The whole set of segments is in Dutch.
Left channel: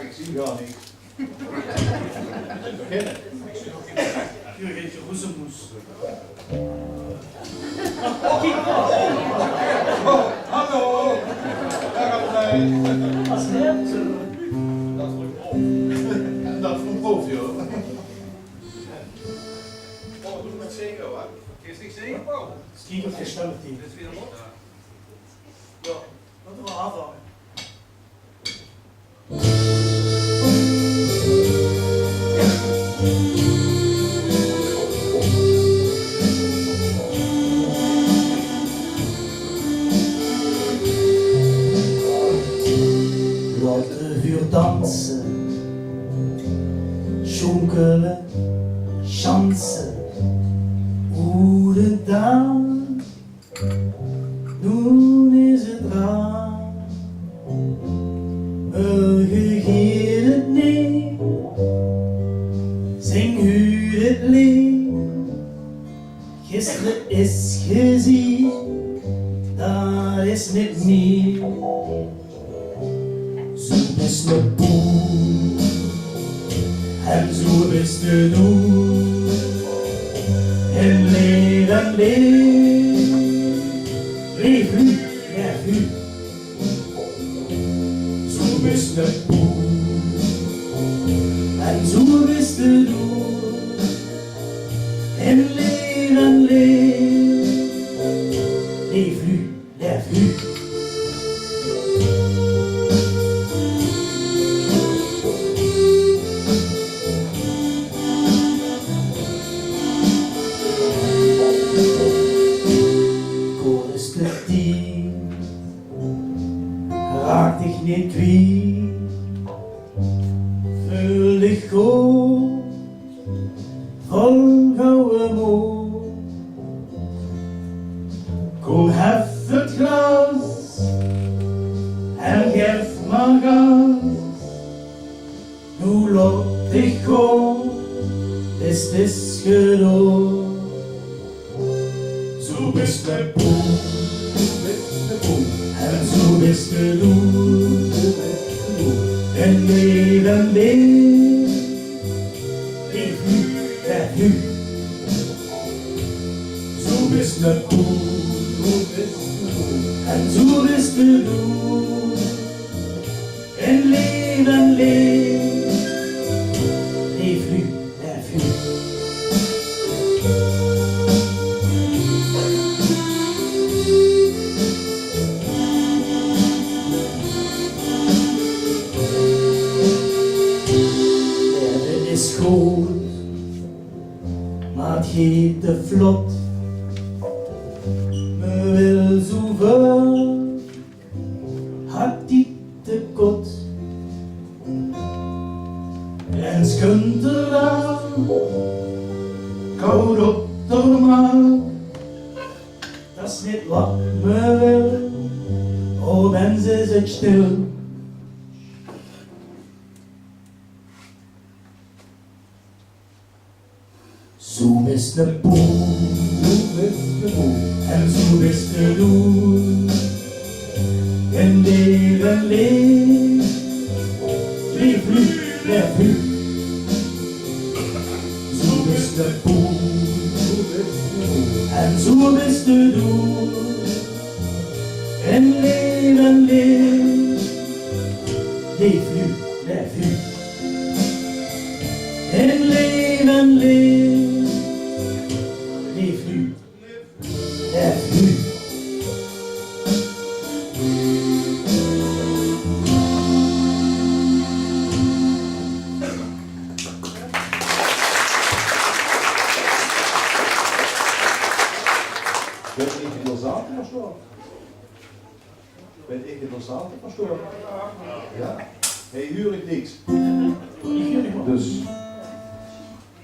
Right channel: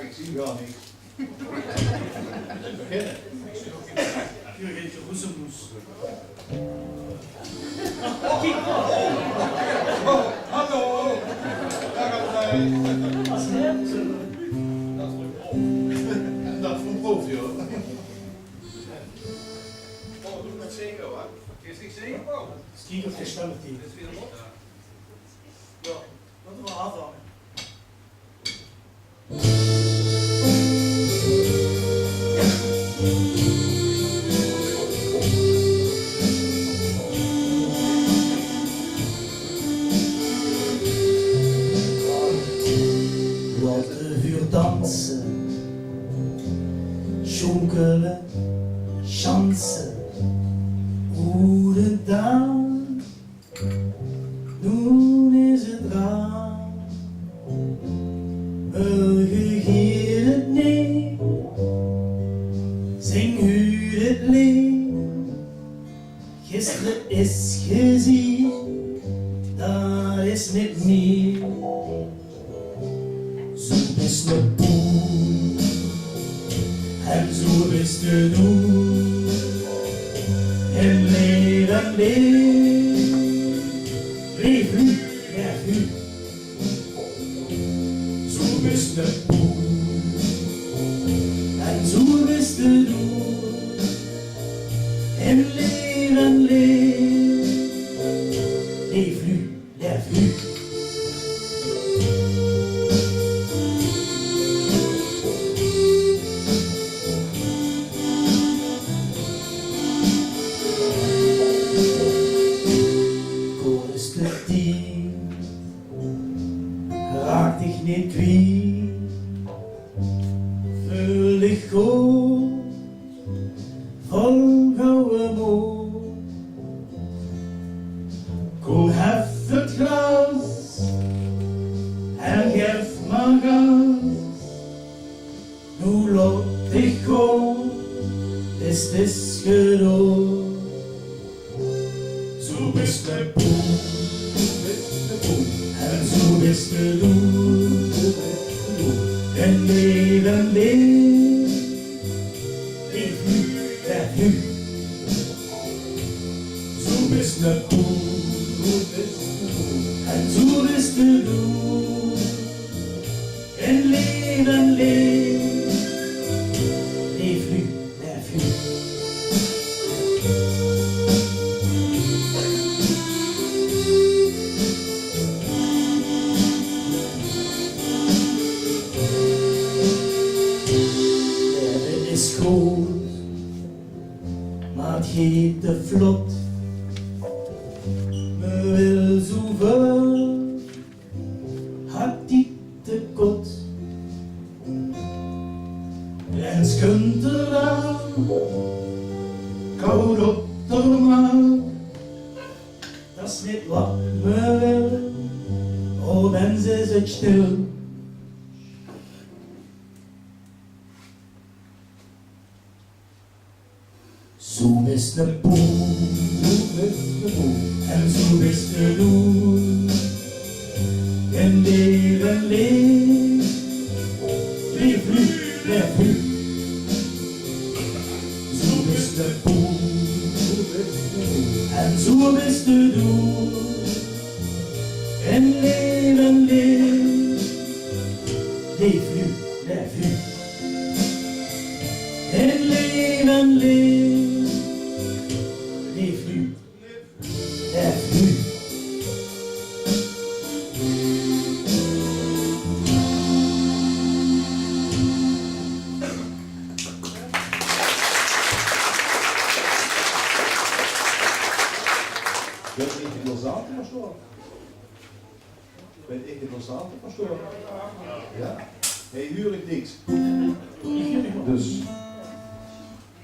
Ik zie gar niks. Beginnen. Jurgen Roezemoes. Hallo! Daar gaan wij. Als net. Dat is een proef. Dat is een proef, joh. Oh, doe met zingen hoor. Is niks zingen? Skiek of gestemd die. Dit is weer los. Ja, dat doen we afhangen. Dansen, jonkelen, chansen, oerendaan, nun is het raar. Geef het neer, zing u het lied, gisteren is gezien, dat is niet meer. Zo is de boel, en zo is de doel, en leven leef, leef u, leef u. Zo is de boel, en zo is de doel, en leven leef, leef u, leef u. Raak dich niet kwijt, vul dich goed, vol gouden moed. Kom hef het glas en geef maar gas. Nu laat dich gaan, is het gedaan. Zo is de boel. En zo is de doel, en leven leef, leef u, leef u. Zo is de doel, en zo is de doel, en leven leef, leef u, leef u. Is goed, maar het gaat te vlot. Me wil zoveel, had die te kot. En skunt er wel, koud op de maag. Dat is niet wat me wil, oh mensen zit stil. Zo is de boel, en zo is de doel. En leven leef, leef nu, leef nu. Zo is de boel, en zo is de doel. En leven leef, leef nu, leef nu. En leven leef, leef nu, leef nu. Ben ik het zaten, pastoor? Ben ik het zaten, pastoor? Ja? Hey, huur ik niks. Dus,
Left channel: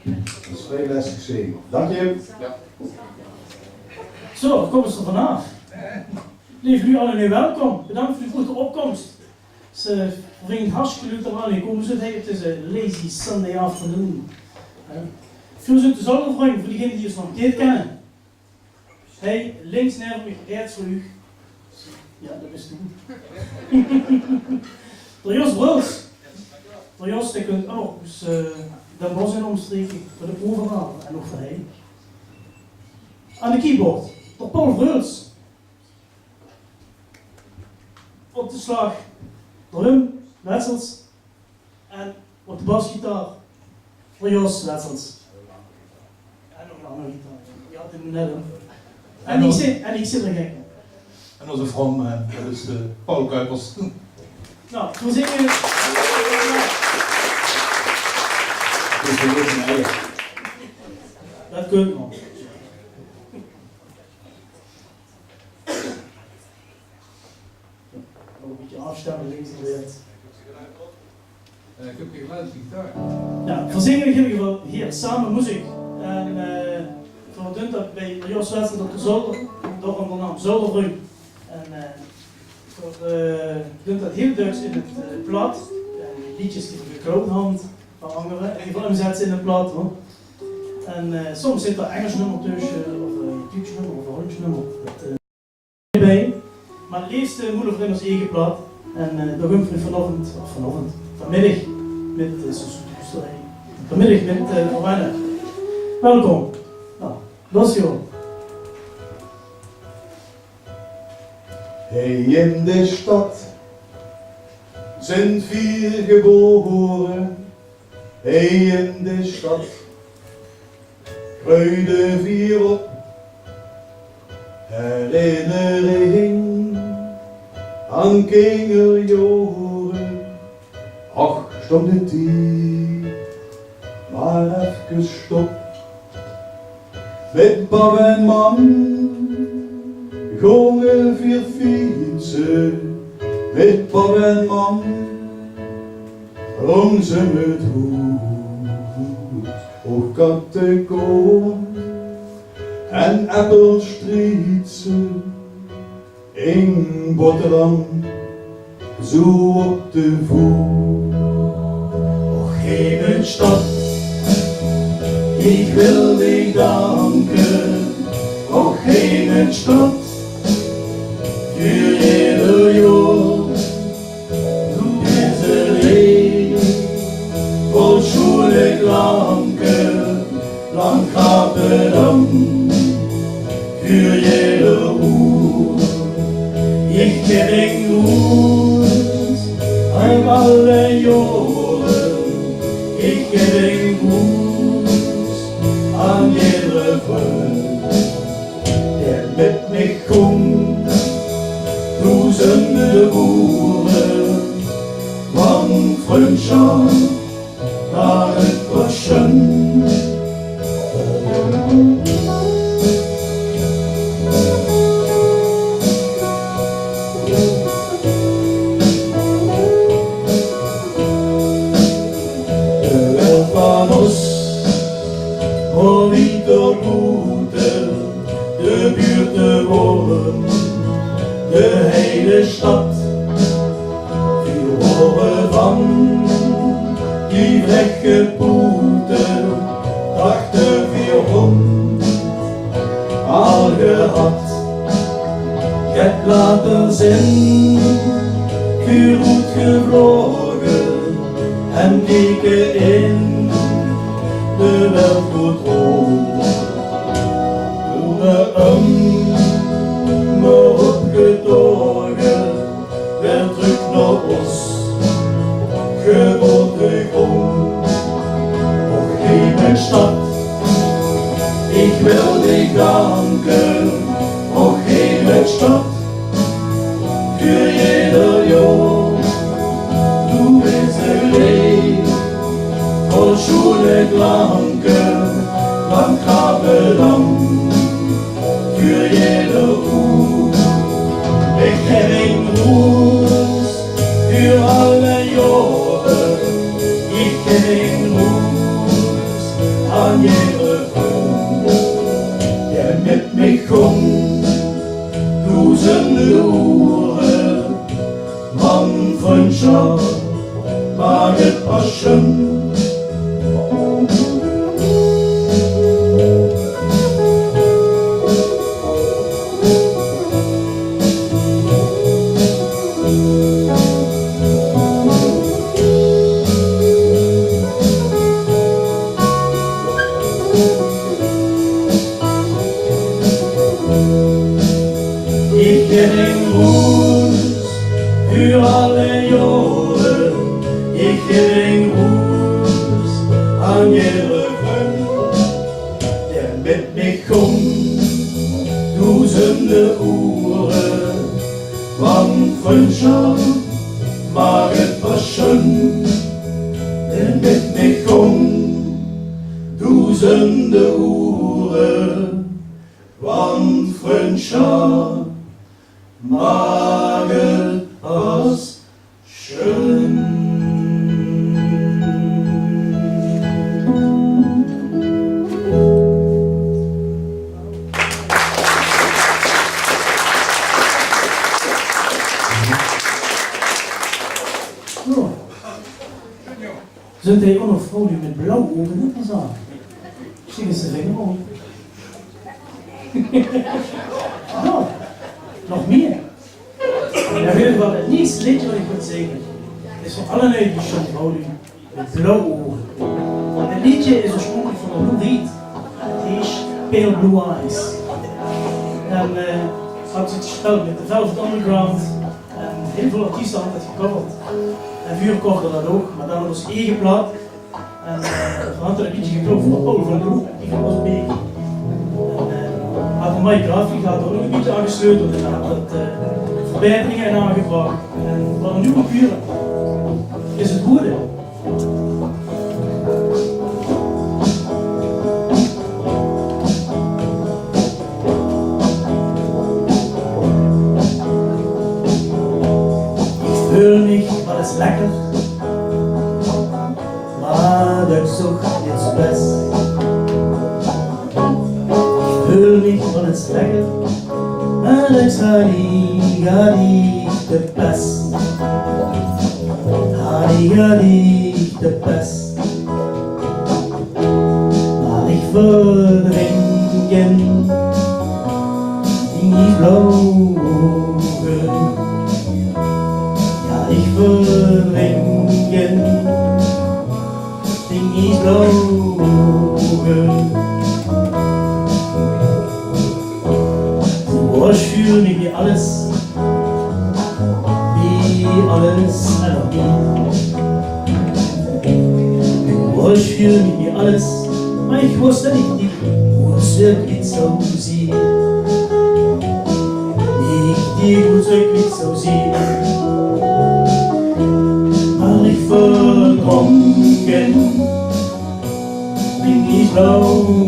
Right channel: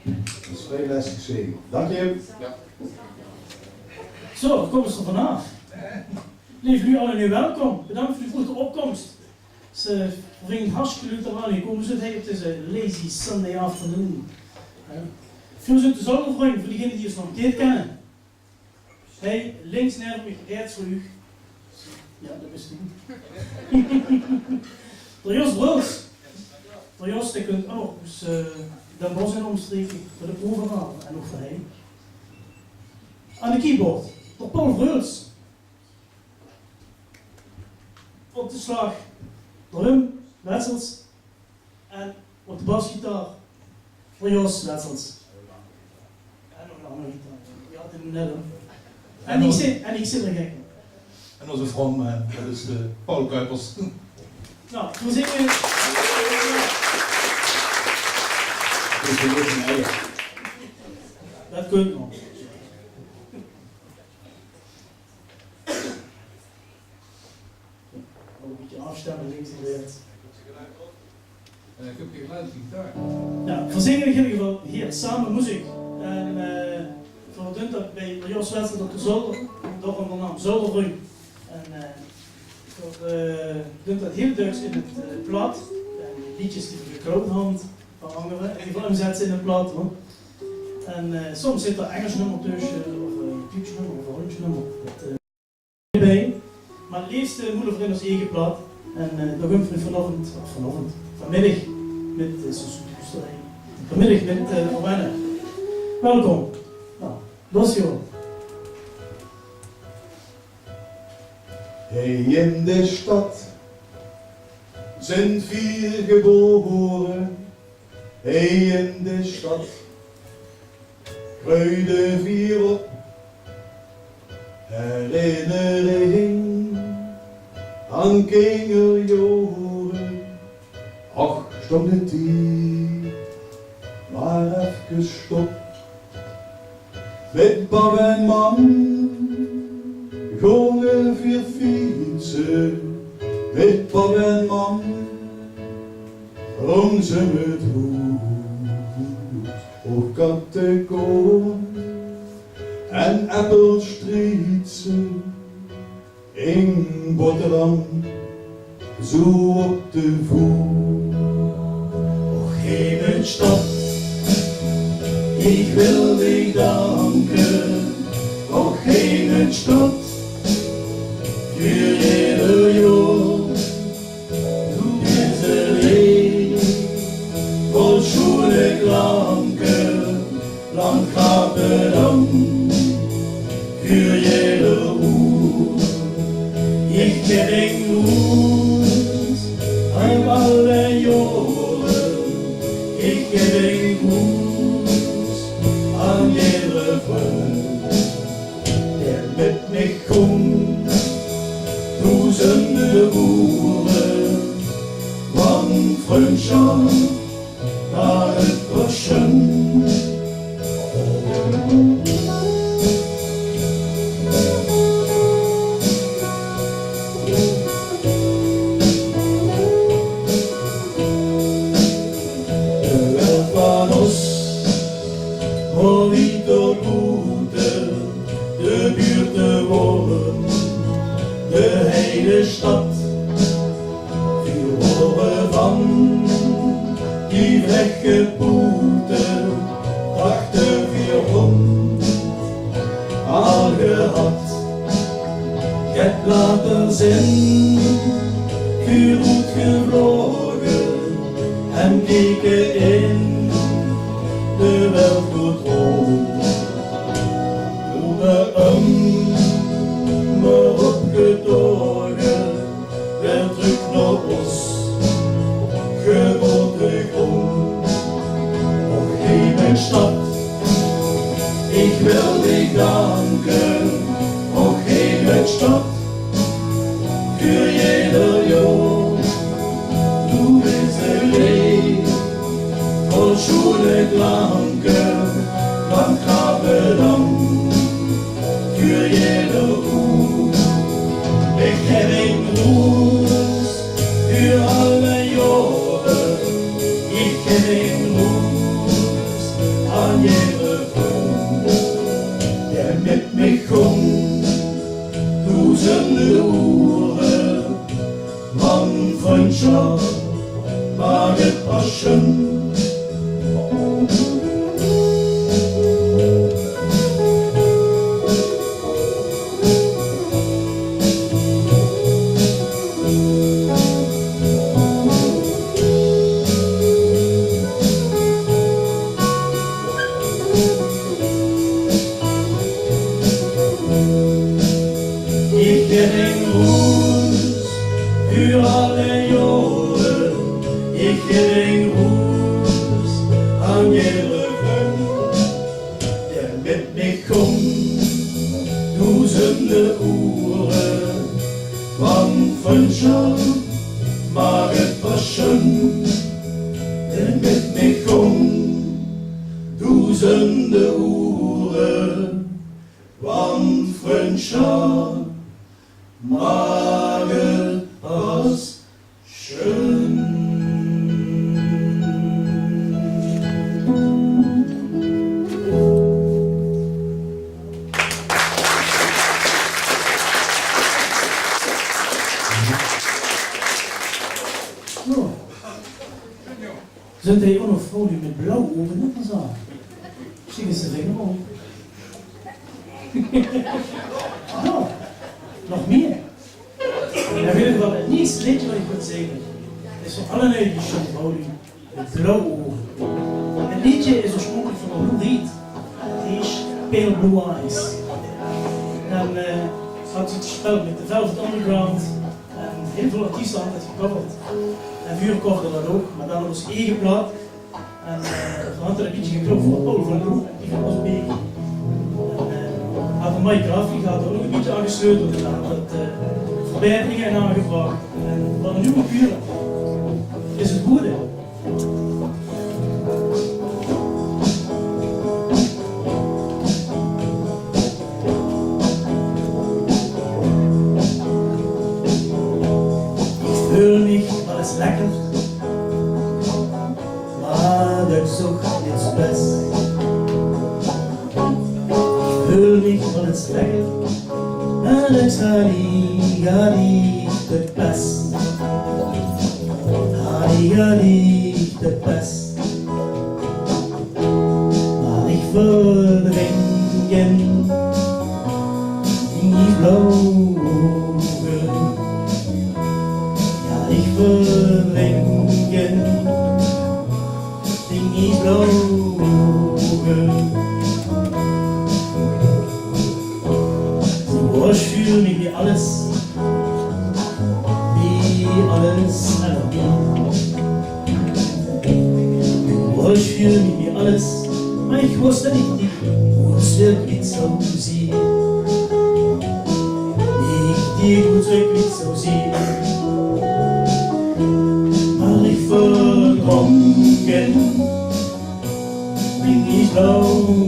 dat is veel les gezien. Dank je. Ja. Zo, kom eens er vanaf. Lieve u allen, welkom. Bedankt voor uw vroege opkomst. Ze brengt hartstikke leuk eraan. Hier komen ze het is een lazy Sunday afternoon. Veel zin te zorgen voor diegenen die ons nog een keer kennen. Hij links naar me gereed voor u. Ja, dat is het. Door Jos Bruls. Door Jos, die kunt ook dus Den Bosch in omstreken voor de proevenraad en nog voor hij. Aan de keyboard, door Paul Bruls. Op de slag, door Wim Wetsels. En op de basgitaar, voor Jos Wetsels. En nog een andere gitaar. Ja, de net. En ik zit er gek. En onze frontman, dat is Paul Kuipers. Nou, toen zingen we. Dus we weten eigenlijk. Dat kunt nog. Een beetje afstemmen links en rechts. Ik heb geen geluidsgitaar. Nou, voor zingen geven we hier samen muziek. En voor doen dat bij Jos Wetsel op de Zolder, door onder naam Zolderbrug. En voor doen dat heel Duits in het plaat. En liedjes die we gekloot hand van anderen, en die voor hem zetten in het plaat. Hoor. En soms zit er Engels nummer tussen, of een Duits nummer, of een Hollands nummer. Dat bij. Maar het liefst moeder voor in ons eigen plaat. En daar gaan we vanmiddag met vanmiddag met Oranje. Welkom. Nou, los joh. Hey, in de stad zijn 4 geboren. Hey, in de stad groeiden 4 op. Herinnering aan kinderjaren. Ach, stond de tijd maar even stop. Met pap en mam gingen 4 fietsen. Met pap en mam rong ze met hoed op kattenkoom en appelstrietsen in Rotterdam, zo op de voet. Och, geen stad, ik wil dich danken. Och, geen stad, voor jeder jaar. Du bist een leeg, vol schone klanken, lang gaat het dan, voor jeder uur. Ich ken gut an alle Jahre, ich ken gut an jeder Freund, der mit mich kommt, tausende Uhren, wann Freundschaft war etwas schön. die weggepoeten, dachten weer om, al gehad. Je hebt laten zien, vuur goed gevlogen en keken in de wereld goed rond. Toen me opgetogen, werd terug naar ons geboortegrond. Och lieve stad, ik wil dich danken, och lieve stad, für jeder Jahr. Du bist ein Leben voll Schule Klanken, lang lang, für jeder Ruhe. Ich häng Ruß für alle Jahre, ich häng Ruß an jeder Frau, der mit mich kommt, tausende Uhren, Mann von Schau, Margit Aschen. Ich häng Ruß für alle Jahre, ich häng Ruß an jeder Frau, der mit mich kommt, tausende Uhren, wann Freundschaft mag etwas schön, der mit mich kommt, tausende Uhren, wann Freundschaft mag etwas schön. So. Sind hier auch noch Frauen, die mit blau oben nicht was sagen? Schicken Sie den Finger auf. Ja, noch mehr. Ja, weet je wat het nieuwste liedje wat ik moet zeggen? Is voor alle lui die schon houden met blauwe ogen. Het liedje is oorspronkelijk van een Lou Reed. Het is Pale Blue Eyes. En had het gespeeld met de Velvet Underground. En heel veel artiesten hadden het gecoverd. En Vuur kochte dat ook, maar dan was eigen plaat. En van had er een liedje geklopt van Paul van Loo. En die was mee. Had een mooie grafiek, had er ook een beetje aangesleuteld en had wat verbeteringen aangebracht. En wat een nieuwe buren is het goede. Ich fühl mich alles lekker, maar ik zoek iets best. Fühl mich alles lekker, maar ik ga niet de best. Ga niet de best. Maar ik verdringen in die blauwe ogen. Ja, ik verdringen in die blauwe ogen. Oh, ich fühle mich wie alles aller Oh, ich fühle mich wie alles, aber ich wusste nicht, wo es wirklich so sieht. Nicht die, wo es wirklich so sieht. Aber ich verdrungen bin ich Augen.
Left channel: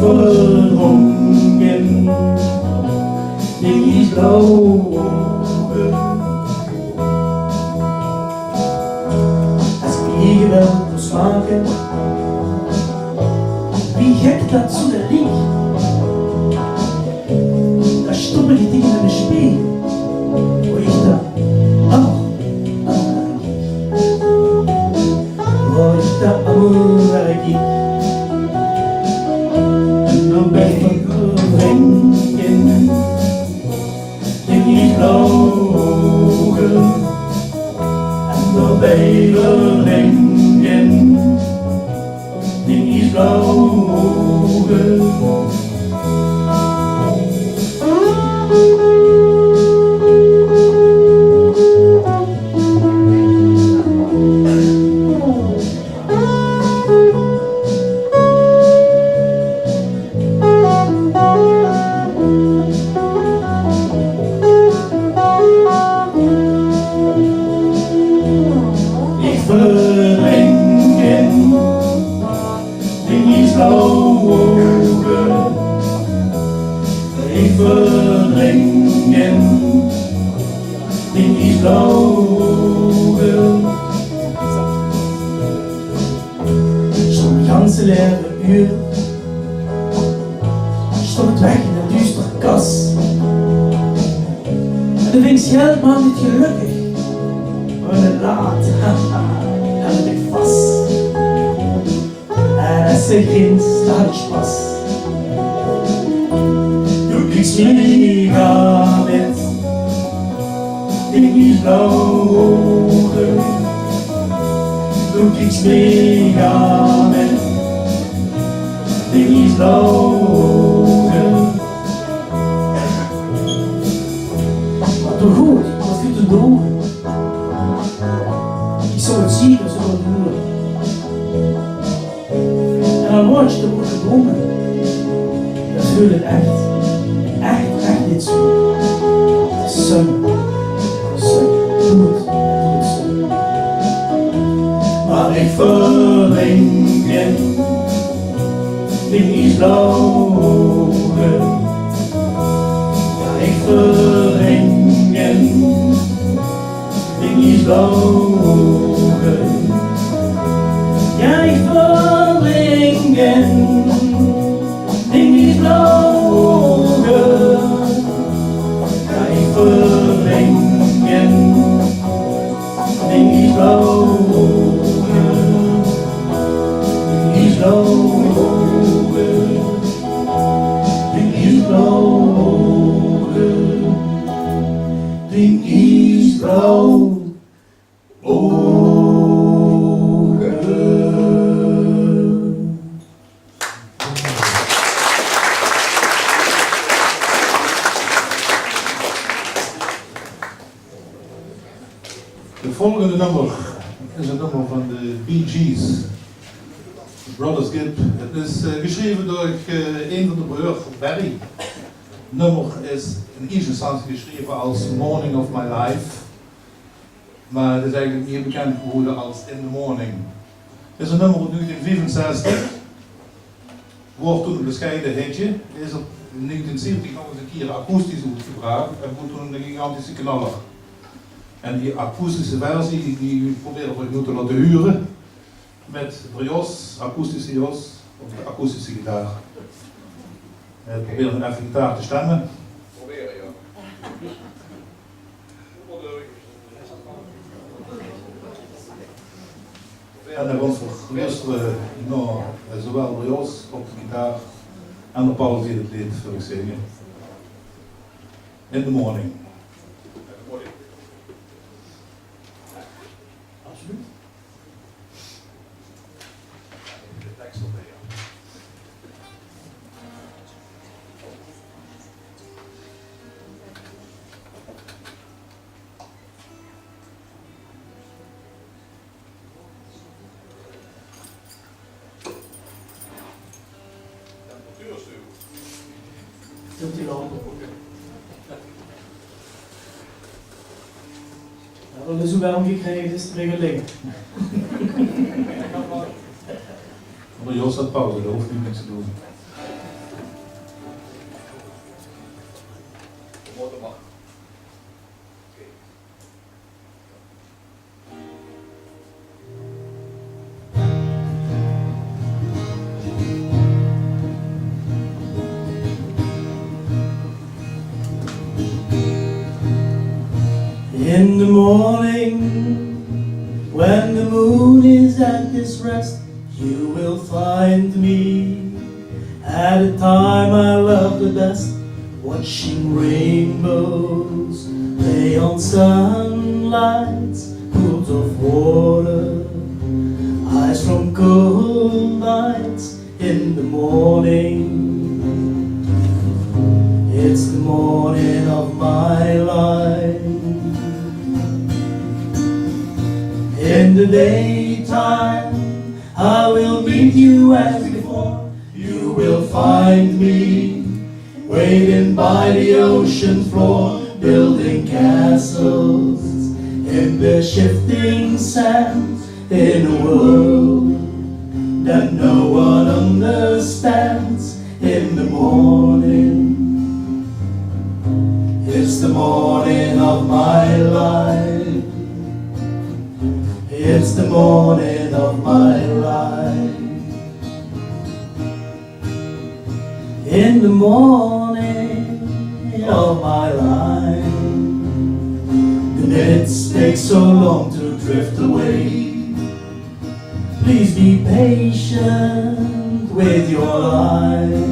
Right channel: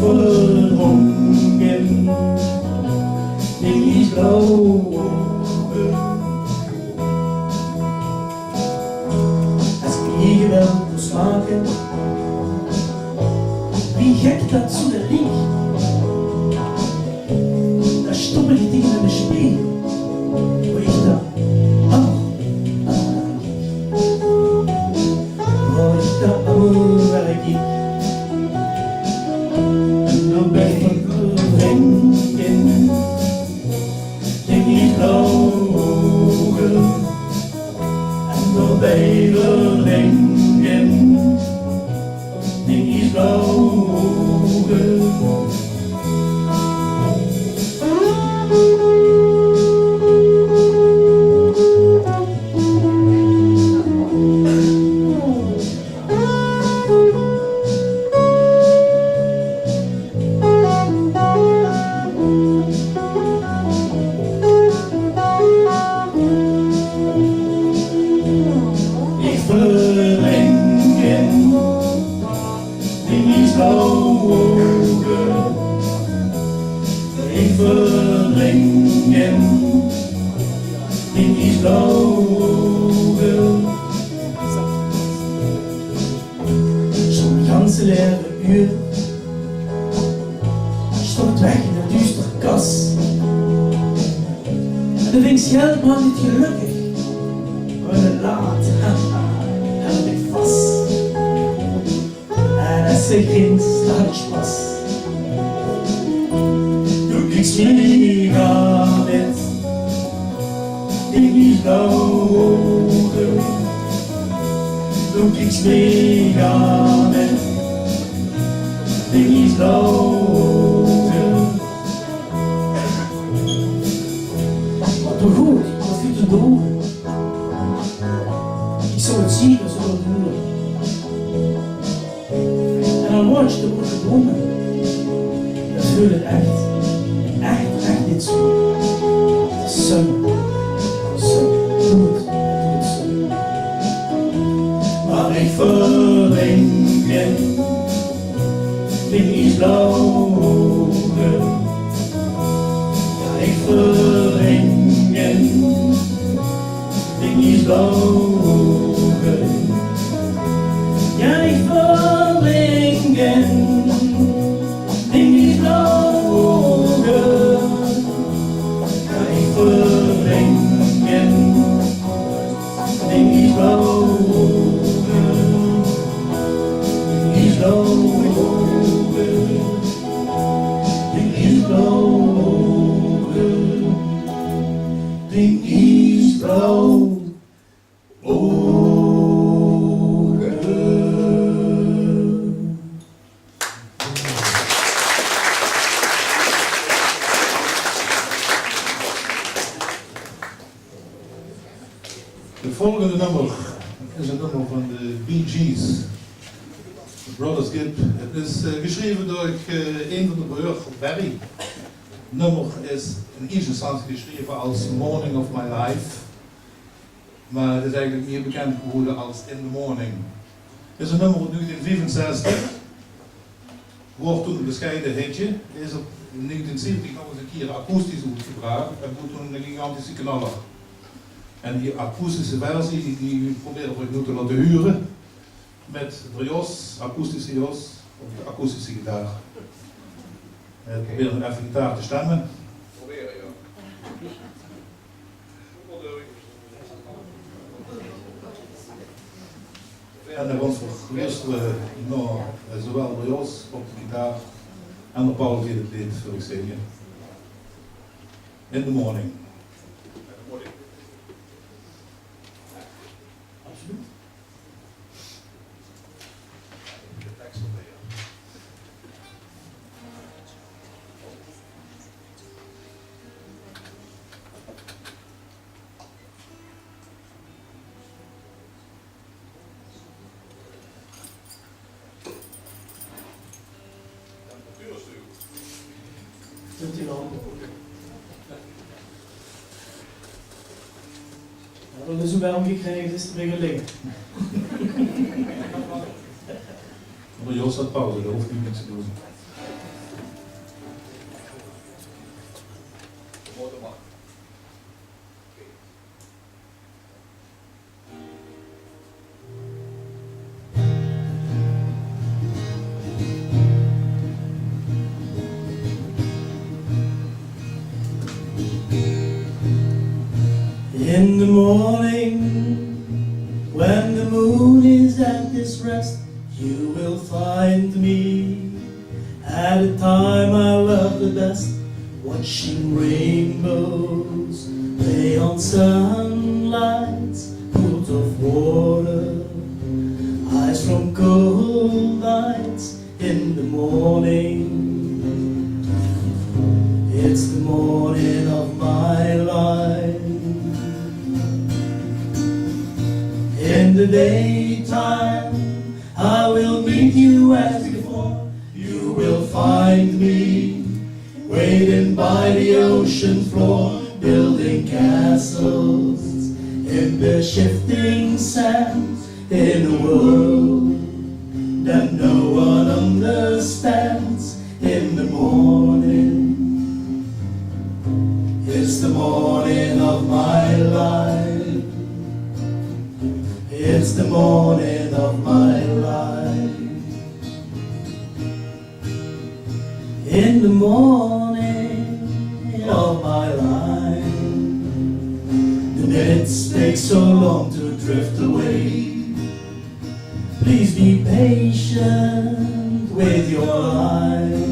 Verdrungen bin ich Augen. Als ik wel moest maken, wie gek dat zo de licht. Dat stomme die dingen in de spiegel, hoe ik dat waar ik ging. En dan ben ik verdrinken in die vlogen. En dan ben ik verdrinken in die vlogen. Ik verdrinken in die vlogen. Zo'n ganse leere uur stond het weg in een duistere kas. En de winkscheld maakte het gelukkig, maar het laat hield ik vast. En als ze grins, daar had ik Spaß. Du kriegst mega mit in die Vlogen. Du kriegst mega mit in die Vlogen. Wat toch goed, wat viel te doen? Ik zou het zien als het doen. En dan word je te moeten bloemen. Dat voel het echt niet zo. Sun, doe het sun. Maar ik verdrinken in die vlogen. Ja, ik verdrinken in die vlogen. Ja, ik verdrinken in die vlogen. Ja, ik verdrinken in die vlogen. In die vlogen. In die vlogen. In die vlogen. Het volgende nummer is een nummer van de Bee Gees, Brothers Gibb. Het is geschreven door een van de broers, Barry. Het nummer is in eerste instantie geschreven als Morning of My Life, maar het is eigenlijk meer bekend geworden als In the Morning. Het is een nummer uit 1965, wordt toen een bescheiden hitje, is op 1970 nog eens een keer akoestisch uitgebracht en wordt toen een gigantische knaller. En die akoestische versie, die probeer ik nu te laten huren met de jos, akoestische jos of de akoestische gitaar. Ik probeer dan even gitaar te stemmen. Proberen, ja. En dan gaan we luisteren naar zowel de jos op de gitaar en de Paul die het lied wil ik zingen. In the Morning. Absoluut. De tekst op mee, ja. Temperatuurstuur. Doet hij wel. Ja, dat is hoe wij omgekregen is, te liggen. Maar Jos had pauze, daar hoeft u niks te doen. De motor mag. In the morning, when the moon is at its rest, you will find me at a time I love the best, watching rainbows play on sunlights, pools of water, eyes from cold nights in the morning. It's the morning of my life. In the daytime, I will meet you as before. You will find me waiting by the ocean floor, building castles in the shifting sand, in a world that no one understands. In the morning, it's the morning of my life. It's the morning of my life. In the morning of my life, the minutes take so long to drift away. Please be patient with your life.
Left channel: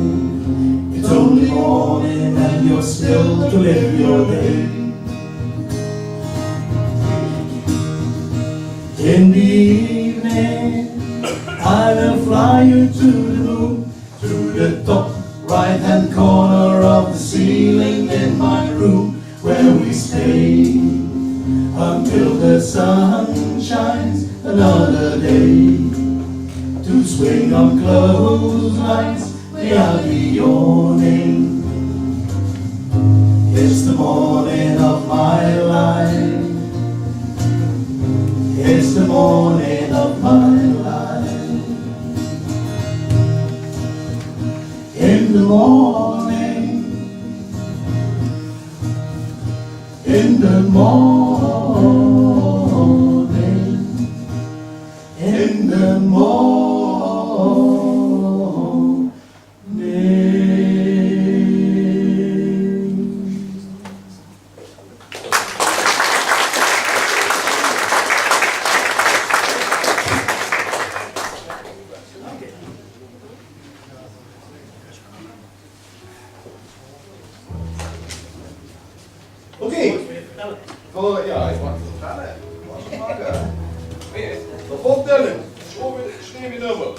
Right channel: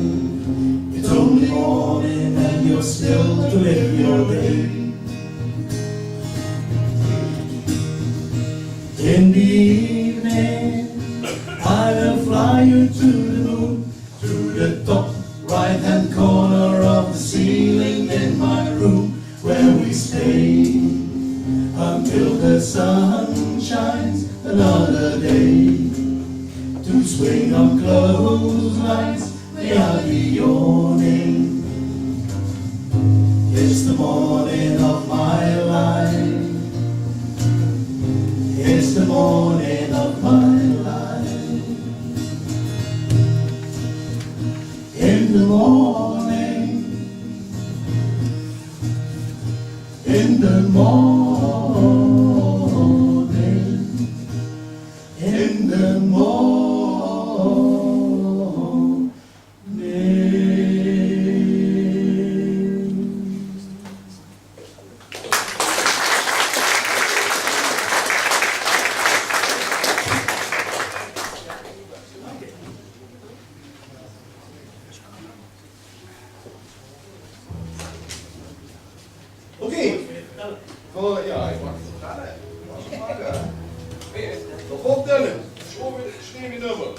It's only morning and you're still to live your day. In the evening, I will fly you to the moon, to the top right-hand corner of the ceiling in my room, where we stay until the sun shines another day. To swing on clotheslines, may I be yawning. It's the morning of my life. It's the morning of my life. In the morning, in the morning, in the morning. Oké. Ja, ik mag het vertellen. De volgende. Schreef je nummer.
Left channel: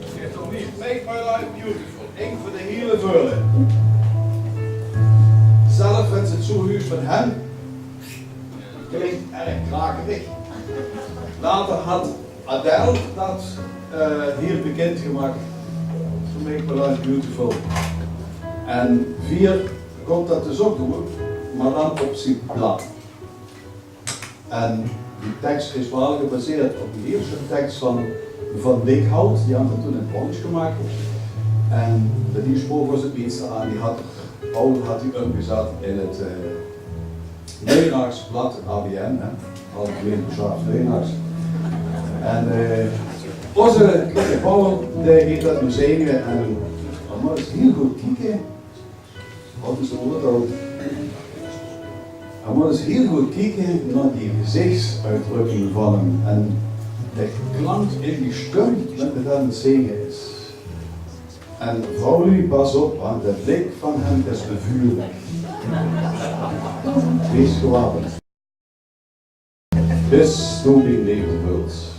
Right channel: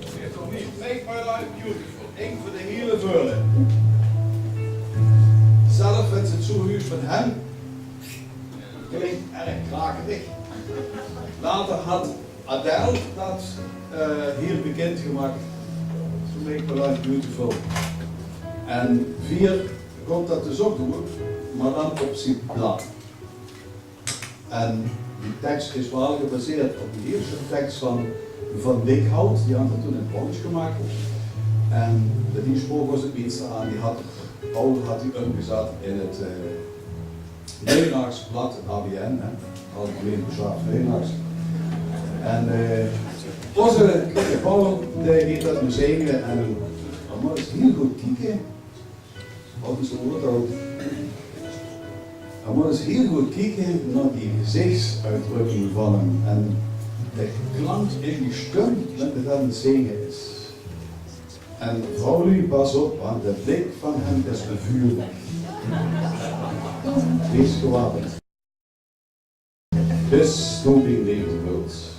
Zit er niet. Make my life beautiful. Eén voor de hele vullen. Zelf vindt het zo huis van hem. Klinkt erg krakerig. Later had Adele dat hier bekend gemaakt. Make my life beautiful. En 4 komt dat dus ook door, maar dan op zijn blad. En die tekst is wel gebaseerd op de eerste tekst van Dikhout, die had het toen in het Hollands gemaakt. En de nieuwspoor was het minste aan, Paul had die omgezet in het Leenaars blad, het ABN, Algemeen Beschaafd Leenaars. En onze kleine Paul, die heeft dat nu zingen en maar eens heel goed kijken. Wat is het ook? En maar eens heel goed kijken naar die gezichtsuitdrukking van hem en de klank in die stem dat het aan het zingen is. En vrouwlie, pas op, want de blik van hem is bevuurlijk. Wees gewapend. Dus stomping leeft de wereld.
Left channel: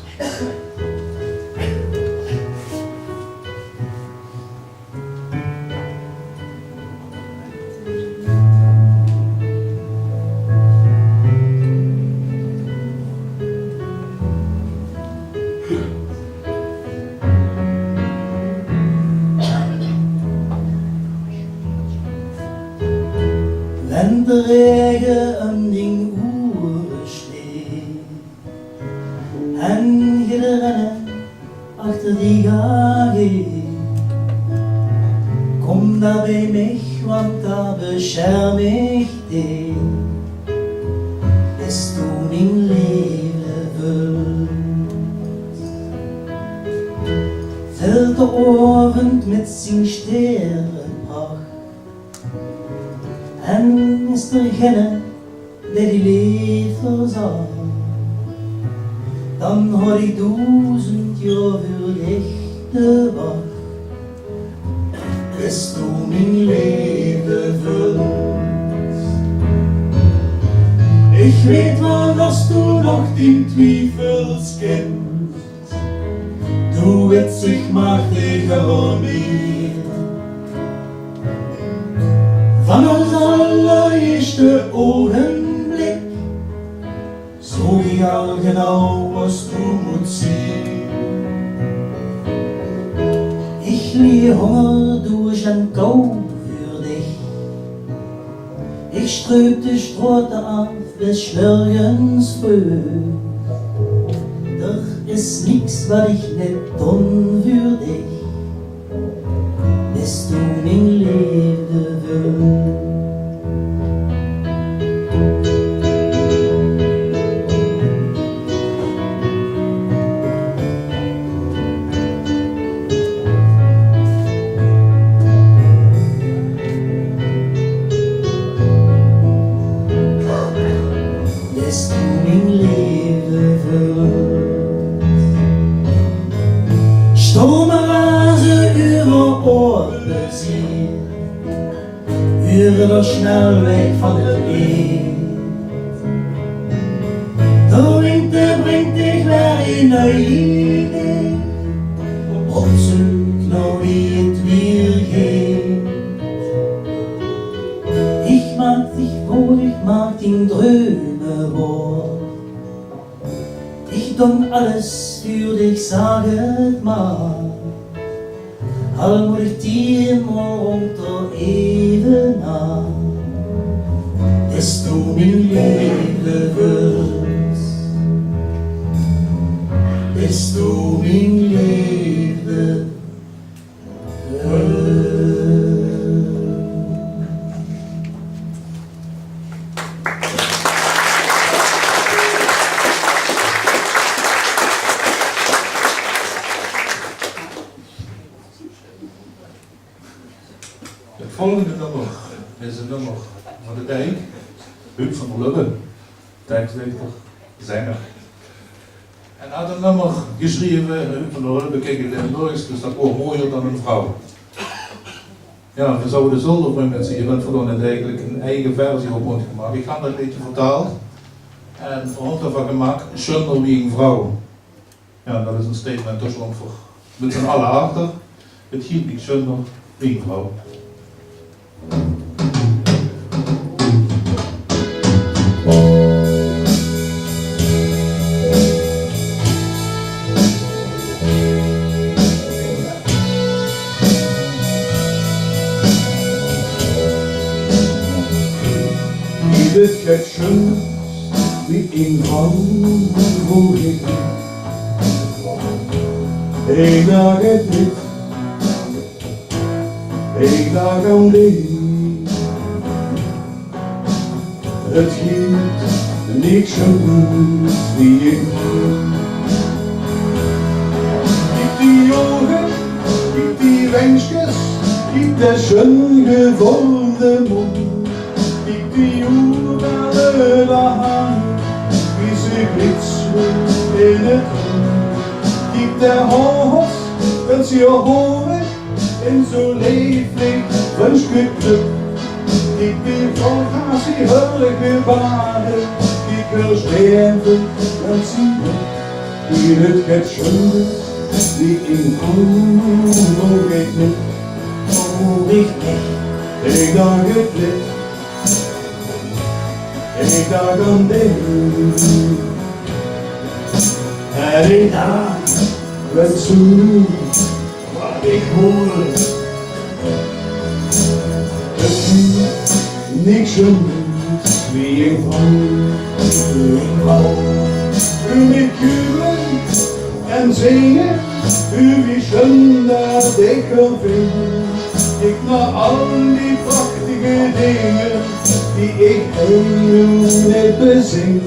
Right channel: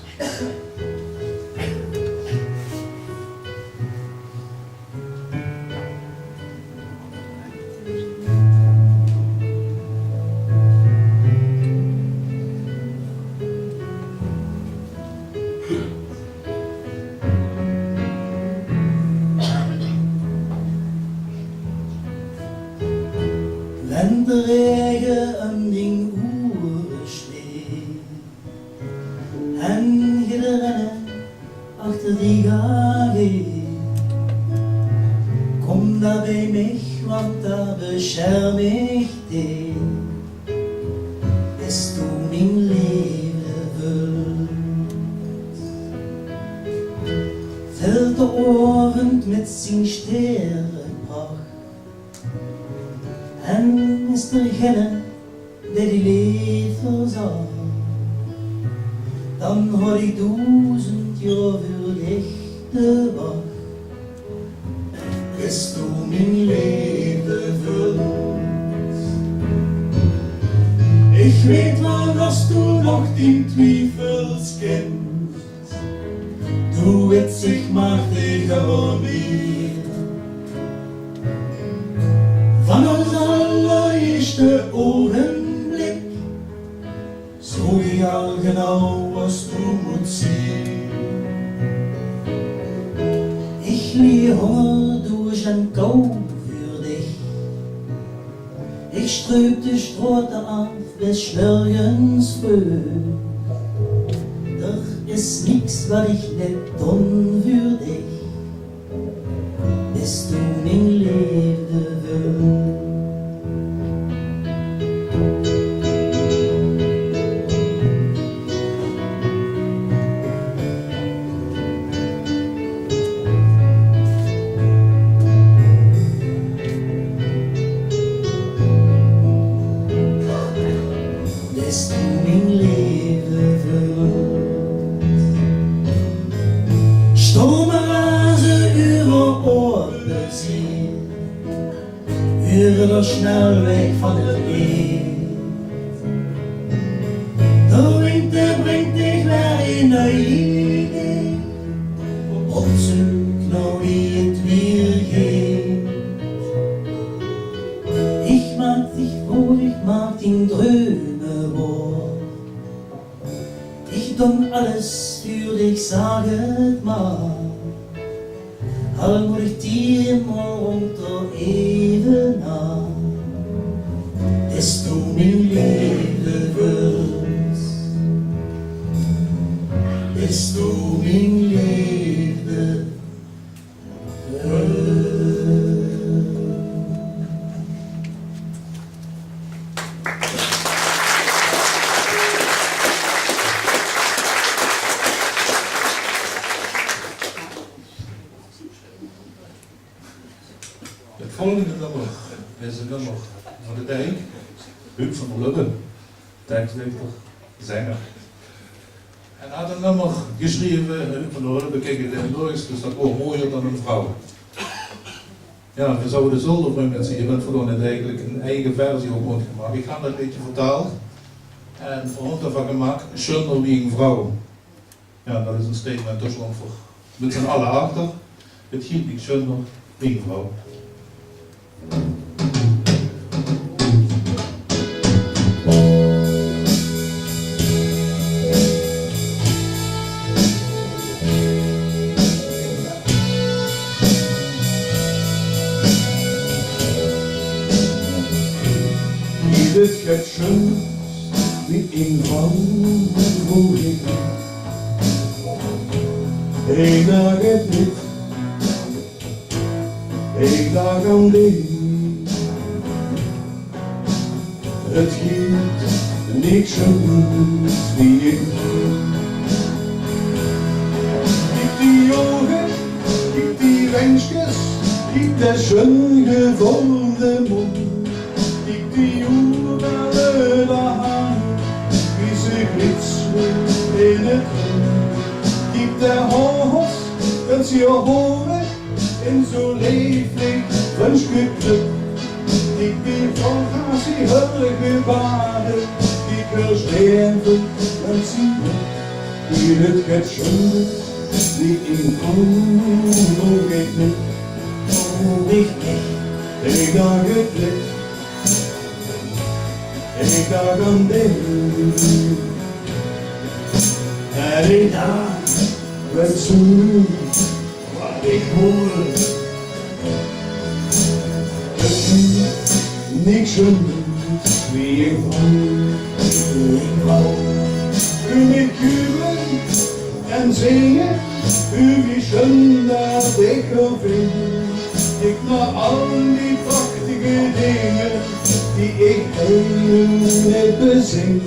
Wenn der Regen an den Uhren steht, en je de rennen achter die GG, komm da bei mich, want da bescherm ich dich, bis du mein Leben willst. Fällt der Abend mit sin Sternenpracht, en is er geen die lied verzorgt. dan had ik 1000 jaar verlichte wacht. Is toen mijn leven vult. Ik weet wel dat toen nog 10 twijfels kent. Doe het zich maar tegen mij. Van ons allereerste ogenblik, zo je al genau was toen moet zien. Ich lieh Hunger durch en kou für dich. Ich ströb die Strote auf bis nirgends früh. Doch ist nix, was ich nicht tun für dich, bis du mein Leben willst. Über der Schnellweg von der Welt. Der Winter bringt dich weer in de Idee, op zoek naar wie het weer geht. Ich mag dich wohl, ich mag den Träume wohl. Ich tun alles für dich, sag het maar. Al moet ik dir morgen toch even na, bis du mein Leben willst, bis du mein Leben willst. Het volgende nummer is een nummer van de dijk, Huub van der Lubbe, tekstdichter, zanger. En had een nummer geschreven, Huub van der Lubbe, kijk in Limburgs, dus dat ook mooier dan een vrouw. Ja, we zouden zonder voor mensen, je bent verloren het eigenlijk een eigen versie op ons gemaakt. Ik ga dat een beetje vertaald en voor ons ervan gemaakt, schöner wie een vrouw. Ja, dat is een statement tussen ons voor met z'n allen achter. Het giet niet schöner wie een vrouw. Dit gaat schön wie een vrouw voor ik. Eén dag het niet, één dag aan die. Het giet niet zo goed wie ik. Kijk die ogen, kijk die wensjes, kijk de schön gevormde mond. Kijk die oerwelle hand, wie ze glitsen in het rond. Kijk de hals, het je horen, en zo leeflijk wensgeklukt. Ik wil volgens die heilige waarde, ik wil sterven en zien. Hier het gaat schön, wie in nog ik niet, Oh, ik niet, ik dag het licht, ik dag aan de en ik dag werd zo wat ik hoor. Niks zo goed wie ik wou. U met kuren en zingen, u wie schön dat ik vind. Ik naar al die prachtige dingen die ik helemaal niet bezing.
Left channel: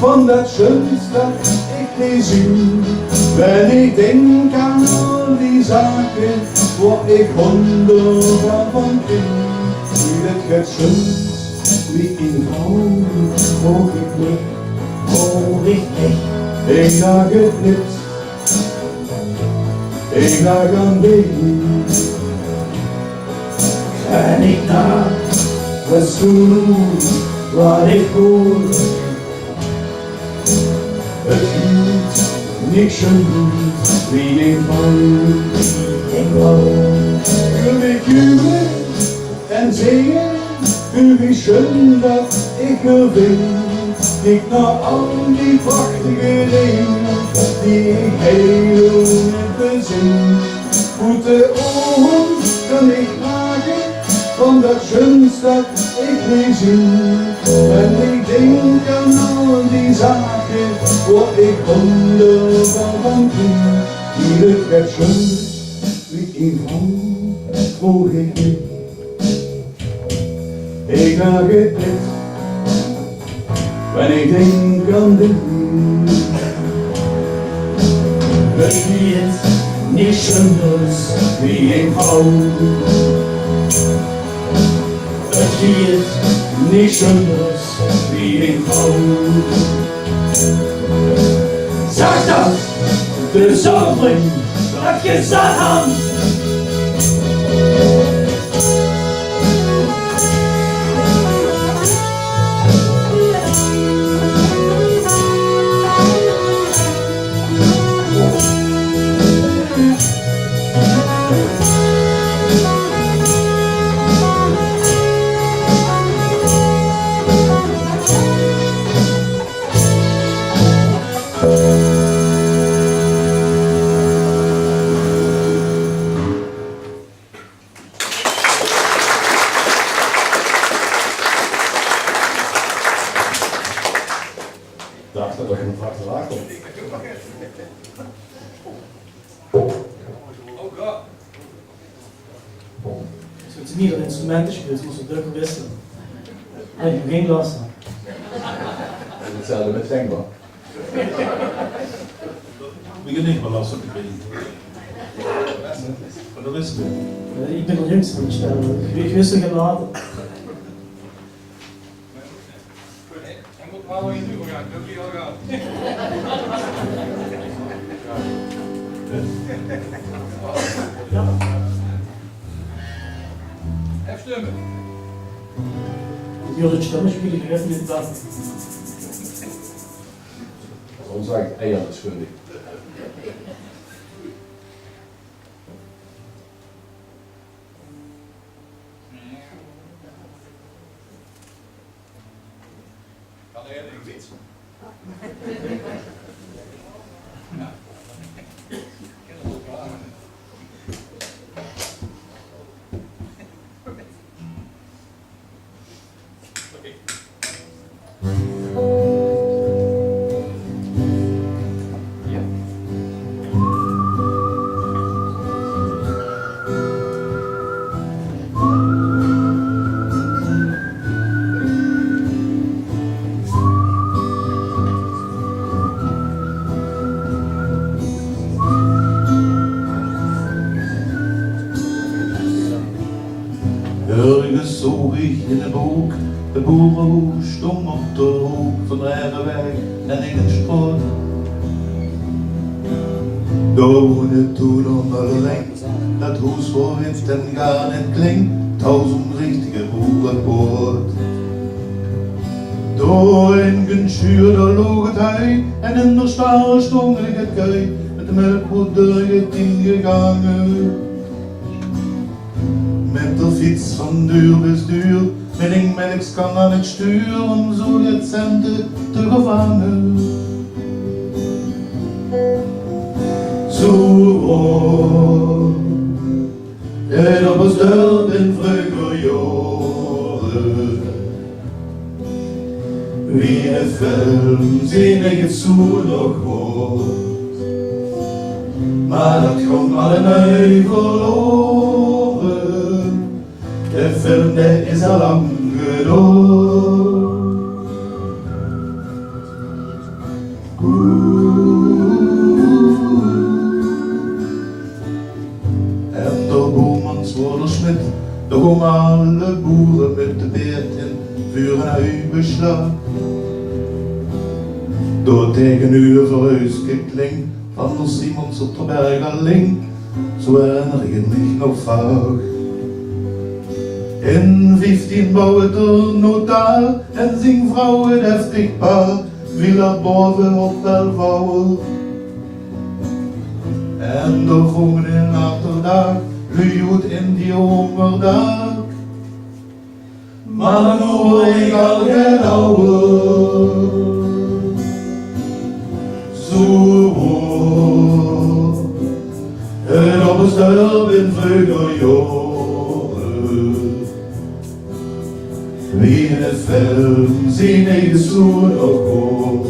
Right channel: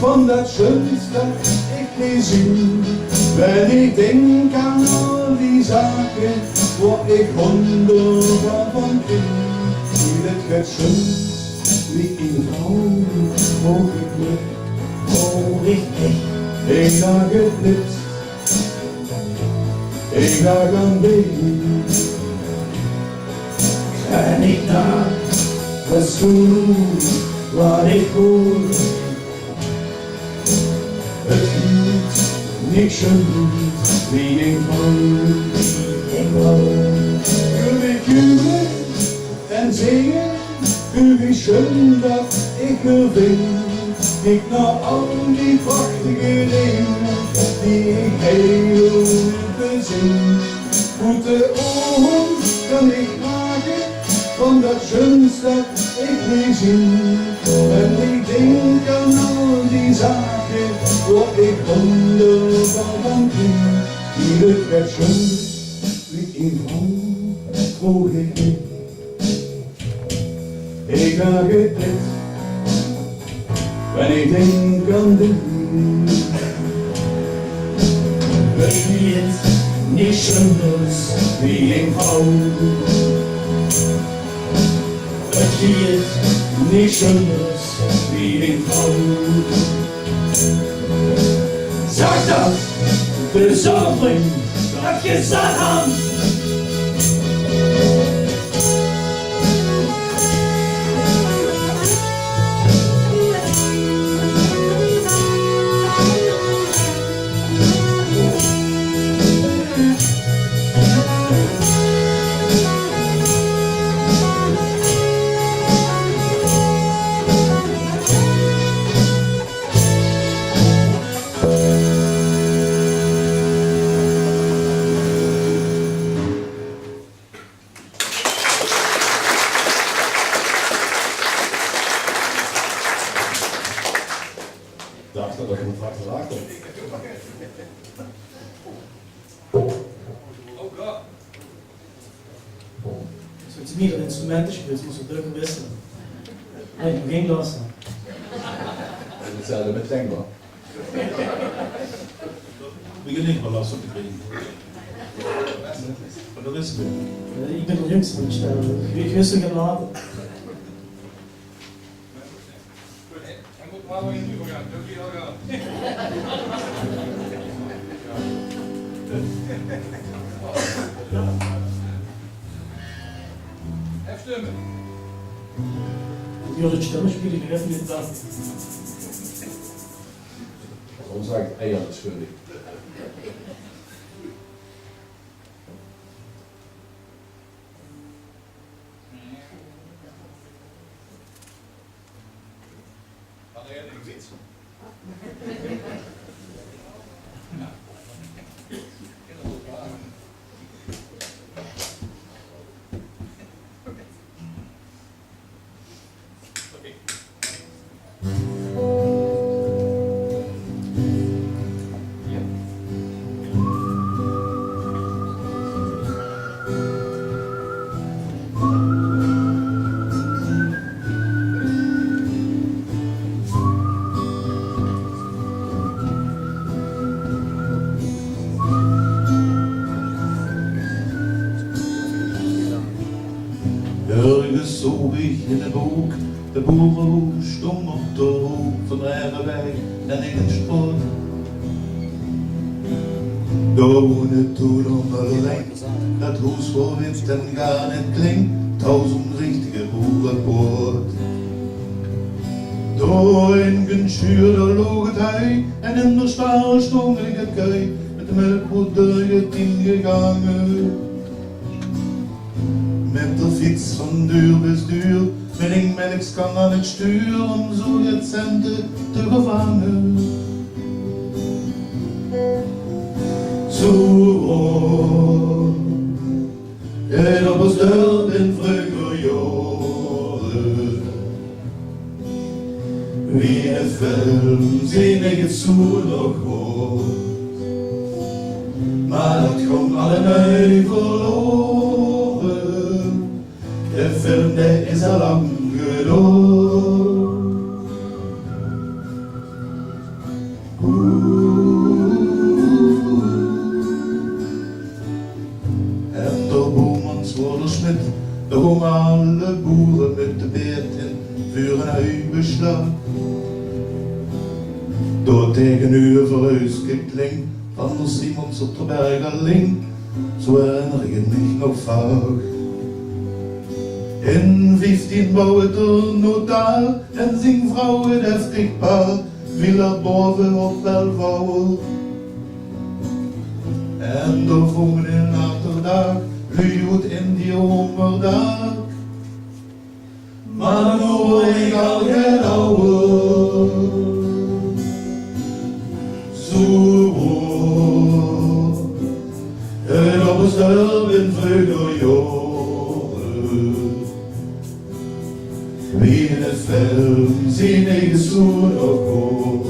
van dat schönste dat ik niet zie. Wenn ik denk aan al die zaken, waar ik honderden van ken, wie het schönst wie in vrouw, hoog ik niet, hoog ik niet. Ik dacht het niet, ik dacht aan dich. En ik dacht, was toen wat ik hoor. Het hield niet schön wie ik wou. Ik wou ik juren en zingen, wie schön dat ik er vind. Ik naar al die prachtige dingen die ik heel bezing. Goede ogen kan ik maken van dat schönste dat ik niet zie. En ik denk aan al die zaken waar ik honderden van ken. Die het schönst wie ik vrouw, vroeg ik niet. Ik dacht het niet. Wenn ich denk an dich, het wird nicht schönes wie ein Traum. Het wird nicht schönes wie ein Traum. Sag das, de Zorgen, dat je staat aan. Dacht dat je een prachtig laag komt. Oh god. Als je het niet dat instrumenten speelt, moet je drukken wisselen. Nee, ik heb geen last van. Dat is hetzelfde met zengbaar. We gaan niet meer last op de kring. Maar dat is het. Ik ben de jongste van het stel. Ik wist het later. Hij moet wel in nu gaan, dat is al gaan. Even stemmen. Die hadden het stemmen spelen, ik even niet dat. Ons zegt eieren schuldig. Kan er een wit? Ergens zag ik in een boek de boerenhoes stond op de hoek van de Rijgenweg en in een sport. Daar woonde toen onderling, dat huis voor wind en gaan en kling, 1000 richtige boerenpoort. Door in een schuur daar loog het hij en in de stal stond ik het kei, met de melkboerderij het ingegangen. Met de fiets van duur bis duur, met een melkskan aan het stuur om zo het centen te gevangen. Zo en dat was dat in vroeger jaren. Wie een film zie ik het zo nog hoort, maar dat komt alle nu verloren. De film die is al lang gedood. En de boemans worden smid, de komen alle boeren met de beert in vuur en uitbeslag. Door tegenover huis gekling van de Simons op de Bergerling, zo herinner ik mich nog vaag. In 15 bouwde de notaar en zijn vrouw het heftig paar, villa boven op Belvouwen. En de volgende naterdag luidt in die hongerdag. Maar dan hoor ik al geen ouwe. Zo en op een stel in vleugeljoren. Wie in het film zien eigen zoen ook hoog.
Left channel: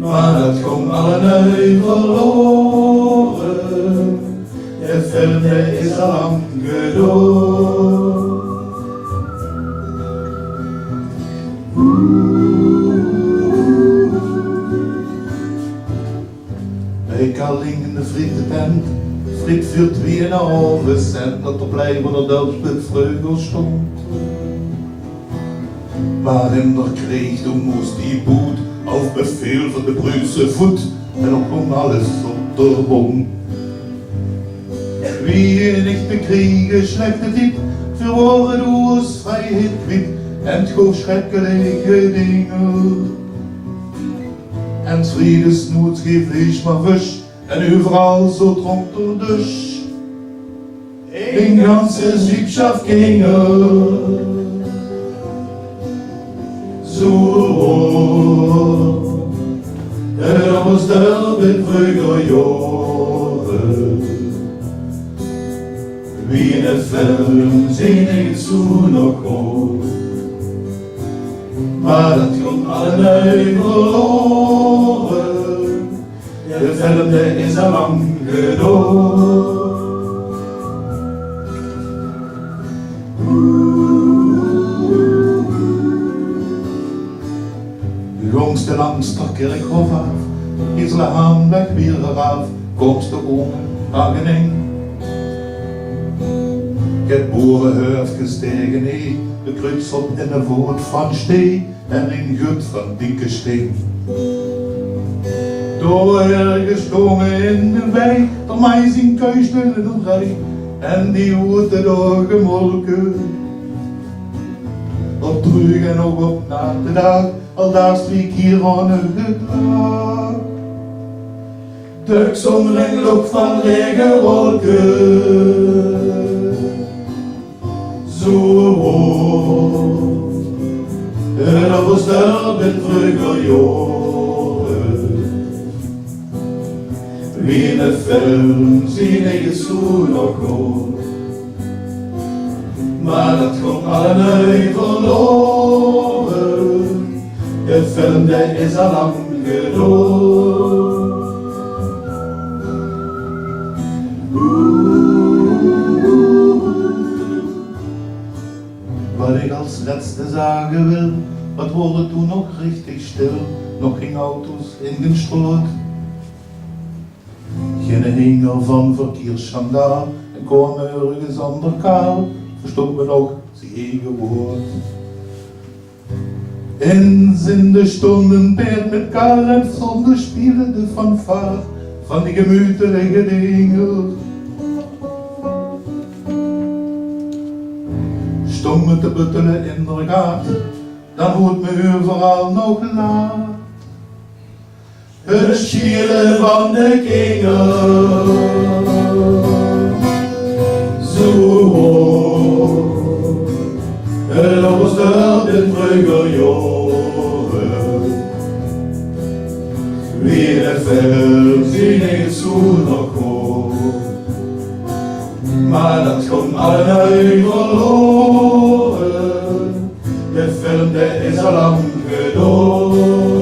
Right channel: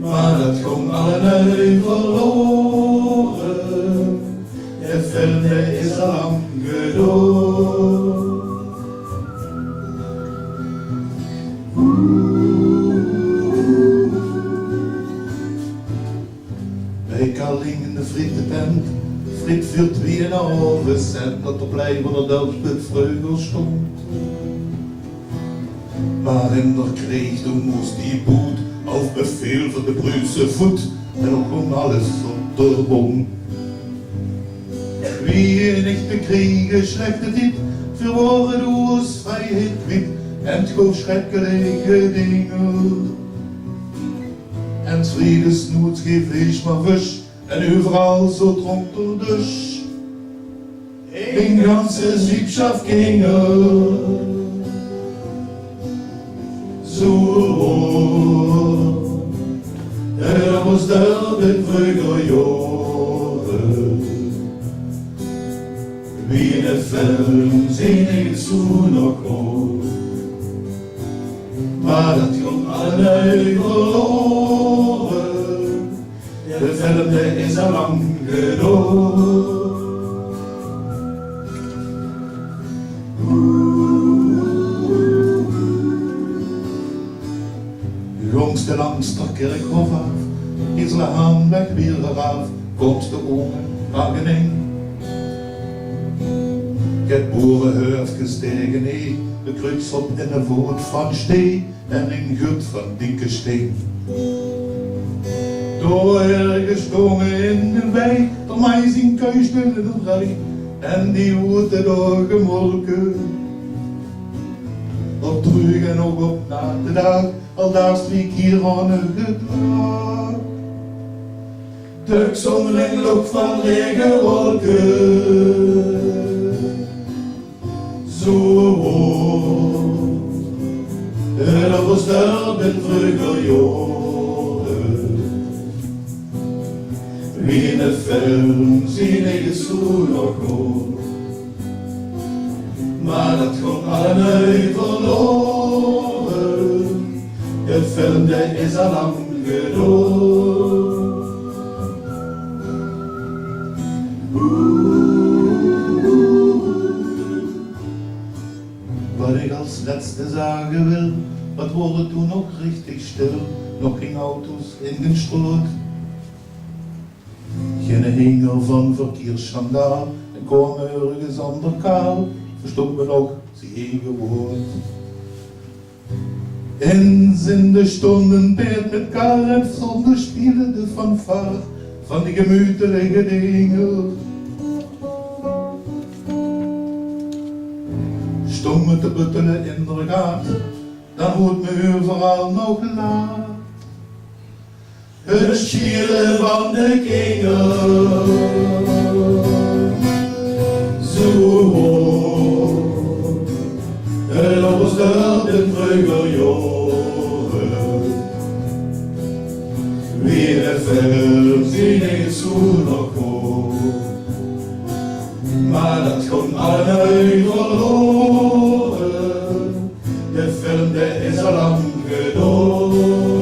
Maar dat komt allemaal verloren. Het film is al lang gedood. Bij Kalling in de frietentent, friet voor 2,5 cent, dat op blijven er Delftsplit vreugel stond. Maar in der kreeg toen moest die boet, auf bevel van de Bruse voet, en ook kwam alles op de boom. Wie niet bekriegen slechte diep, verwoorden doos vrijheid kwiet, en schoon schrikkelijke dingen. En Friede snoet geen vlees maar vis, en overal zo dronk door dus. Een ganze Siebschaft gingen. Zo, er was daar in Vleugeljoren. Wie in het film zien ik zo nog goed. Maar dat komt allemaal verloren. De film is al lang gedood. De jongste langs de kerkhof af, is de handweg weer eraf, komst de omen Hagening. Ik heb boerenhuis gestegen, nee, de kruis op in de voet van Stee en een gut van dikke steen. Door ergens gongen in de wei, door mij zien kuisden in de rij, en die worden door gemolken. Op terug en ook op na de dag, al daar sliek hier aan een gedrag. Tuks omringd ook van lege wolken. Zo hoog, en dat was daar met Vleugeljoren. Wie in het film zien ik zo nog goed. Maar dat komt allemaal verloren. De film is al lang gedood. Wat ik als laatste zeggen wil, wat wordt toen nog richtig stil, nog geen auto's ingestrood. Geen hinger van verkeersschandaal, en komen ergens ander kaal, verstond me nog zijn eigen woord. Eens in de stonden beet met kaal en zonder spielen de fanfare van die gemütelijke dingen. Stomme te buttelen in de gaat, dan hoort me overal nog laat. Het schielen van de kingen, zo hoog, en op een stel in Vleugeljoren. Wie in het film zie ik zo nog goed, maar dat komt allemaal verloren. De film is al lang gedood.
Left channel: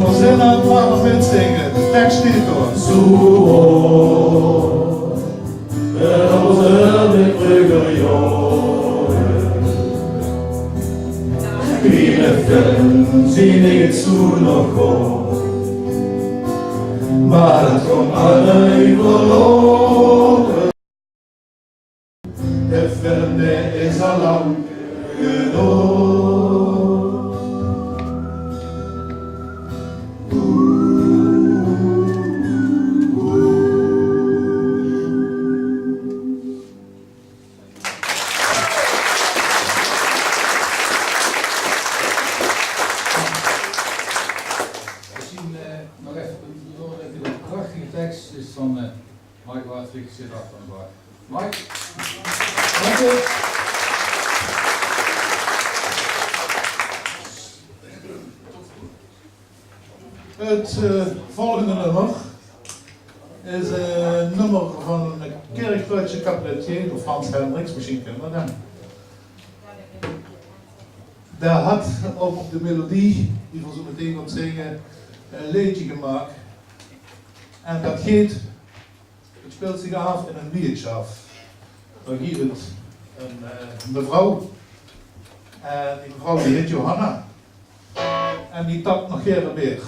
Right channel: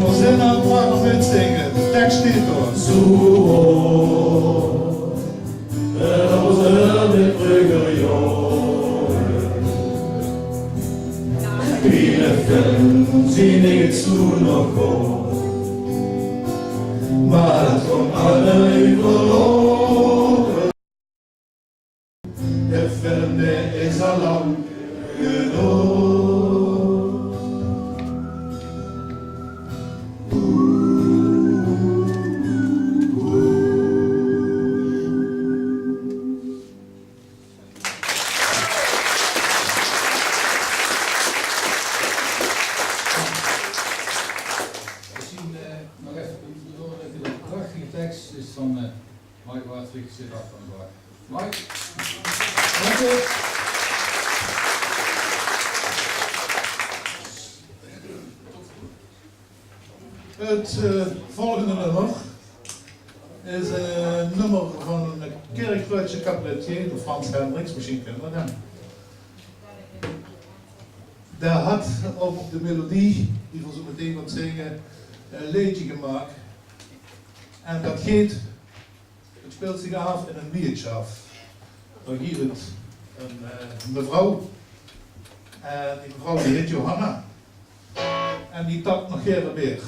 We zijn aan het warm met zingen, de tekst niet hoor. Zo hoog, en op een in Vleugeljoren. Wie in het film zie ik zo nog goed, maar het komt allemaal verloren. De vreemde is al lang genoeg. Nog even doorletten, de prachtige tekst is van Mike Hartwig, zit achter aan de bar. Mike? Dank je. Het volgende nummer is een nummer van een Kerkduitse cabaretier, door Frans Hendricks, misschien kennen we hem. Daar had op de melodie, die we zo meteen gaan zingen, een liedje gemaakt. En dat heet, het speelt zich af in een biertje af. Daar hier het een mevrouw. En die mevrouw die heet Johanna. En die tapt nog geen meer.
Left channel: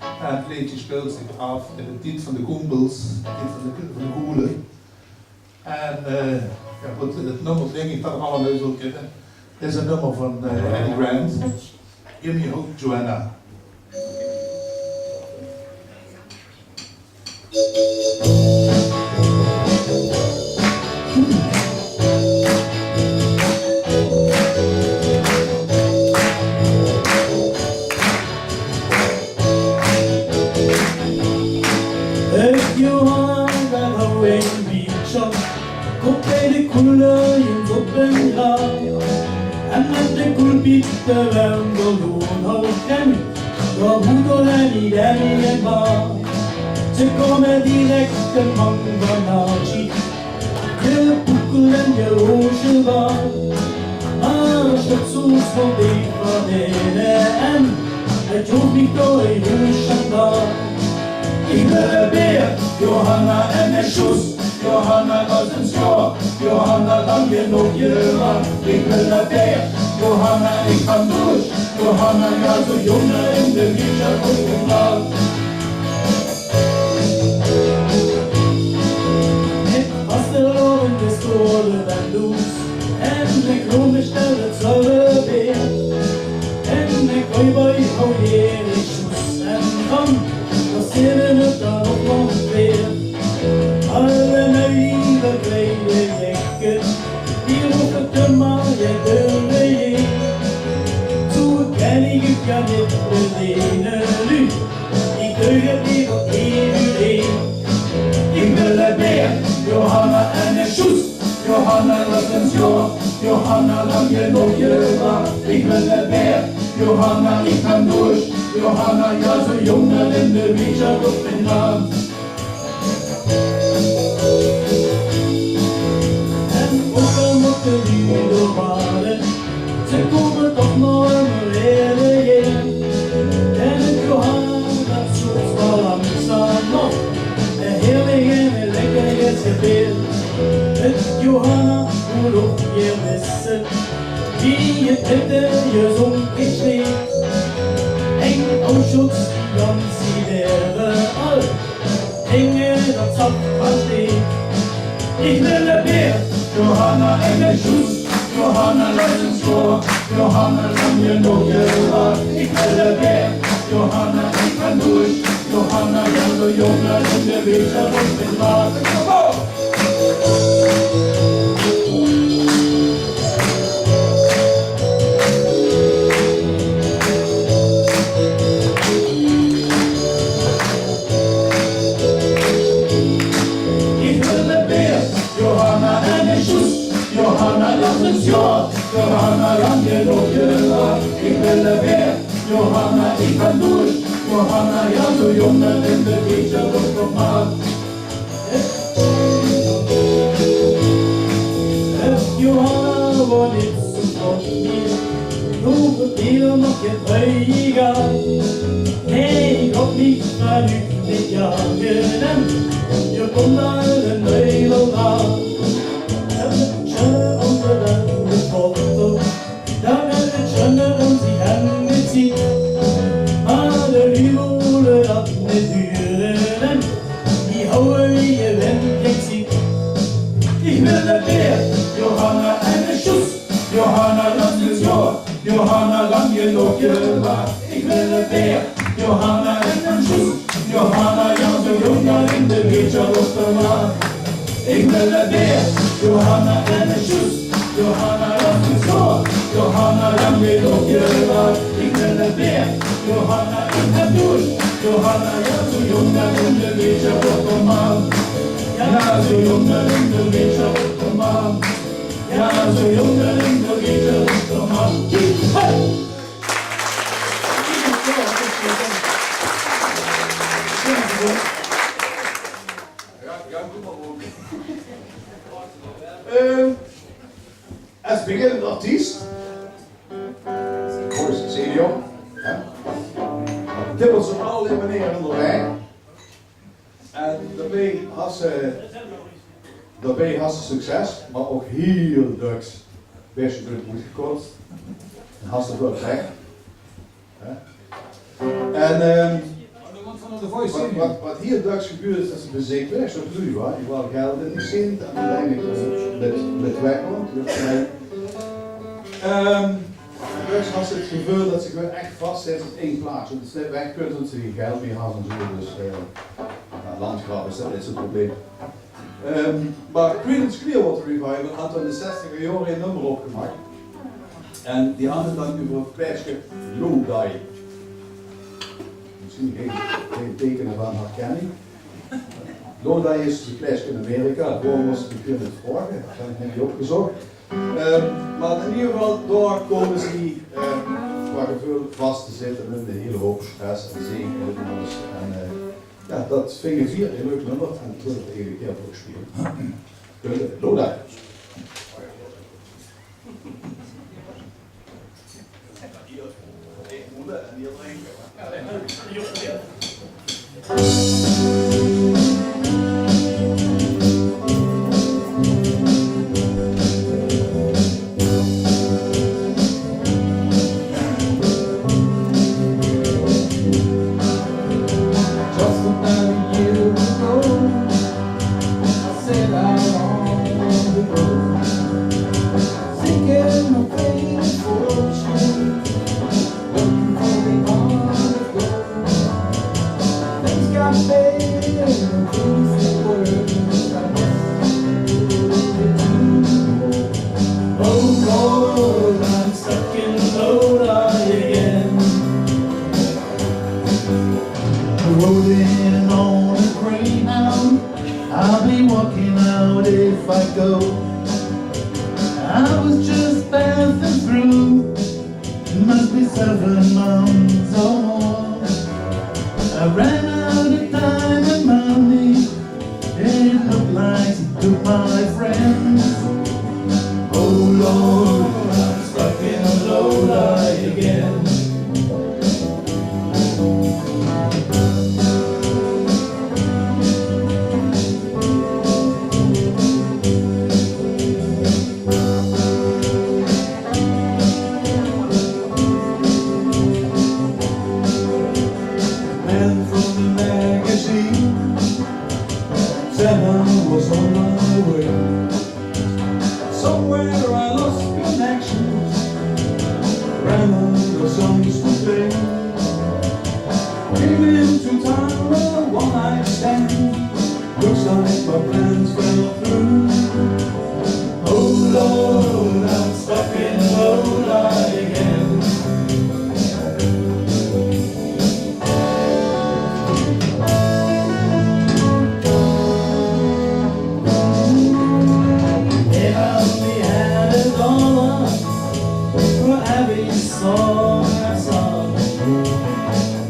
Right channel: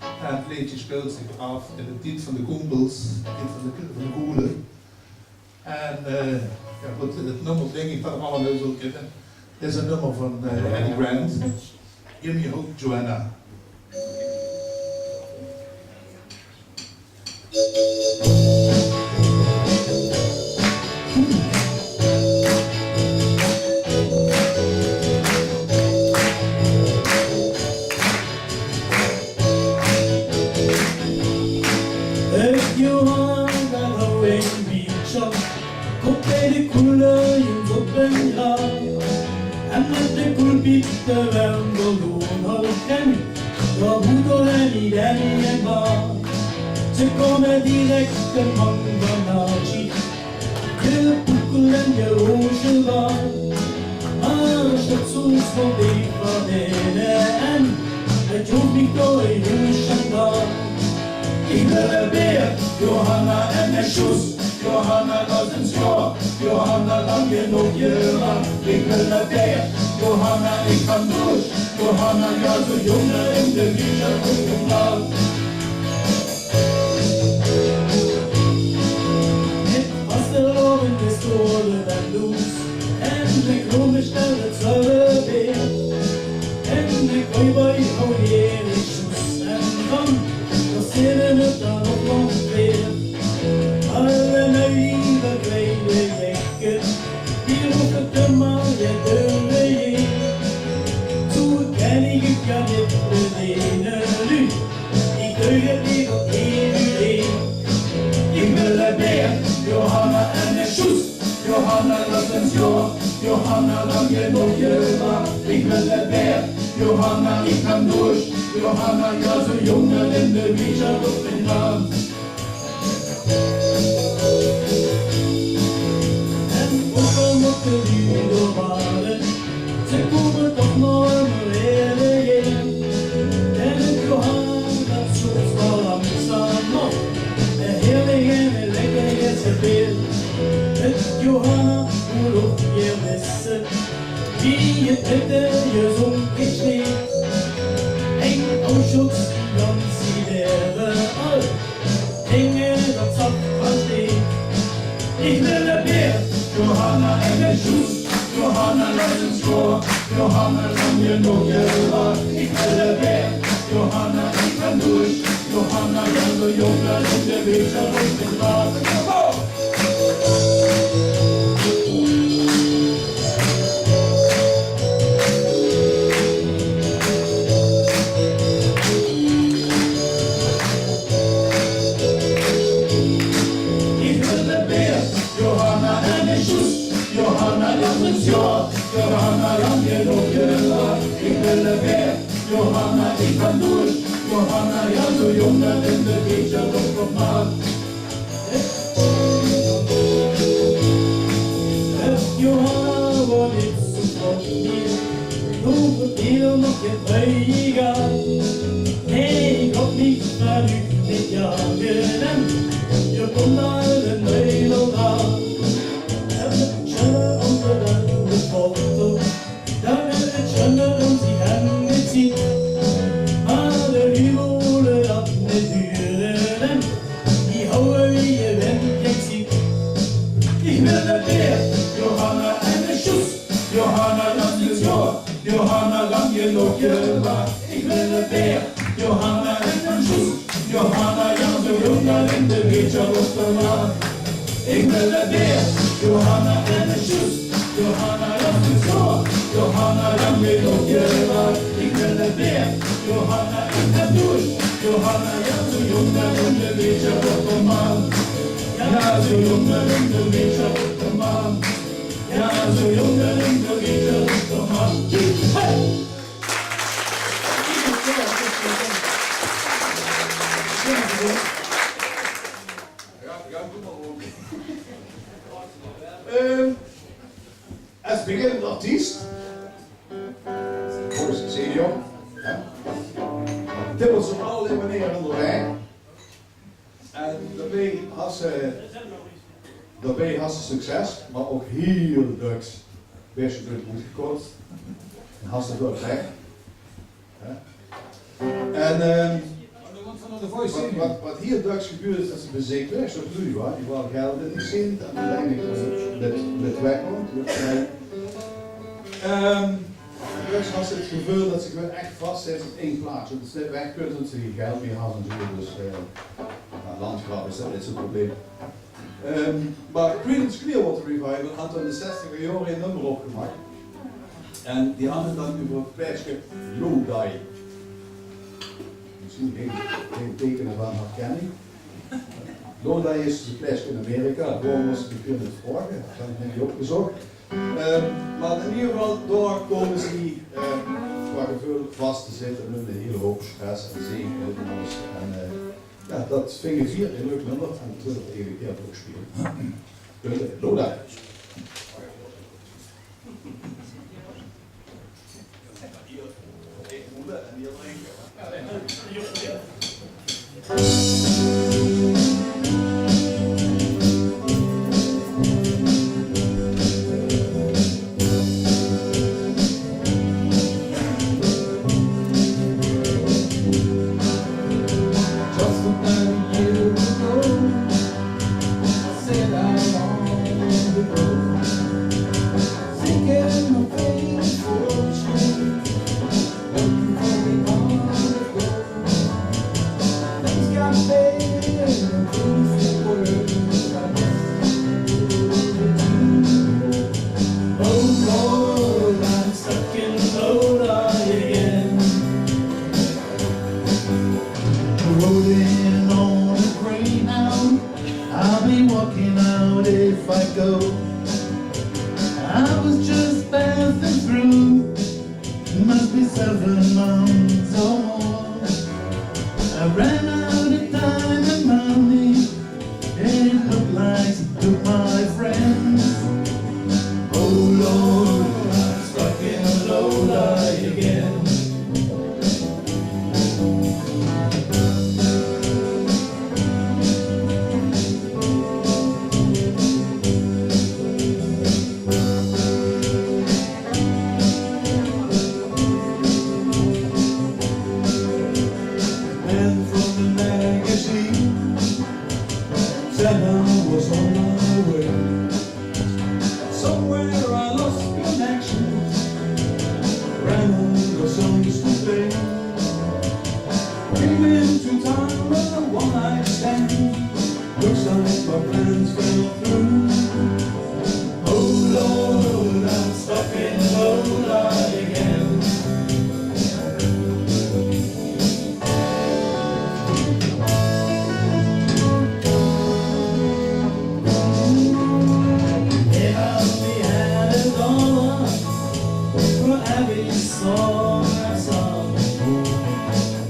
En het liedje speelt zich af in het lied van de Koembels, het lied van de Koelen. En ja, goed, het nummer denk ik dat we allemaal zo kennen. Dit is een nummer van Eddie Grant. Give me hope, Joanna. Johanna, daar hou ik een biertje. Komt bij de koelens op een graaf. En met de koelpieten wel verloren houdt hem. Door moeder en iedereen en baar. Ze komen direct een man van Archie. Je boekel en je roosje waar. Maar als het soms van die verdelen en het hoeft niet door een roosje daar. Ik wil een beer, Johanna en een sjoes. Johanna was een schoor, Johanna lang genoeg je lang. Ik wil een beer, Johanna ik ga douche. Johanna ja zo jongen in de wielen op de plaat. Ik was de loren, de stolen en loes. En ik roem bestel het zwalle beer. En ik gooi bij hou hier in sjoes en dan. Zitten het dan op nog weer. Alle naïeve kleine jekken, die roepen te maar je deuren heen. Zo ken ik het ja niet bedienen nu, ik deug het niet op iedereen. Ik wil een beer, Johanna en een sjoes. Johanna was een schoor, Johanna lang genoeg je waar. Ik wil een beer, Johanna ik ga douche. Johanna, ja zo jongen in de wiesje op een land. En ook moet de lieden waren, ze komen toch nog een reden. En het Johanna, dat zoekt wel langzaam nog, een heerlijke en lekkere serveer. Het Johanna, hoe loop je wissen, wie je bitte je zo'n geschreven. En Auschwitz, dan zie wäre all Dinge, dat zat van steen. Ik wil een beer, Johanna en een sjoes. Johanna was een schoor, Johanna lang genoeg je waar. Ik wil een beer, Johanna ik ga douche. Johanna ja zo jongen in de wiesje op het water. Kom op! Johanna lang genoeg je waar. Ik wil een beer, Johanna ik ga douche. Johanna ja zo jongen in de wiesje op het maat. Johanna wordt niet zo vlot meer. Hoeveel keer nog je vrije gaat. Nee, ik hoop niet dat u dit jaar gedempt. Je komt naar een hele raad. Foto, daar het schöner und sie angeziehen. Maar de humor dat met duren Ik ben de beer, Johanna en de Sjoes. Johanna, dat is zo. Johanna, dan weet ook je wat. Ik ben de beer, Johanna in de douche. Johanna, ja, zo jong en je weet je wat de man. Ja, zo jong en je weet je wat de man. Ja, zo jong en je weet je wat de man. Hey! Ja, doe maar ook. Als beginnend artiest, voor de senior, tippelt ze op allerlei manieren onderweg. En daarbij had ze succes, maar ook heel drugs. Best goed moet gekotst. En had ze het wel weg. En wat hier drugs gebeurt is dat ze bezig is, dat doe je wel. Je wil geld in die zin en uiteindelijk met wegkomt. Drugs had ze het gevoel dat ze gewoon echt vast zit op één plaats. Dat ze weg kunnen, dat ze geen geld meer hadden en zo. Dus landgraf is dat niet zo'n probleem. Maar Creedence Clearwater Revival had in de 60er jaren een nummer opgemaakt. En die hadden dan over het plaatsje Lodi. Misschien geen tekenen van herkenning. Lodi is een plaatsje in Amerika, waarom was het bekend met vragen, dat heb ik niet opgezocht. Maar in ieder geval, daar komen ze die qua gevoel vast te zitten met een hele hoop stress en zegen en alles. En ja, dat vind ik vier een leuk nummer en dat wil ik even een keer ook spelen. Lodi. Hier voelen en hier drinken.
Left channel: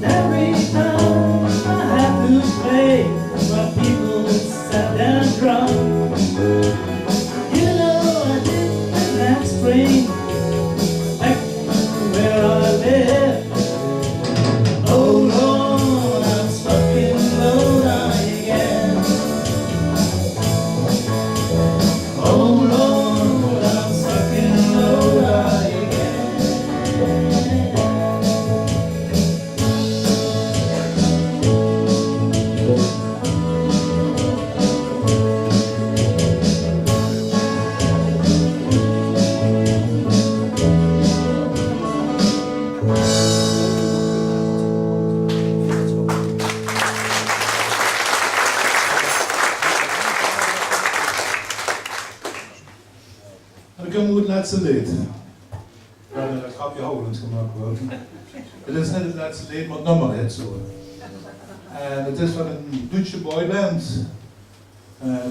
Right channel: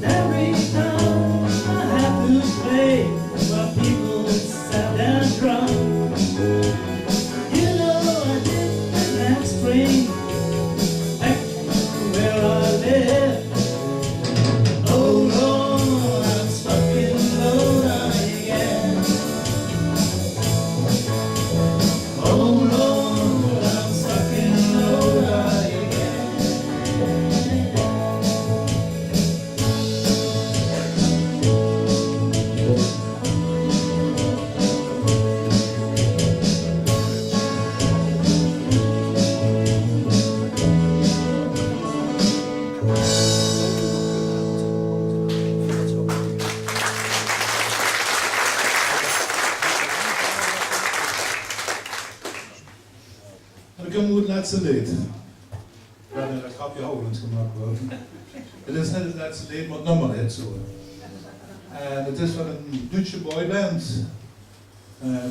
Every time I laatste lied. We hebben een grapje hooglands gemaakt worden. Het is net het laatste lied, maar het nummer heet zo. En het is van een Duitse boyband.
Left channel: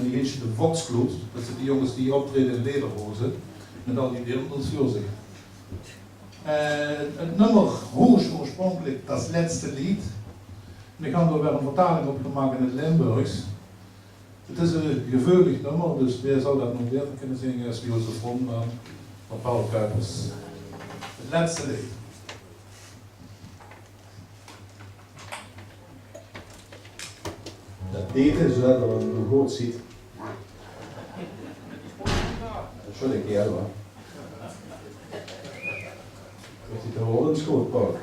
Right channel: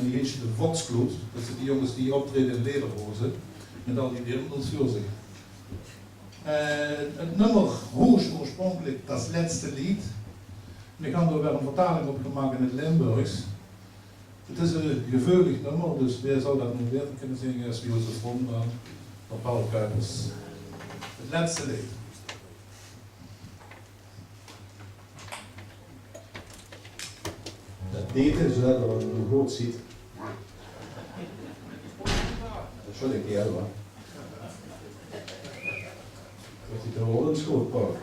Die heet de Volksgloed. Dat zijn die jongens die optreden in lederhozen. Met al die dirndels voor zich. Het nummer hoort oorspronkelijk dat laatste lied. We gaan er weer een vertaling op gemaakt in het Limburgs. Het is een geveulig nummer, dus wie zou dat nog beter kunnen zingen als Jozef Rondman of Paul Kuipers. Het laatste lied. Dat deed is zodat je het goed ziet. Dat is wel een keer hoor. Dat hij te horen is goed, Paul.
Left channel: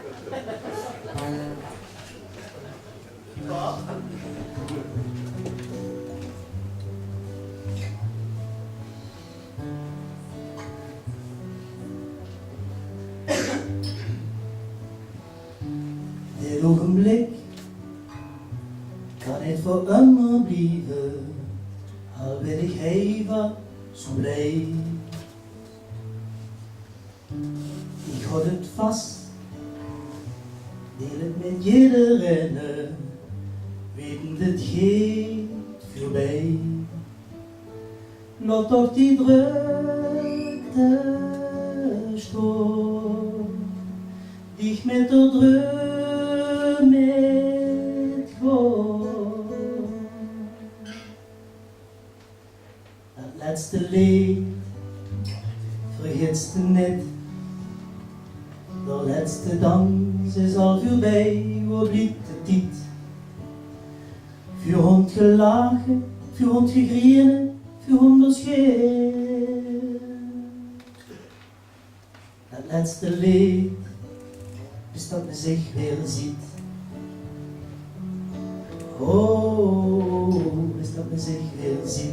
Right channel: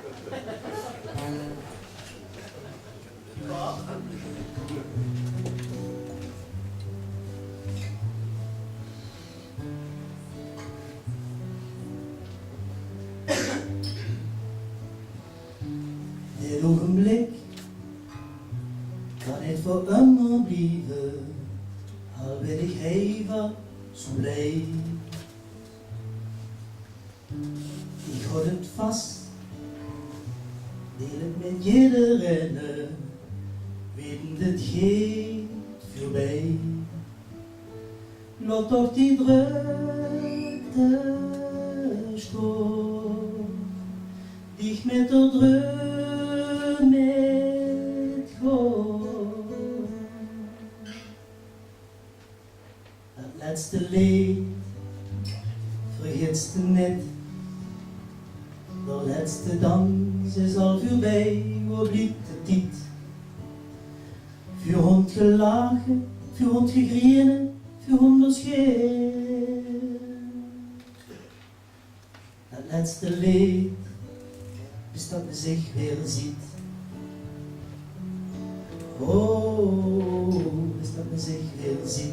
Dit ogenblik kan het voor immer blijven, al ben ik even zo blij. Ik houd het vast, deel het met iedereen, weten dit gaat voorbij. Laat toch die drukte stoor, dich met de druk met God. Dat laatste lied vergeet je net. De laatste dans is al voorbij, waar blijft de tijd? Voor hond gelachen, voor hond gegrienen, voor hond scheer. Dat laatste lied is dat men zich weer ziet. Oh, is dat men zich weer ziet.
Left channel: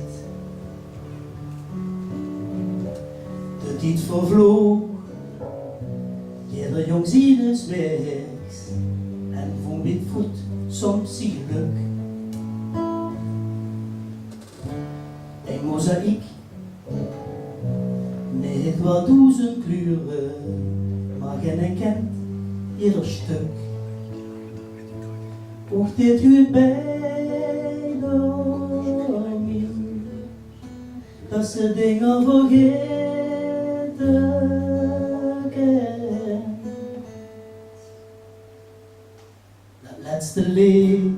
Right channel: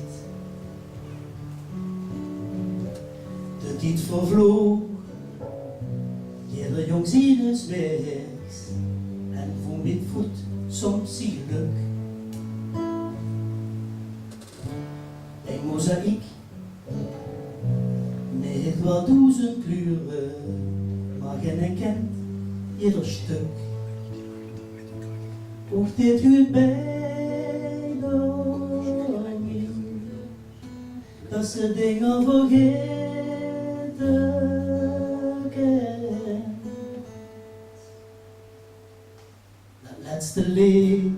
De tijd vervloog, jeder jong ziet wegs, en van met voet soms zie geluk. Een mozaïek, met wat duizend kleuren, maar geen kent ieder stuk. Ook dit huurt bij de min, dat ze dingen vergeten kent. Dat laatste lied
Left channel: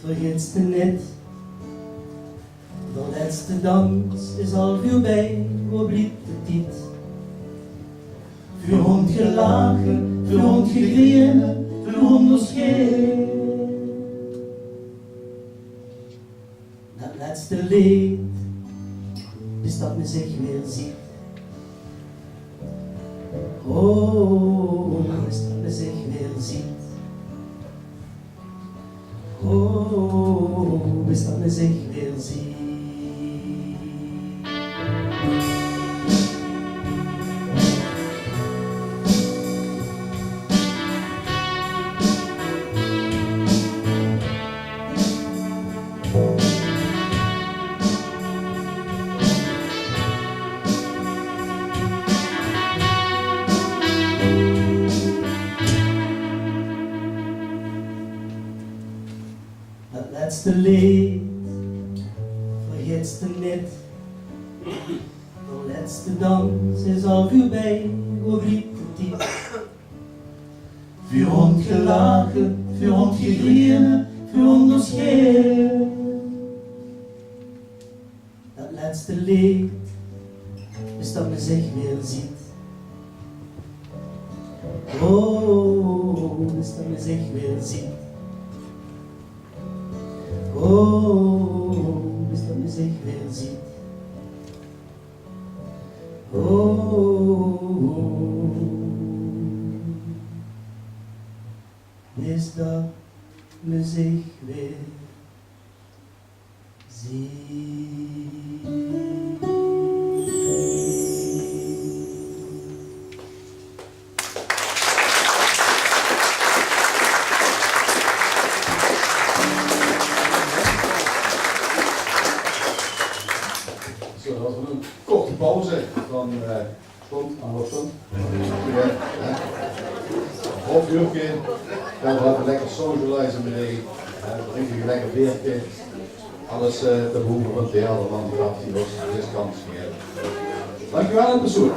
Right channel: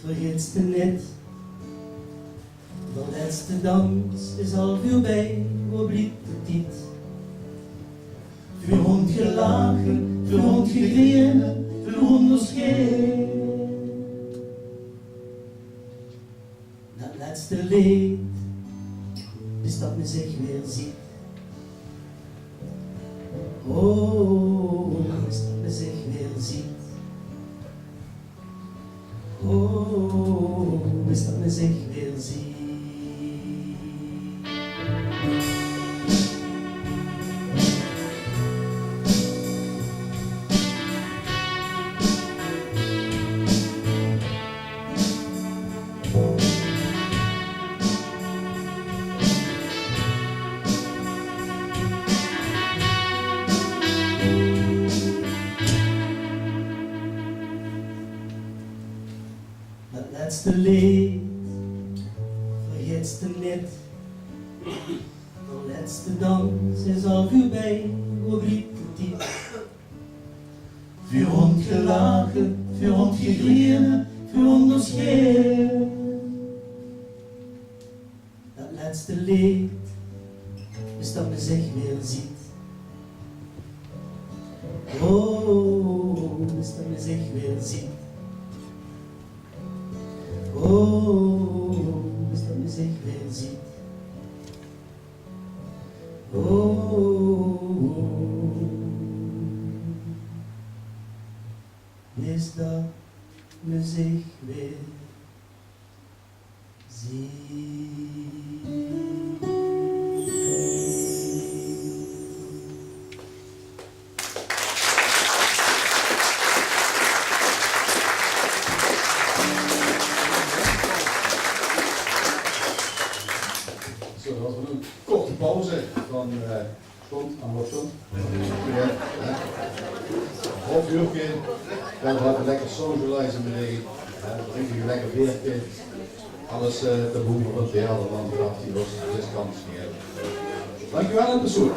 vergeet je net. De laatste dans is al voorbij, waar blijft de tijd? Voor hond gelachen, voor hond gegrienen, voor hond scheer. Dat laatste lied is dat men zich weer ziet. Oh, is dat men zich weer ziet. Oh, is dat men zich weer ziet. Dat laatste lied vergeet je net. De laatste dans is al voorbij, waar blijft de tijd? Voor hond gelachen, voor hond gegrienen, voor hond scheer. Dat laatste lied is dat men zich weer ziet. Oh, is dat men zich weer ziet. Oh, is dat men zich weer ziet. Oh, is dat men zich weer Zo, dat was een korte pauze. dan stond aan Lossen. Een half uurtje, gaan we even lekker socializen beneden. Dan drinken we lekker beertje. Alles te behoeven van het derde landgraf die was dus kans niet hebben. Dankjewel en bezoek.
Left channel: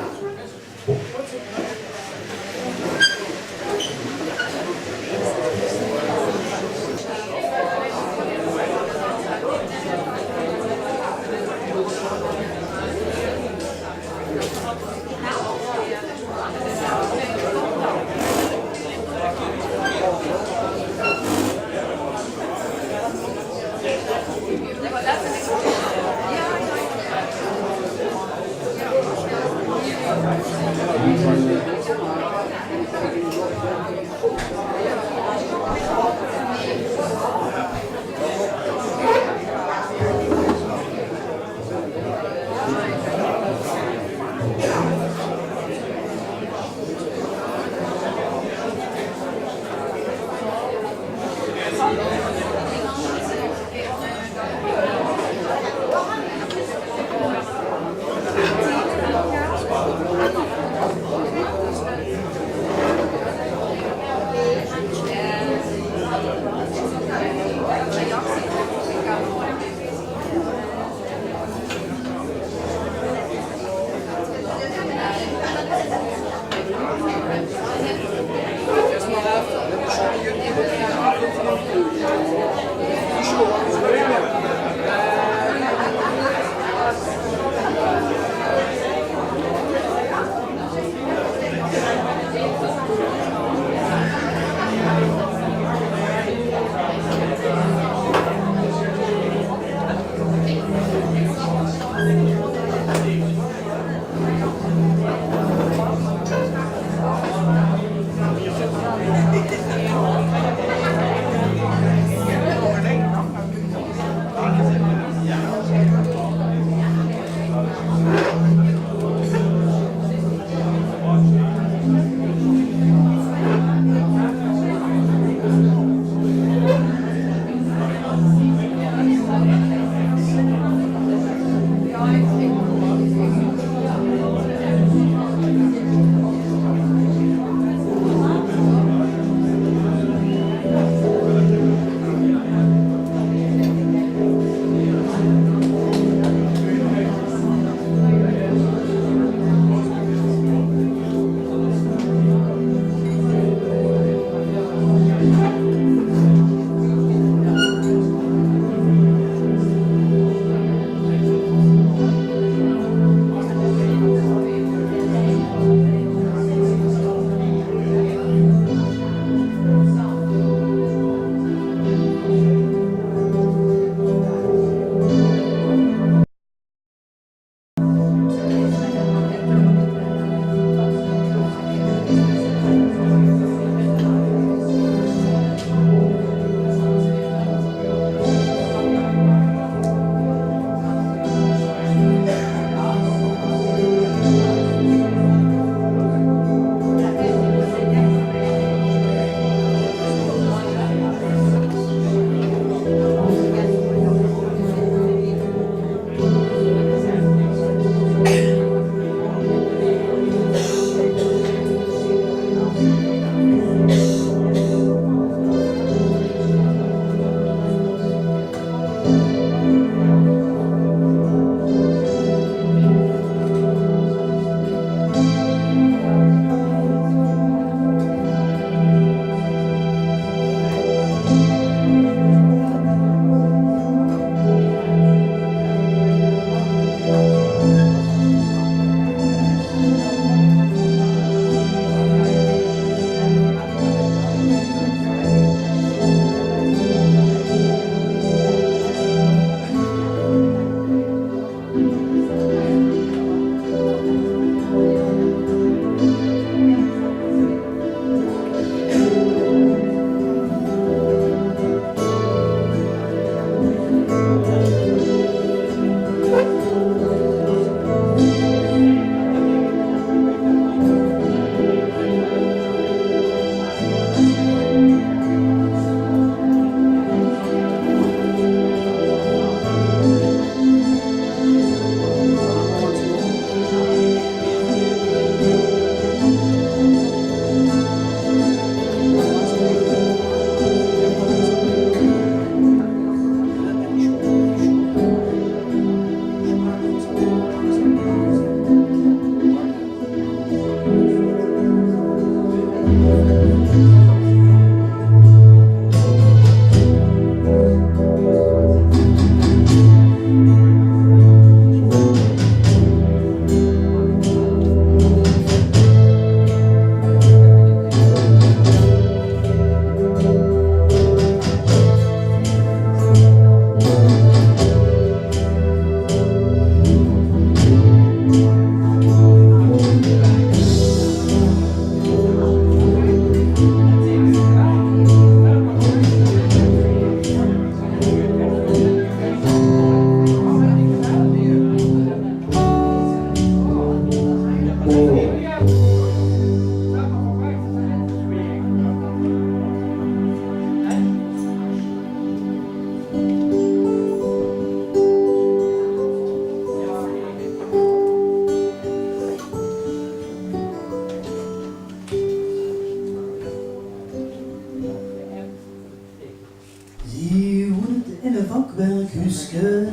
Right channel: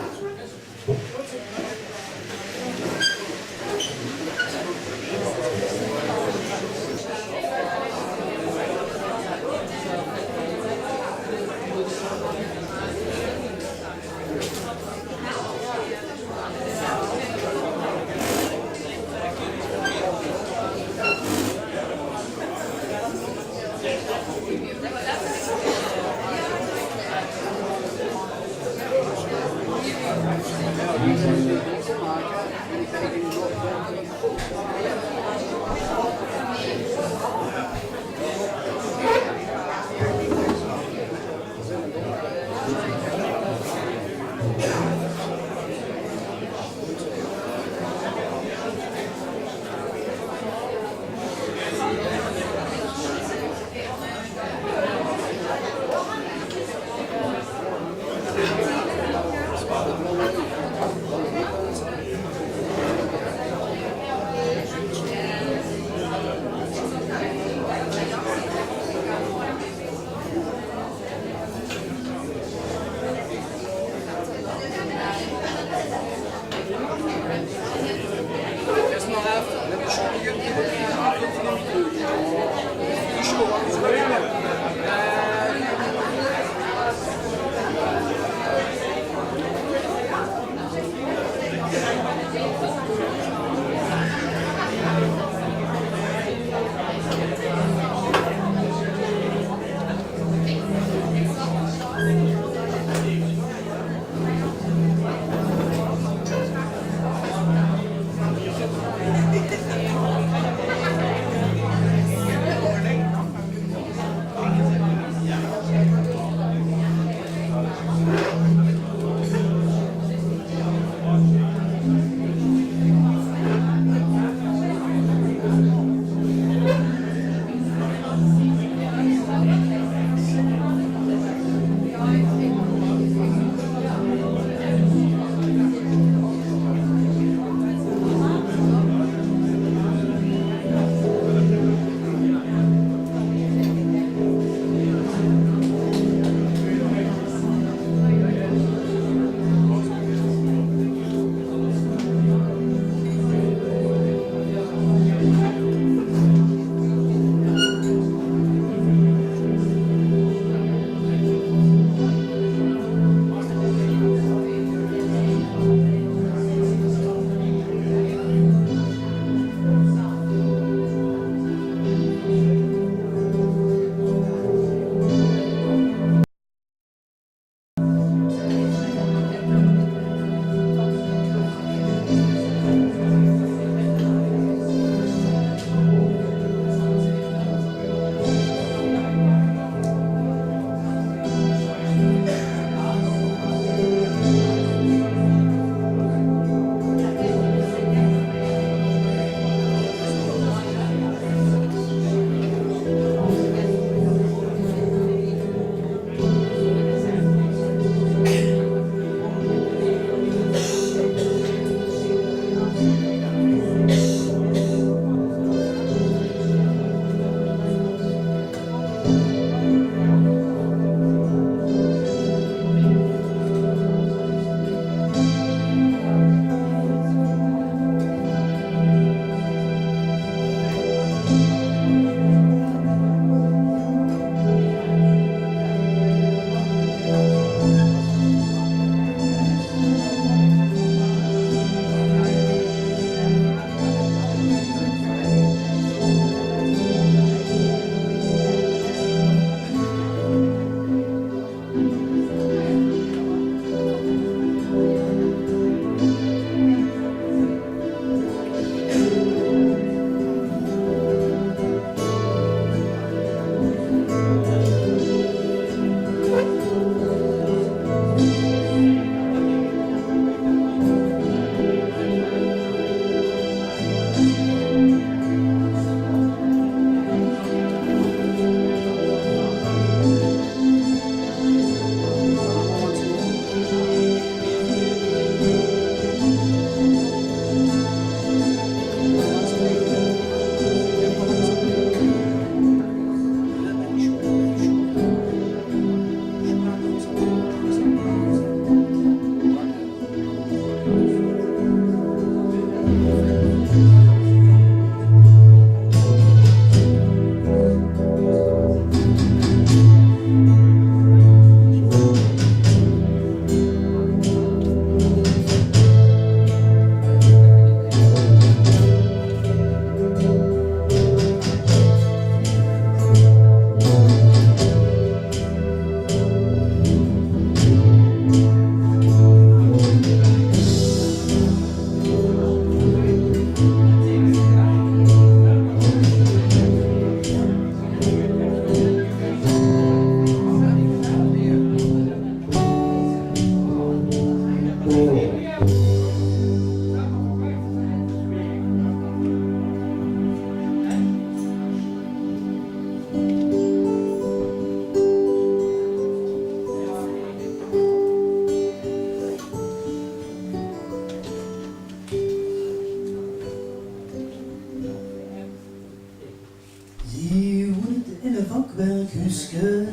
Die woont in een vakwerkhuisje,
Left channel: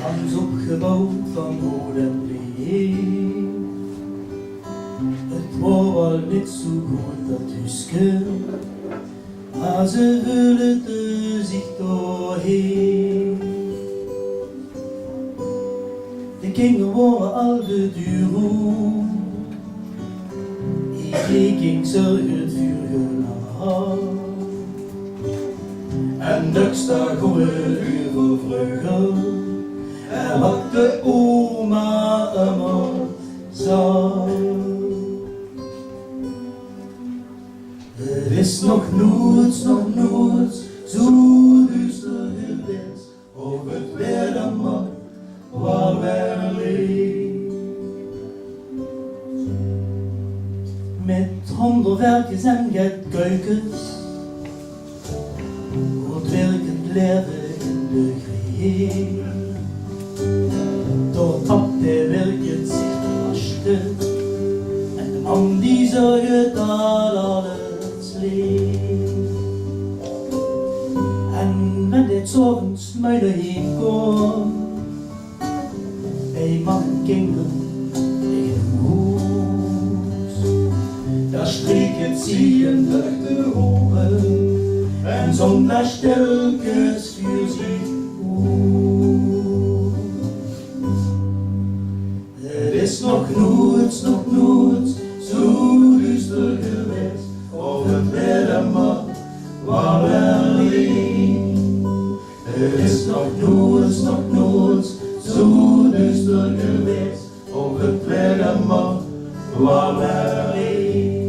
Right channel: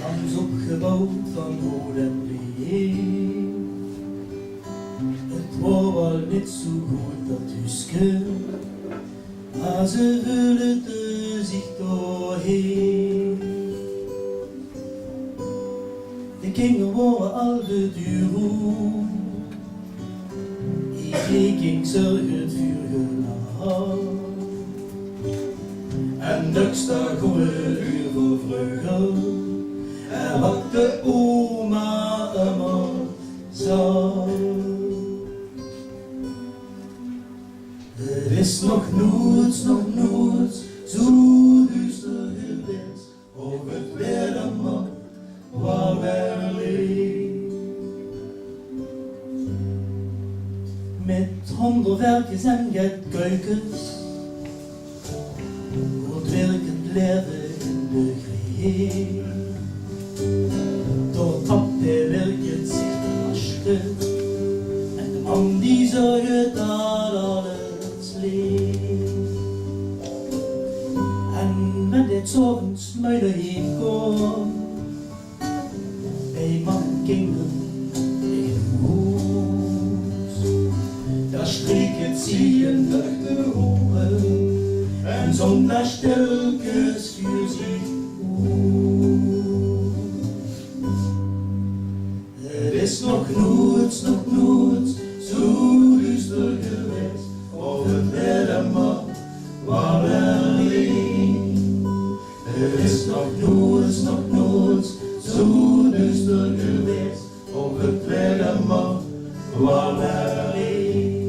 langs opgebouwd van hout en leer. Het was wel niet zo goed dat huisje, maar ze vullen zich doorheen. De kinderen waren al de duur, ik ging zorgend vuur gelaat. En dagsdag om een uur voor vreugde, en wat de oma allemaal zag. Het is nog nooit zo duister geweest, of het weer dan maar waar wij alleen. Met handelwerkjes en geitkuikens, wordt werkend leven in de gree. Door tapt hij werkend zich te waschen, en de man die zorgt dat alles leeft. En wenn dit 's avonds muilen heen komt, bij man kinderen in een hoes, daar streken zie je durch de ogen, en zonder stilkes voor zich uit. Het is nog nooit zo duister geweest, of het weer maar waar we alleen. Het is nog nooit zo duister geweest, of het weer maar waar we alleen.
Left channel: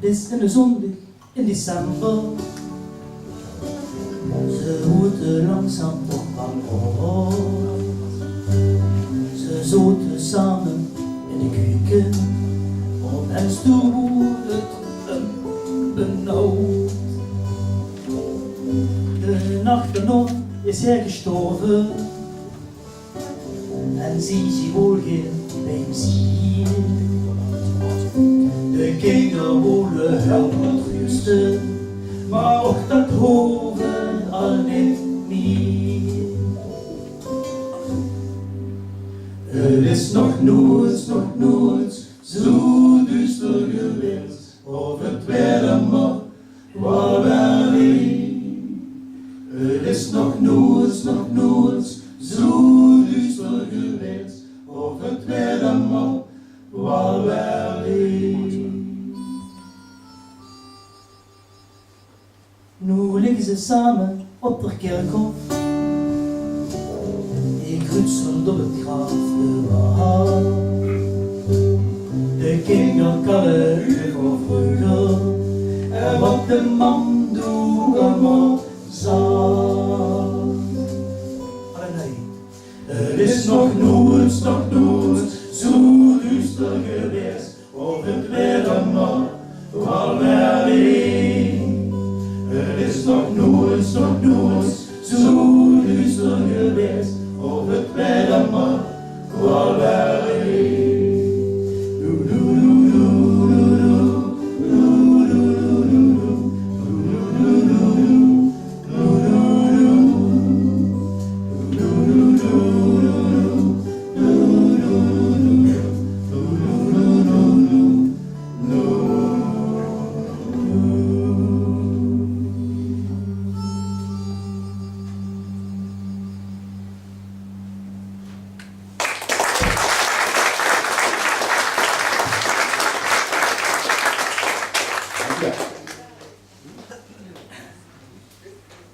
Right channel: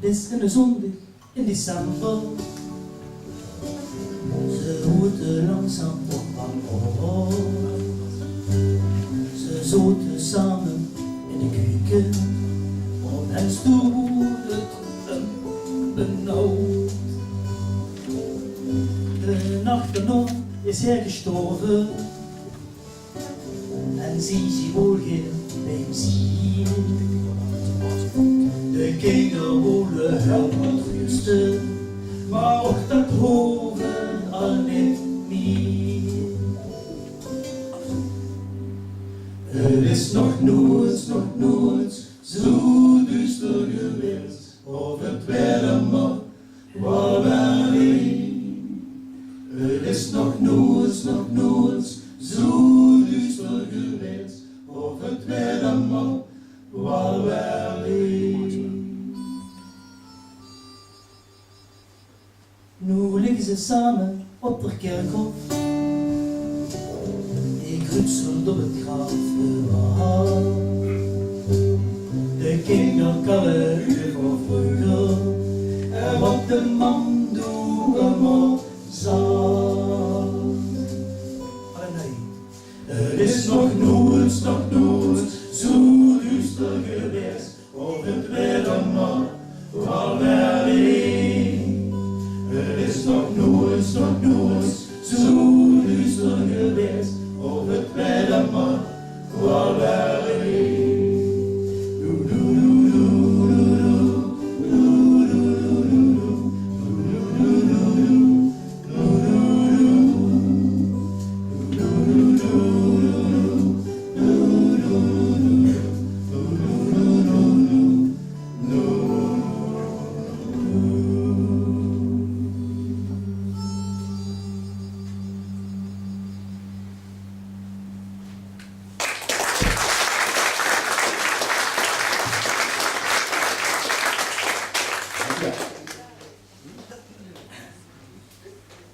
Het is een zondag in december, ze roeten langzaam op bank. Ze zoten samen in de keuken, op en stoel het benauwd. De nacht erna is hij gestorven, en zie wohl geen bij hem zien. De kinderen wonen helemaal rusten, maar ook dat hoven al niet meer. Het is nog nooit zo duister geweest, of het weer maar waar we alleen. Het is nog nooit zo duister geweest, of het weer maar waar we alleen. Nu liggen ze samen op de kerkhof, ik rutsel door het graf bewaard. De kinderen kallen voor vreugde, en wat de man doet allemaal zag. Maar nee, het is nog nooit zo duister geweest, of het weer maar waar we alleen. Het is nog nooit zo duister geweest, of het weer maar waar we alleen.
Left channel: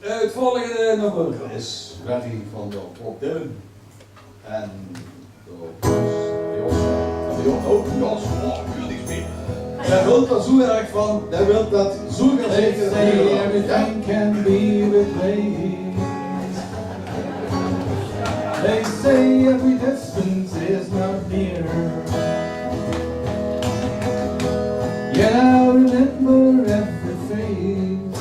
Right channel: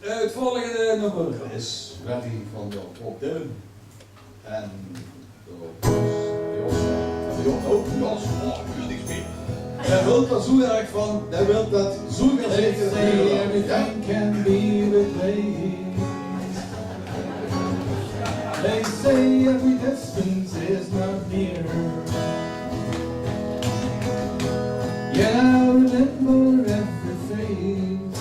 Het volgende nummer is Werry van Bob Dylan en door Jos. Hij wil dat zo erg van, hij wil dat zo They zeker. say everything can be replaced. They say every distance is not near. Yet I remember every face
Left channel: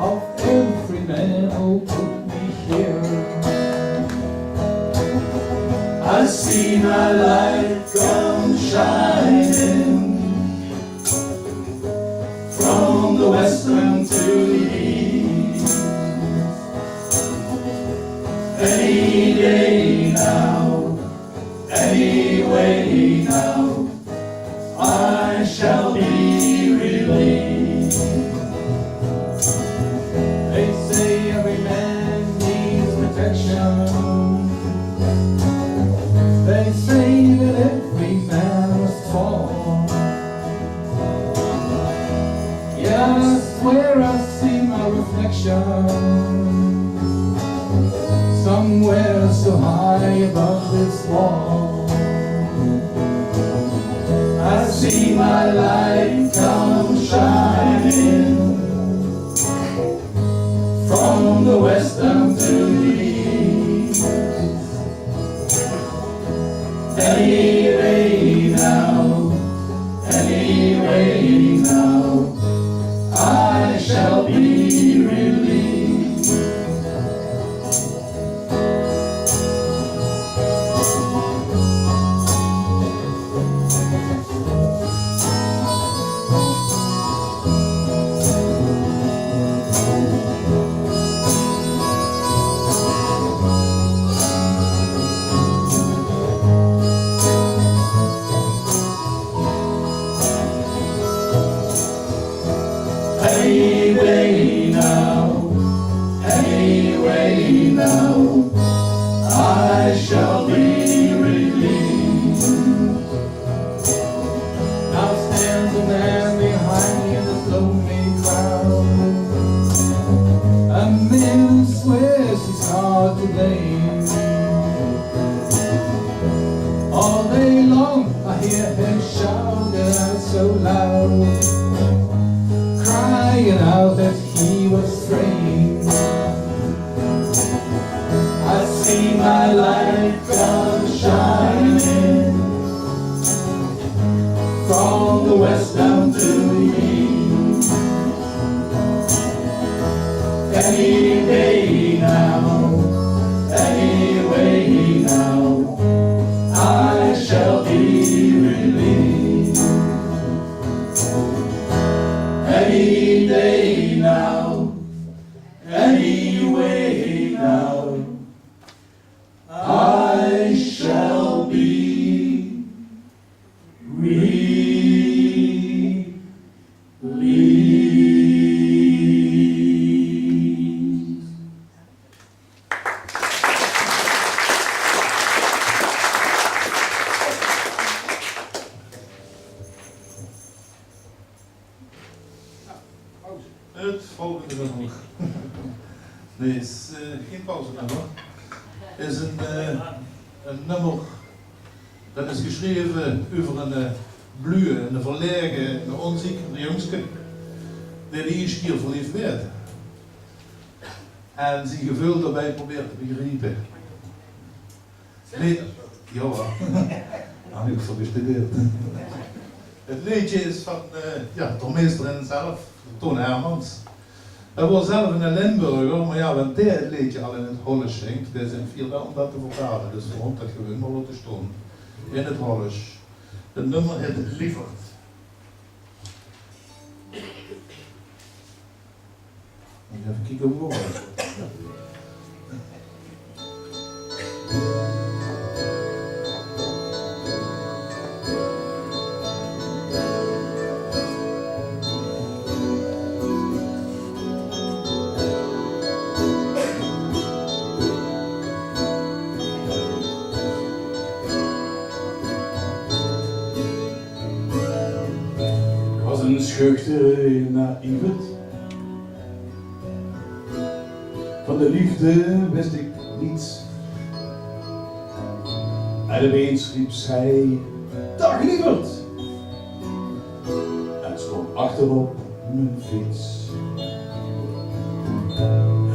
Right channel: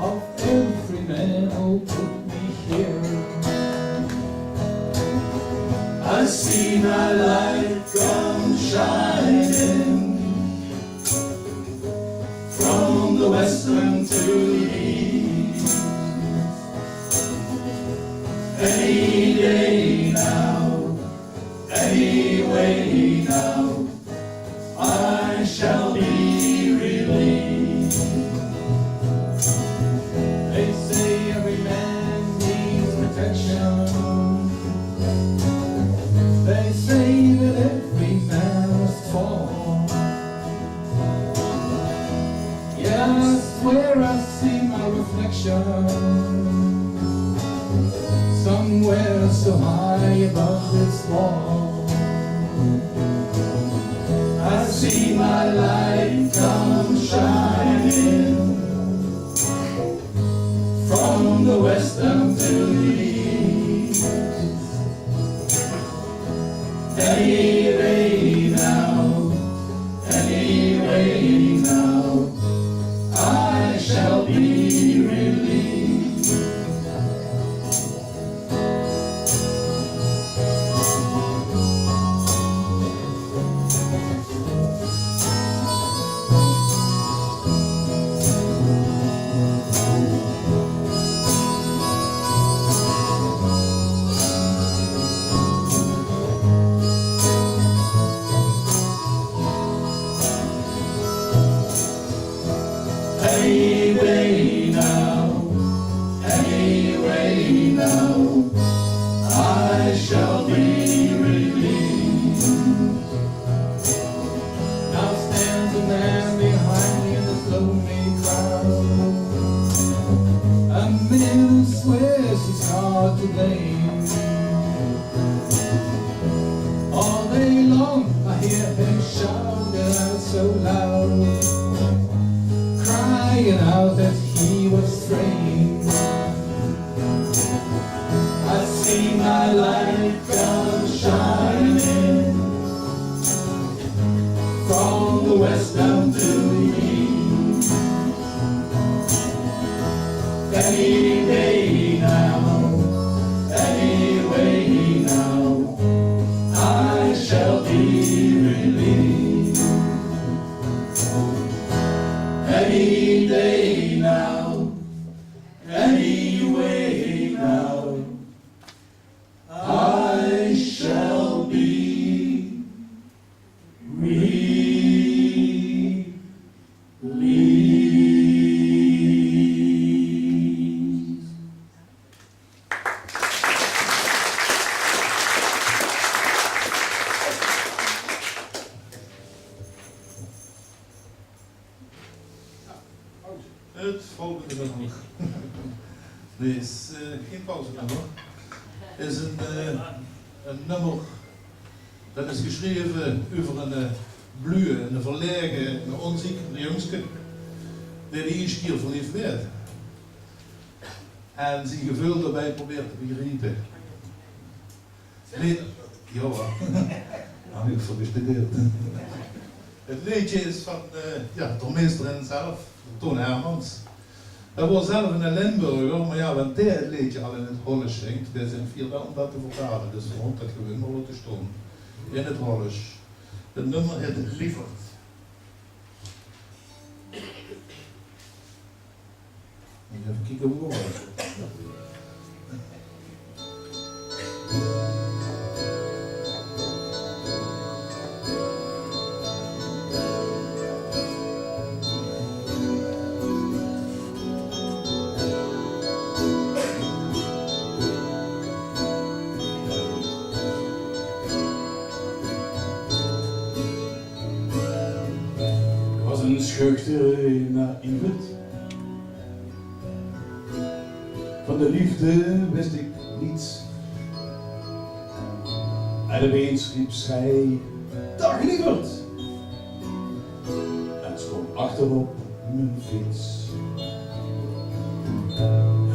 of every man who put me here. I see my light come shining station, somewhere so high above its wall. I see my light come shining from the west down to the east. Anyway now, anyway now, I shall be released. Anyway now, I shall be released. Now stands a man behind me in this lonely crowd, a man who swears he's hard to blame. All day long I hear him shout out so loud, crying out that he was framed. I see my light come shining from the west down to the east. Any day now, anyway now, I shall be released. Any day now, anyway now, I shall be released. Het volgende nummer. Nee, is geen pauzenummer. Is een nummer dat is geschreven over een blue, een verlegen, een onziekere jongske die de eerste keer verliefd werd. En zijn gevoel daarbij probeert te begrijpen. Nee, ja, heb ik voor gestudeerd. Het liedje is van de meester zelf, Toon Hermans. Hij was zelf een Limburger, maar ja, want hij het liedje al in het Hollands zingt, wij zijn vier om dat te vertalen, dus we moeten dat gewoon maar laten staan. In het Hollands. Het nummer heet Lieverd. Even kijken hoe het wordt. Een schuchtere naïvet. Van de liefde wist ik niets. En opeens riep zij: "Dag lieverd!" En stond achterop mijn fiets.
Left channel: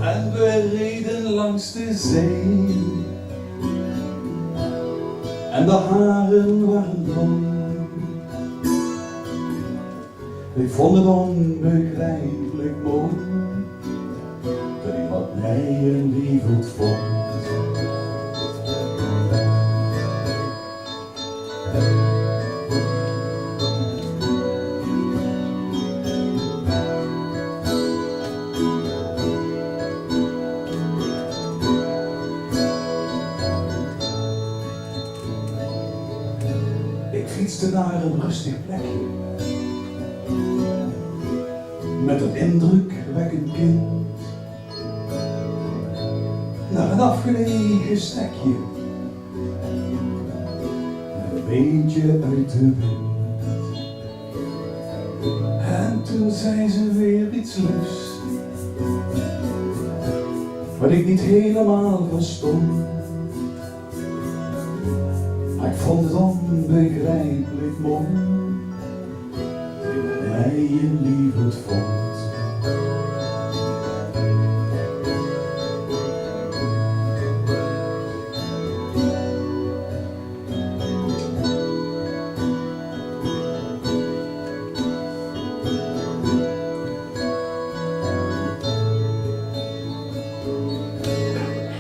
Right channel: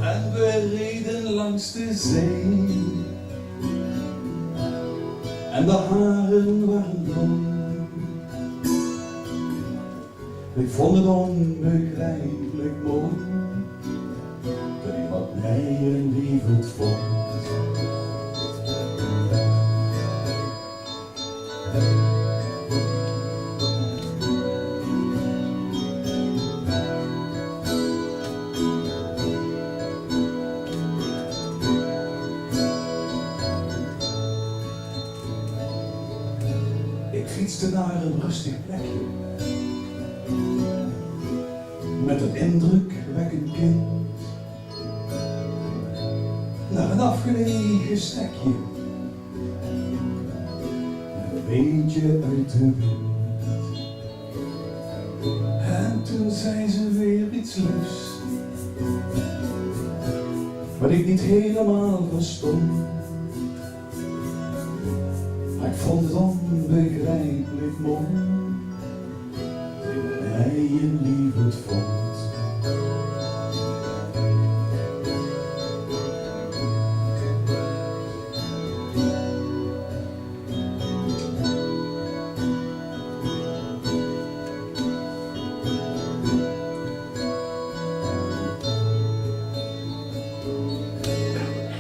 En we reden langs de zee. En de haren waren blond. Ik vond het onbegrijpelijk mooi dat iemand mij een lieverd vond. Ik fietste naar een rustig plekje met een indrukwekkend kind, naar een afgelegen stekje met een beetje uit de wind. En toen zei ze weer iets liefs wat ik niet helemaal verstond. Maar ik vond het onbegrijpelijk mooi, dat mij een liefde vond.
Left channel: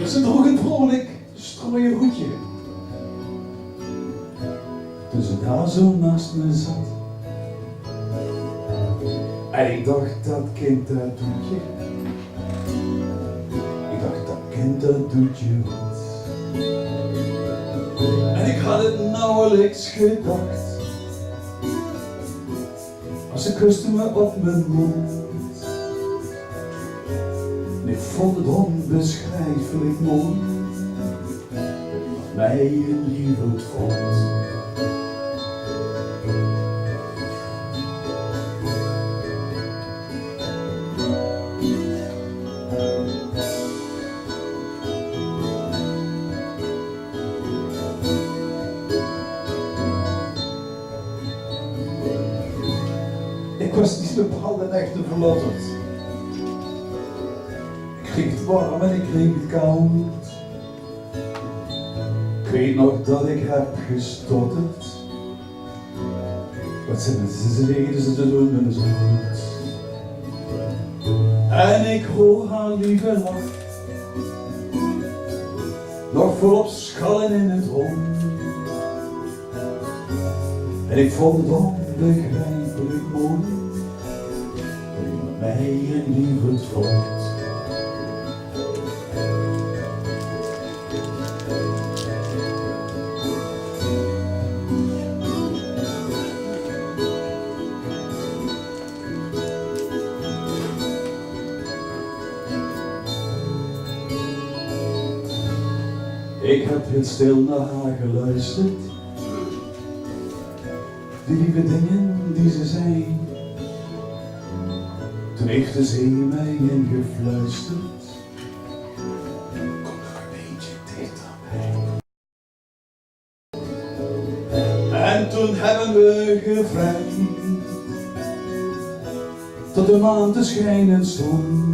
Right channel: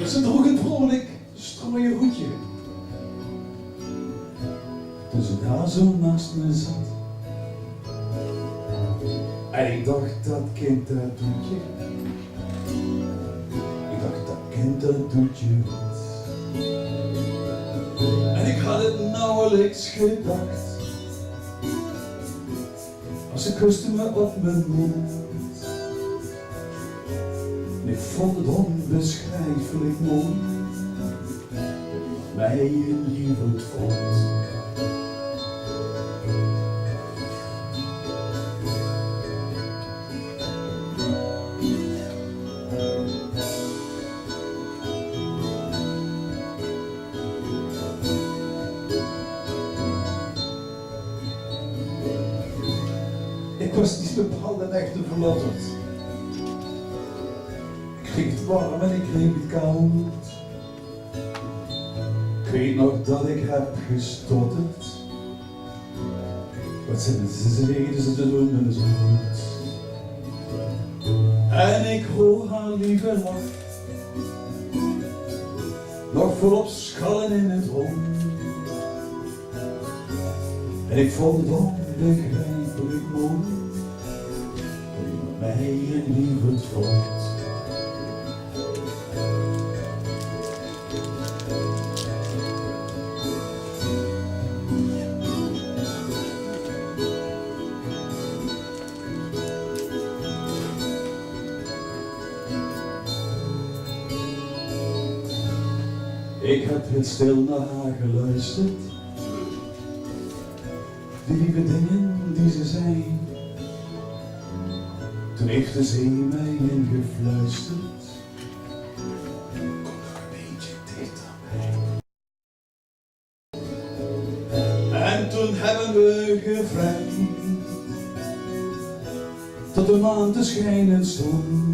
Ze droeg een vrolijk strooien hoedje. Toen ze daar zo naast me zat, en ik dacht, dat kind dat doet je. Ik dacht, dat kind dat doet je wat. En ik had het nauwelijks Gedacht, als ze kuste me op mijn mond. En ik vond het onbeschrijfelijk mooi, dat mij een liefde vond. Ik was niet bepaald een echte verlotterd. Ik kreeg het warm en ik kreeg het koud. Ik weet nog dat ik heb gestotterd. Wat zijn ze reden ze te doen met een zoet. En ik hoor haar lieve lach, nog volop schallen in het rond. En ik vond het onbegrijpelijk mooi, dat ik mij een liefde vond. Ik heb heel stil naar haar geluisterd, die lieve dingen die ze zei. Toen heeft de zee mij ingefluisterd, kom nog een beetje dichterbij. En toen hebben we gevrijd, tot de maan te schijnen stond.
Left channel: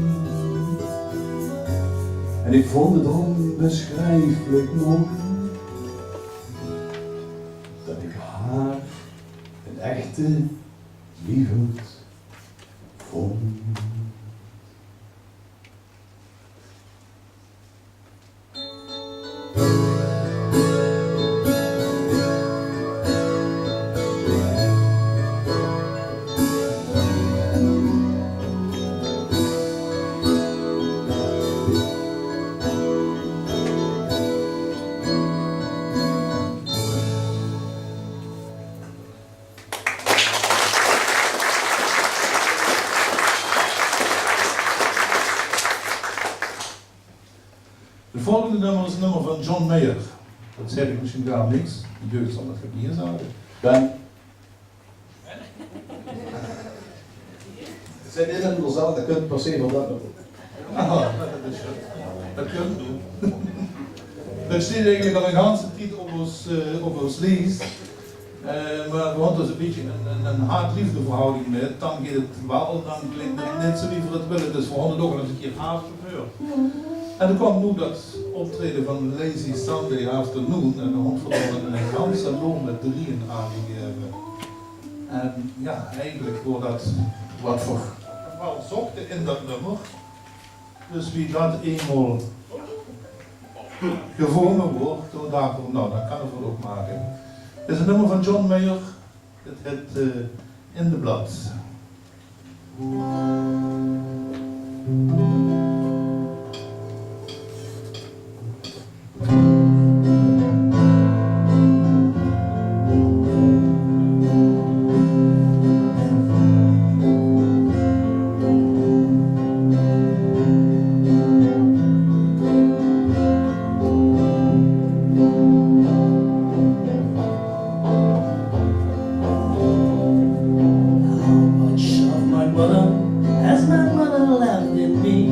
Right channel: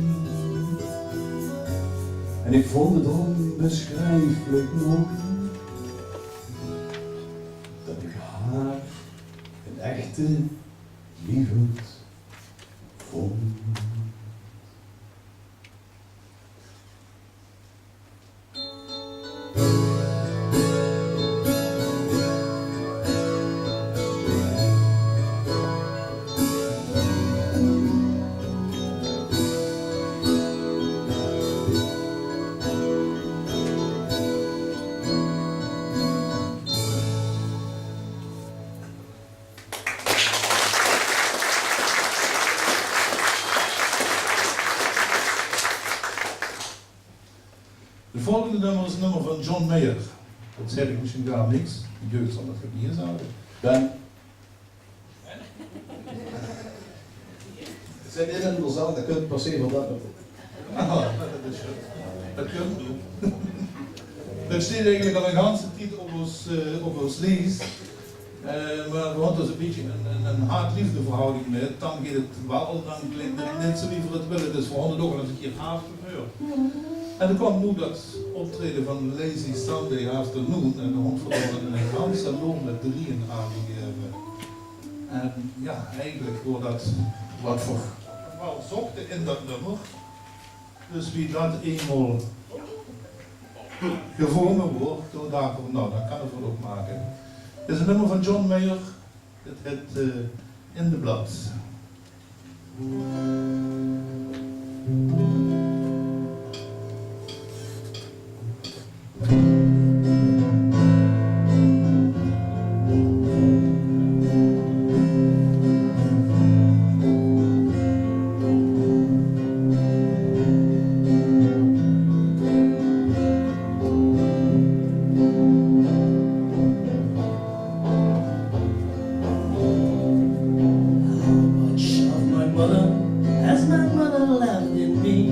En ik vond het onbeschrijfelijk mooi, dat ik haar een echte liefde vond. Het volgende nummer is een nummer van John Mayer. Dat zeg ik misschien gar niks. De jeugd zal dat niet zeggen. Ben. Zijn dit in de zaal, dat kunt per se van dat doen. Ah, dat is goed. Dat kunnen we doen. Er staat eigenlijk al een ganse tijd op ons lijst. Maar we hadden dus een beetje een haat-liefde verhouding met. Dan gaat het wel, dan klinkt het net zo wie we het willen. Dus we hadden toch eens een keer afgebeurd. En er kwam nu dat optreden van Lazy Sunday Afternoon en de hond verloren een ganse loon met 3 aangegeven. En ja, eigenlijk wordt dat wat voor wel zochten in dat nummer. Dus wie dat eenmaal gevonden wordt, toen dacht ik, nou, dan kan het wel ook maken. Het is een nummer van John Mayer, het heet In the Blood. How much of my mother has my mother left in me?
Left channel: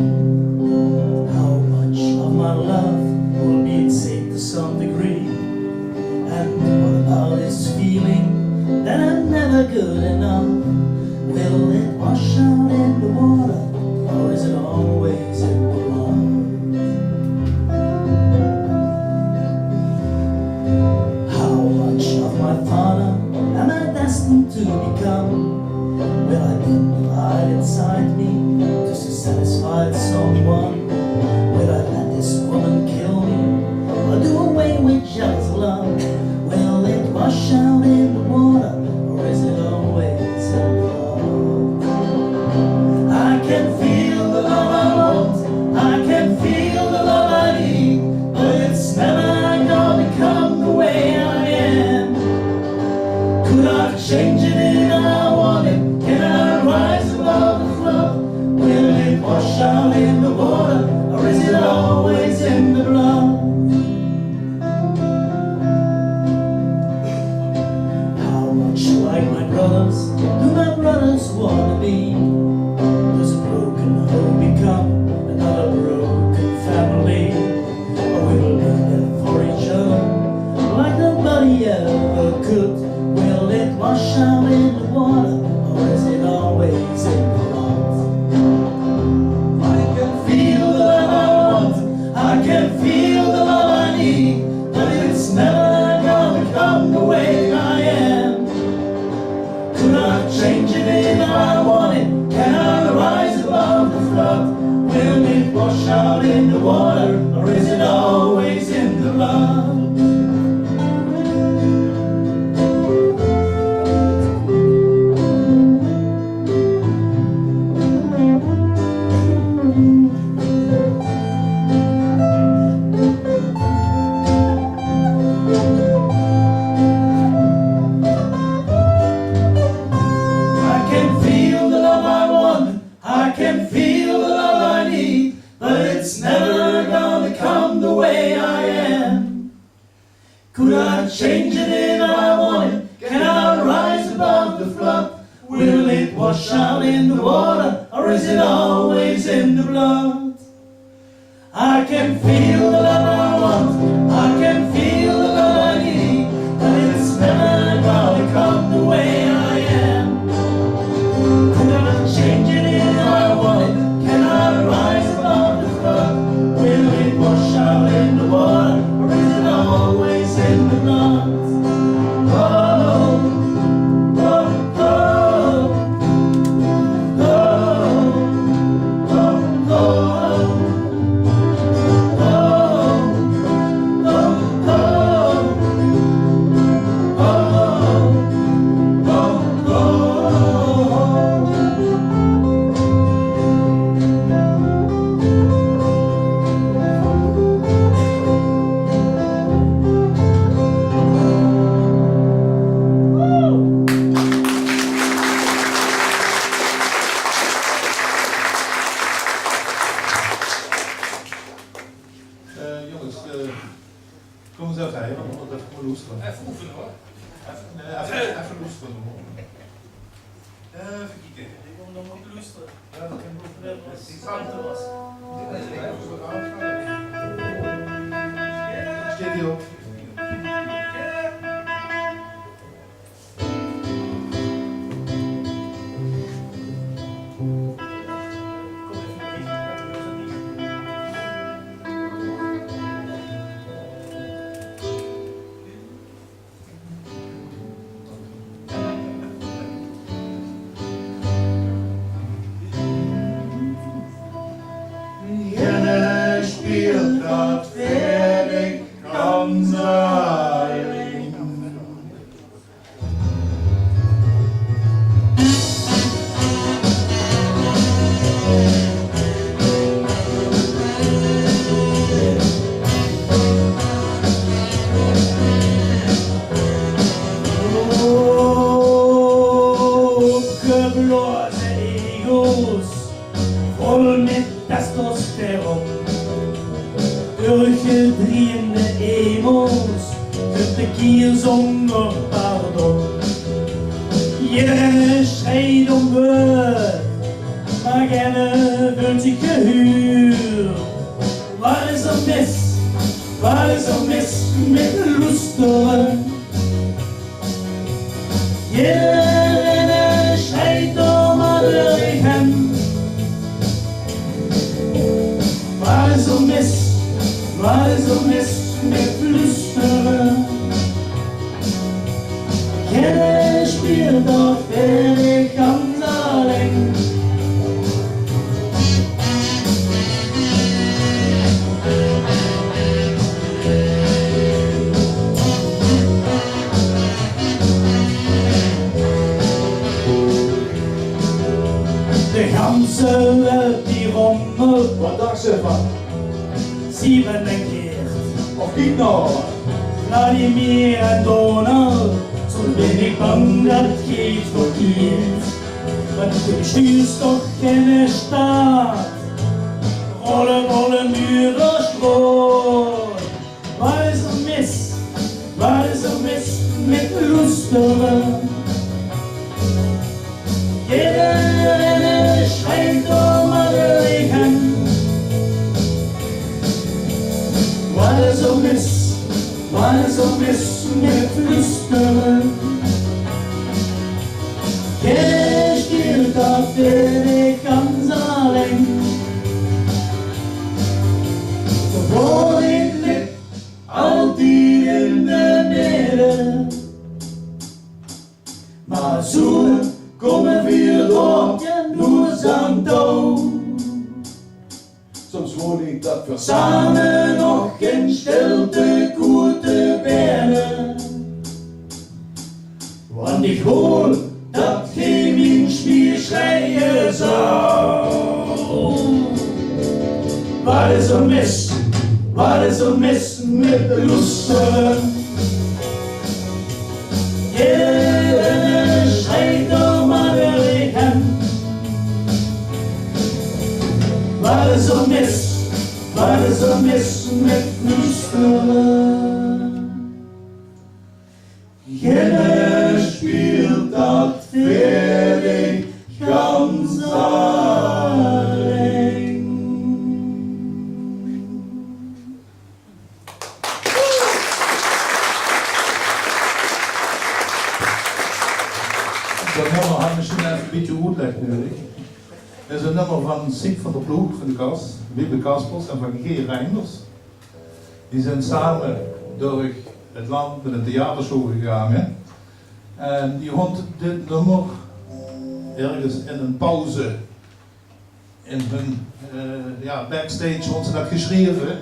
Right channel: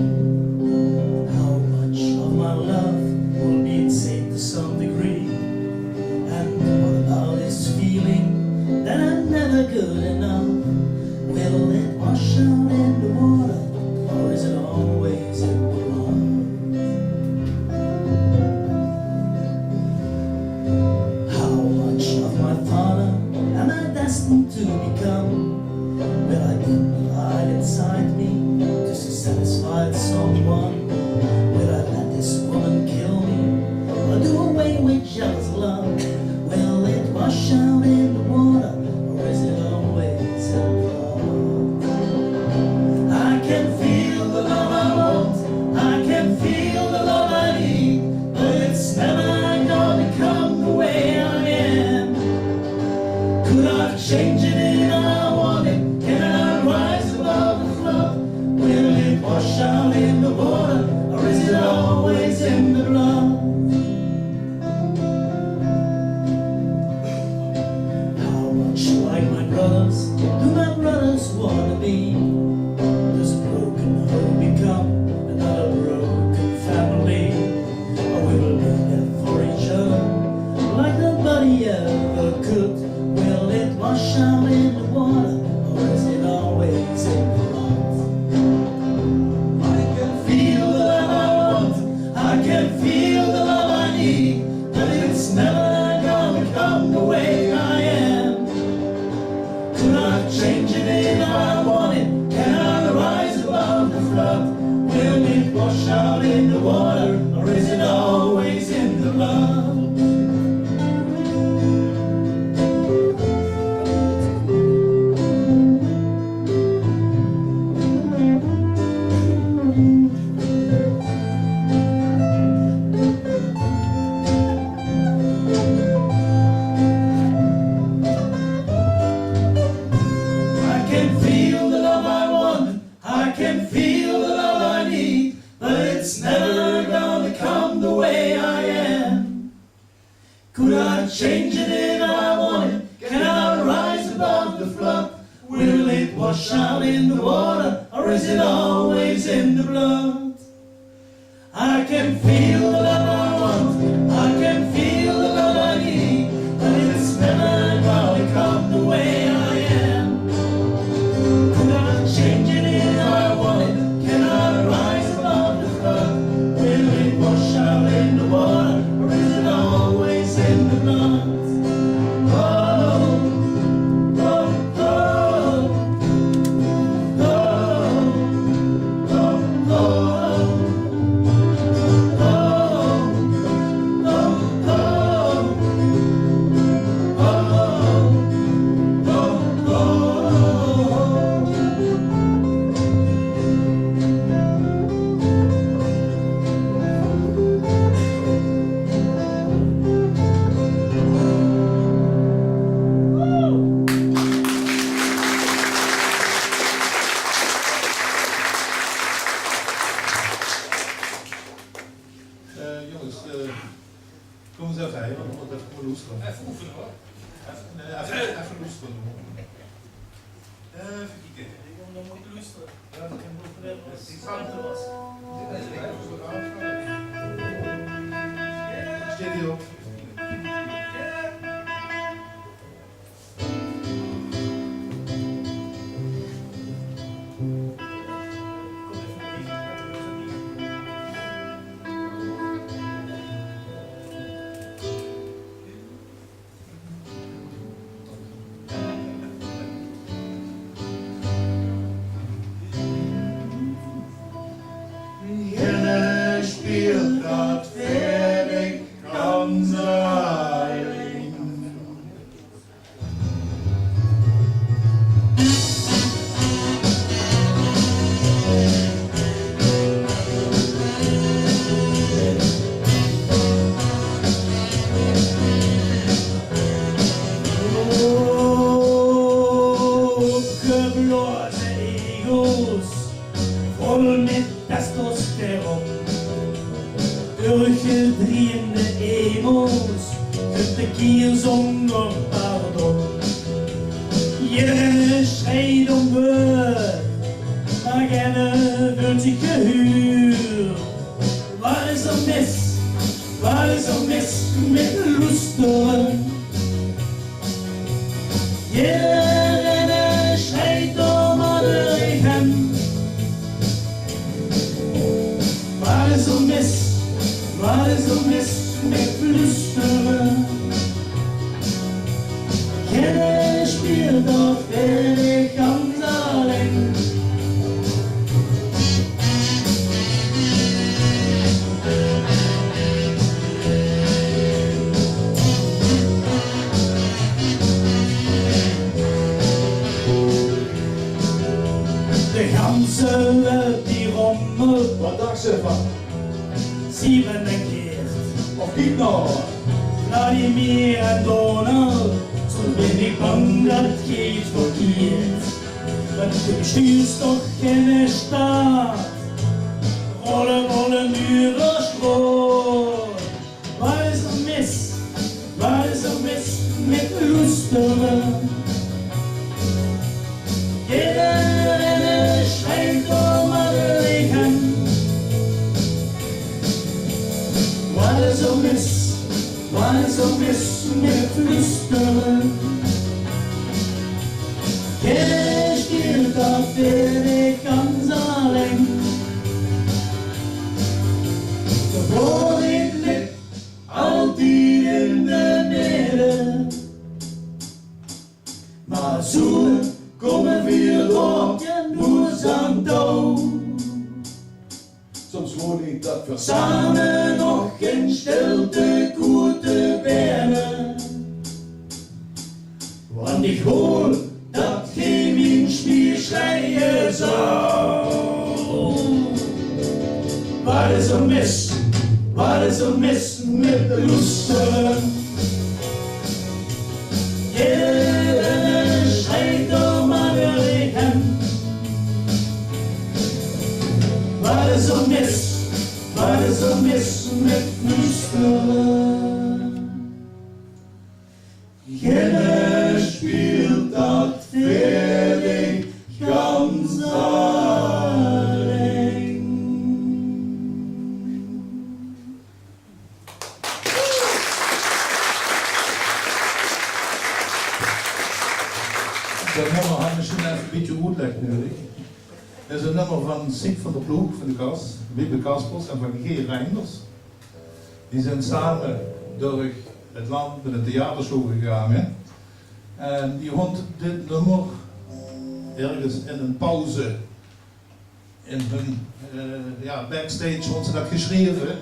never good enough? Will it wash out in the water, or is it always in the blood? How much of my father am I destined to become? Will I get the light inside me just to satisfy someone? Will I let this woman kill me, or do away with jealous love? Will it wash out in the water, or is it always in the blood? I can feel the love I want, I can feel the love I need, but it's never gonna become the way I am. Could I change it if I want it? Can I rise above the flood? Will it wash out in the water, or is it always in the blood? How much like my brothers do my brothers want to be? Does a broken home become another broken family? Or we will be there for each other like nobody ever could? Will it wash out in the water, or is it always in the blood? I can feel the love I want, I can feel the love I need, but it's never gonna come the way I am. Could I change it if I want it? Can I rise above the flood? Will it wash out in the water, or is it always in the blood? I can feel the love I want, I can feel the love I need, but it's never gonna come the way I am. Could I change it if I want it? Can I rise above the flood? Will it wash out in the water, or is it always in the blood? I can feel the love I want, I can feel the love I need, but it's never gonna come the way I am. Could I change it if I want it? Can I rise above the flood? Will it wash out in the water, or is it always in the blood? Oh, oh, oh, oh, oh, oh, Jongens, kom eens even heen, want we moeten even loesteren. Even oefenen hoor. Even loesteren. Even kijken. Ik wil nog moeten luisteren. Ja, dat kan goed hebben als het ruimte was. Steed hier op. Jelle spielt dat fertig ganz allein. Uppgeblasen egos, voll mit Testosteron. Urgeldriende emos, de zonder pardon. Iedereen schreit om beurt, maar gerne wird zich gehuurd. Wat is er mis? Wat is er mis met lusteren? Jeder ben ik ganz alleen. De ganse welt die rommelt, Wat dacht ze van? 7 keer. Of kijk nou. Vladimir en Donau, zo ben ik bang dat het geht verkeerd. Want du bestuurst toch geen staat, rollen, rollen nu door Stroot. Wat is er mis? Wat is er mis met loesteren? Iedereen schrijft om alle wegen. Wat is er mis? Wat is er mis met flüsteren? Jeder spielt auf der Weg ganz allein. De woning ligt altijd in de midden. Maar zo komen we door, nur zijn touw. Soms woon ik dat voor Samen nog in stilte gute Bären. Want ik hoor dat geen windspiel schreien zou. Wat is er mis? Wat is er mis met de loesteren? Iedereen schrijft om alle wegen. Wat is er mis? Wat is er mis met flüsteren? Jeder spielt dat fertig ganz allein. Dat nummer had misschien even een beetje uitleg nodig. Dat is een nummer van Siep van der Ploeg van de Kas, Wiebe Kaspers en van G. Reinders. Die zijn samen door het land met een theatershow gegaan. En die vond dit nummer ergens in een pauze in hun backstage vond ze dat geschreven,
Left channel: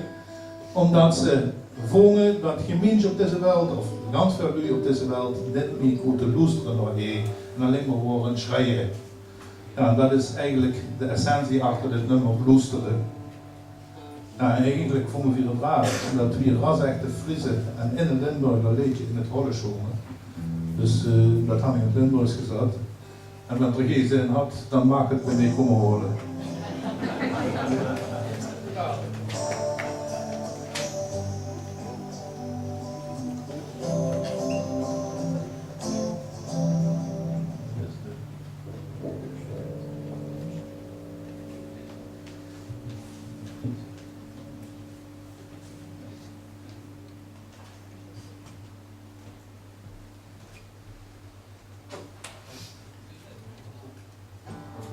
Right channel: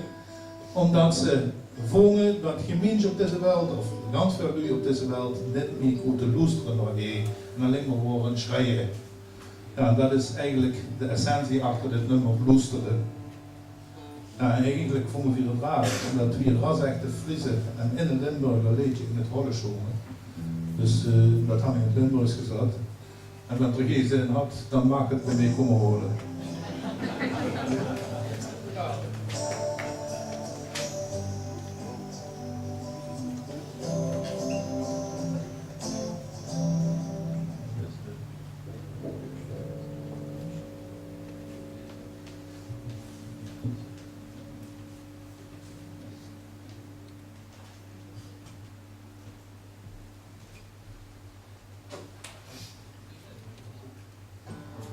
omdat ze vonden dat gemeenschap op deze wereld, of ganz veel lui op deze wereld, niet meer goed te luisteren nog en alleen maar horen schreien. Ja, dat is eigenlijk de essentie achter dit nummer, luisteren. Ja, en eigenlijk vonden we het raar, omdat we ras echte Friese en in het Limburger liedje in het rollen zongen. Dus dat had ik in het Limburgs gezet. En als er geen zin had, dan mag het mee komen horen.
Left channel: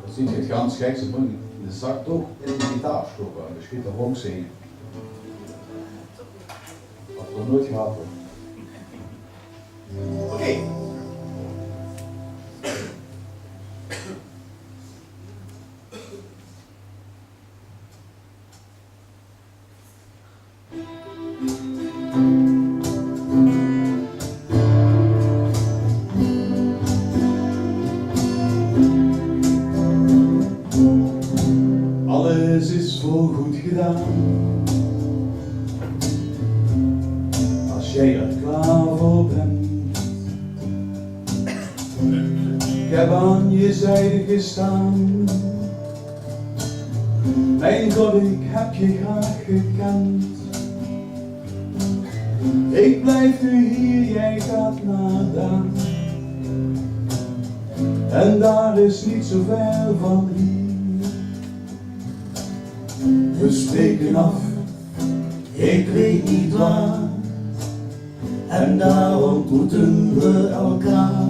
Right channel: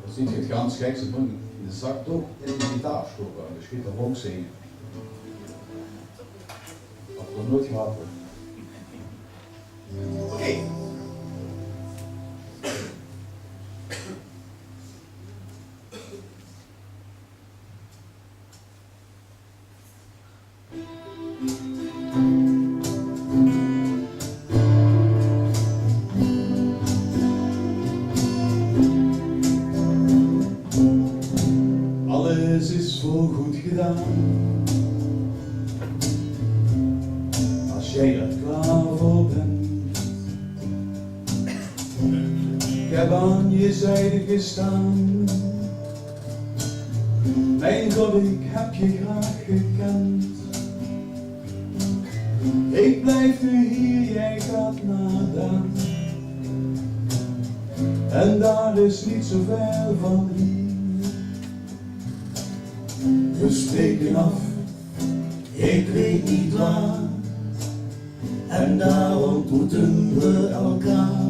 Dan zie je het ganz gek, ze brengen de zak toch in de gitaar stoppen. Dus je gaat er ook zingen. Dat wordt nooit gehad worden. Oké. Alles is voorgoed gedaan. Als jij er klaar voor bent. Ik heb aan je zijde gestaan. Mijn God, ik heb je graag gekend. Ik blijf nu hier, jij gaat naar daar. En daar is niet zo ver van hier. We spreken af, ik weet niet waar. En daar ontmoeten we elkaar.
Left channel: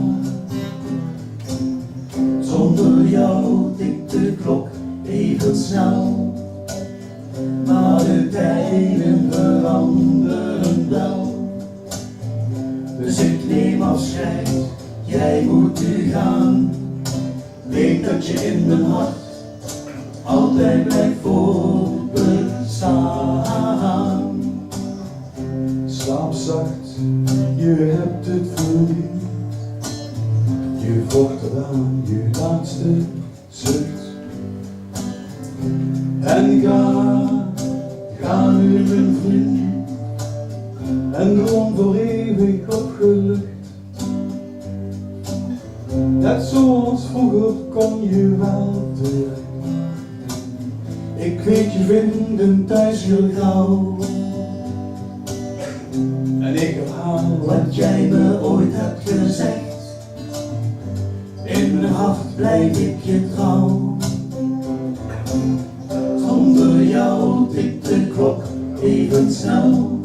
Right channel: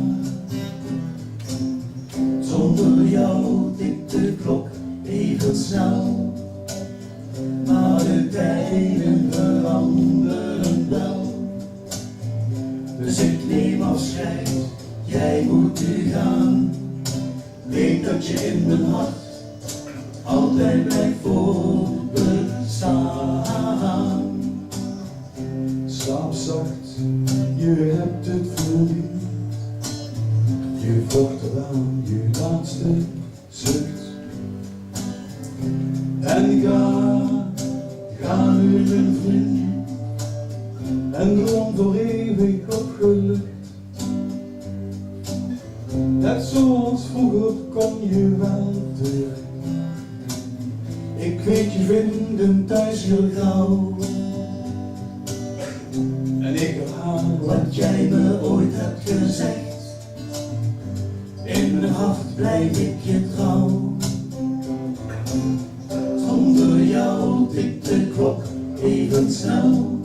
Zonder jou tikt de klok even snel. Maar de tijden veranderen wel. Dus ik neem afscheid, jij moet nu gaan. weet dat je in mijn hart altijd blijft voortbestaan. Slaap zacht, je hebt het verdiend. Je vocht eraan, je laatste zucht. En ga nu mijn vriend. En droom voor eeuwig opgelucht. Net zoals vroeger kon je wel terecht. Ik weet je vinden thuis heel gauw. En ik herhaal Wat jij me ooit hebt gezegd, in mijn hart blijf ik je trouw. Zonder jou tikt de klok even snel,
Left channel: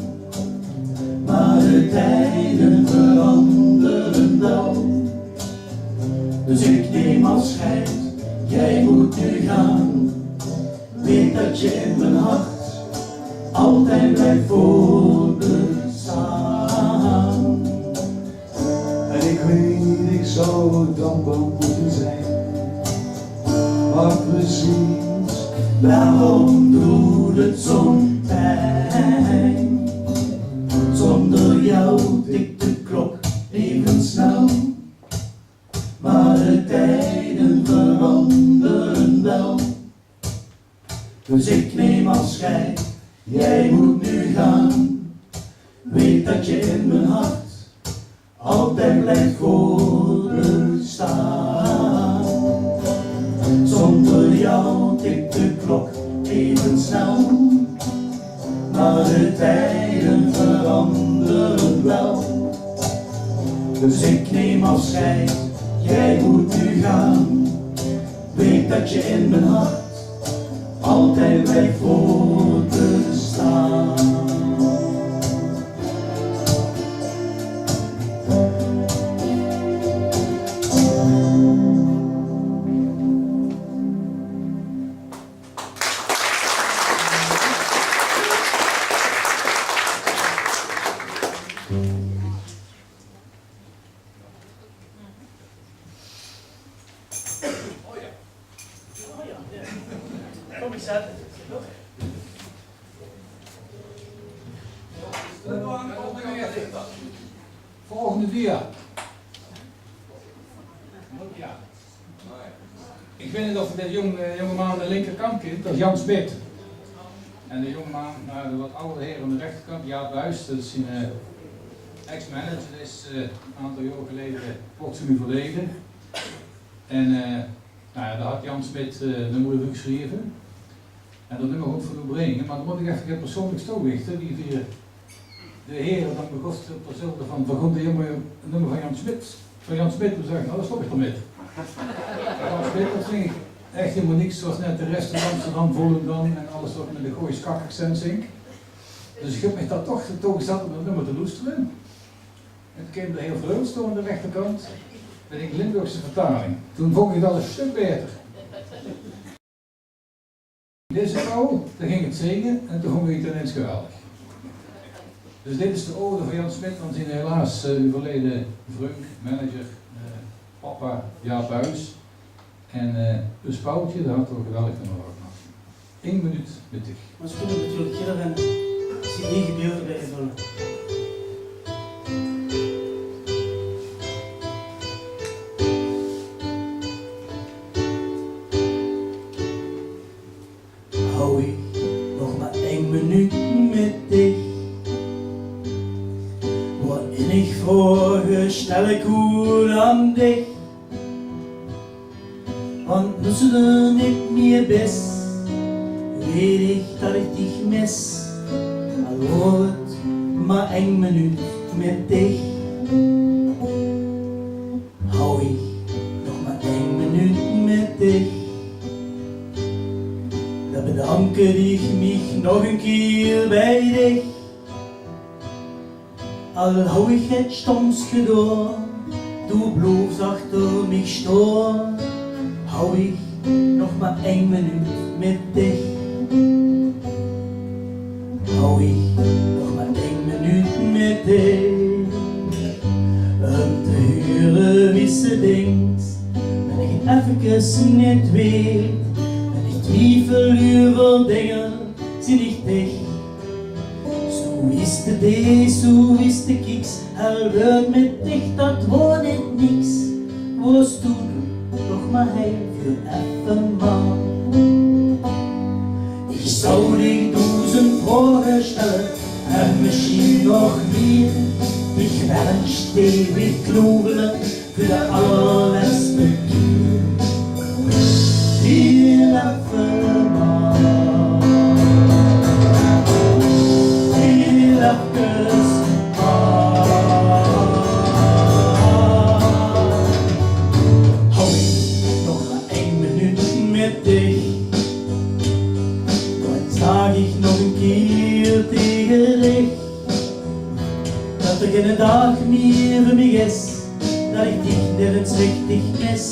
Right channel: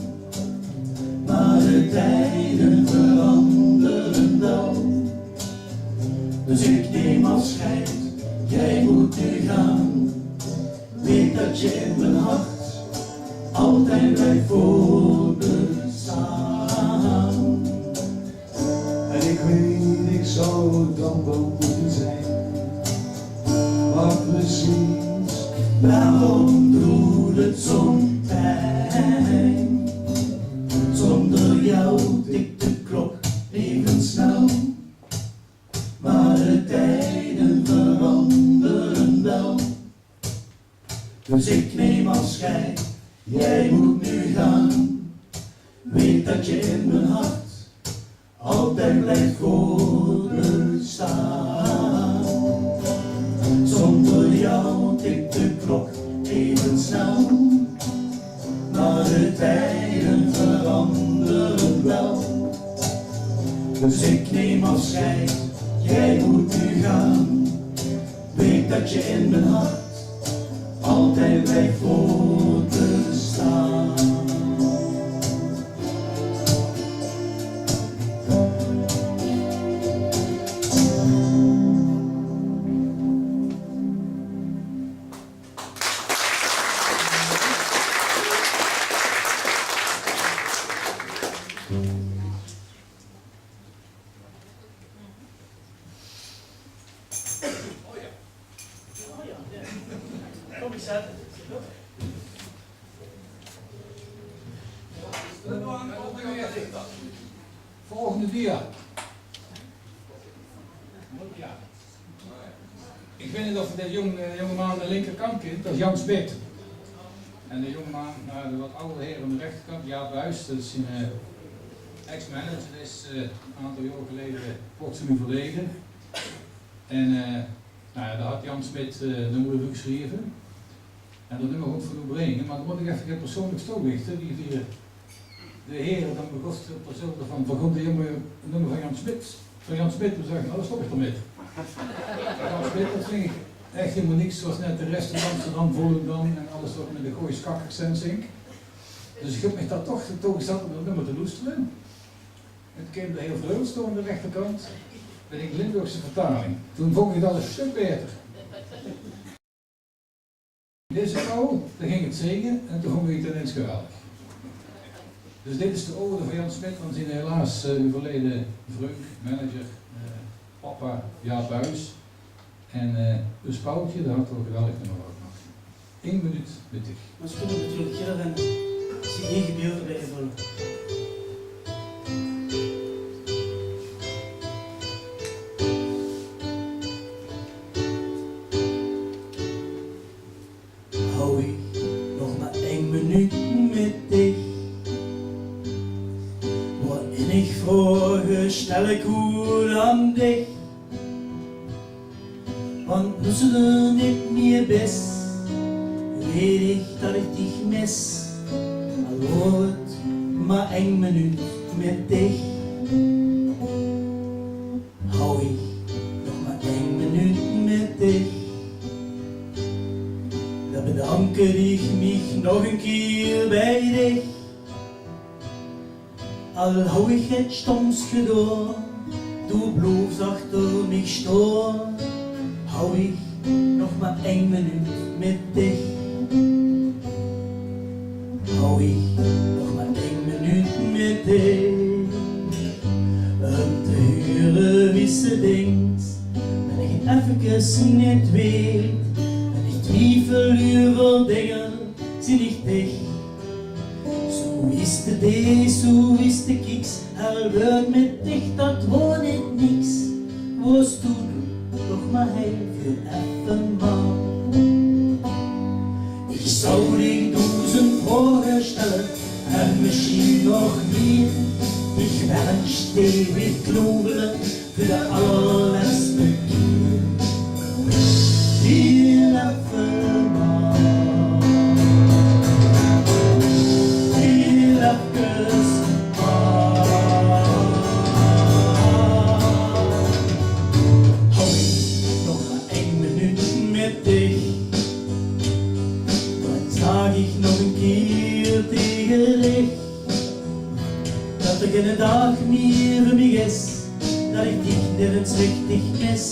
maar de tijden veranderen wel. Dus ik neem afscheid, jij moet nu gaan. Weet dat je in mijn hart altijd blijft voortbestaan. en ik weet ik zou dankbaar moeten zijn. Maar precies Waarom doet het zo'n pijn? Zonder jou tikt de klok even snel, maar de tijden veranderen wel. Dus ik neem afscheid, jij moet nu gaan. Weet dat je in mijn hart altijd blijft voortbestaan. Zonder jou tikt de klok even snel, maar de tijden veranderen wel. Dus ik neem afscheid, jij moet nu gaan. Weet dat je in mijn hart altijd blijft voortbestaan. Oh ja, ja. Kom eens zetten. Volgende dia. Ja. Ik weet niet of je de jongeman aan de linkerkant kent, dat is Jan Smit. En de jongeman, de wat oudere heer aan de rechterkant, Jaap Buijs, dat is een ex-manager, dat is een aantal jaar geleden kort nu verleden. En daar had Jan Smit de nummer voor geschreven. En dat nummer ook voor u brengen, maar dan moet ik even persoonlijk toelichten, wie via de heren dan begon hetzelfde van de jongen een nummer van Jan Smit. Van Jan Smit te zeggen, nou dat stop ik ermee. Jan Smit, dat vind ik echt helemaal niks zoals net de rest van Amsterdam, Volendam en alles wat met de Goois kak-accent zingt. Dus ik heb me daar toch toegezet om dat nummer te loesteren. En toen kwam de heel Vreugdstoel aan de rechterkant met een Limburgse vertaling. Toen vond ik dat een stuk beter. Deze vrouw, daar ging het zingen en toen vond ik het ineens geweldig. Dus dit is de ode van Jan Smit, want zijn helaas overleden vreugd, manager, papa Jaap Buijs. En dus Paultje, daar had toch geweldig nummer ook nog. 1 minuut met dich. Maar ze kunnen natuurlijk heel en CD-gedeelte bij invullen. Hou ik nog maar 1 minuut met dich, waarin ik vragen stel ik goed aan dich. Want nu ze er niet meer best, weet ik dat ik dich mis. Al wordt het maar 1 minuut met dich. Hou ik nog maar 1 minuut met dich. Dan bedank ik mich nog een keer bij dich. Al hou ik het stoms gedaan, du blijft achter mich staan. Hou ik nog maar 1 minuut met dich. Hou ik nog maar 1 minuut met dich. Om te horen wie ze denkt, ben ik even niet weet. En ik twijfel over dingen, zie ik dicht. Zo is de D, zo is de kiks, al wordt met dicht, dat wordt niet niks. Was toen toch maar hij voor even man. Ik zou dich 1000 vragen stellen en misschien nog meer. Ik wens ewig klogelen voor de allerlaatste keer. Hier even maar. Hier even maar. Hou ik nog maar 1 minuut met dich. Dan zag ik nog een keer tegen dich. Dat er geen dag meer voor mij is, dat ik dich nergens richtig mis.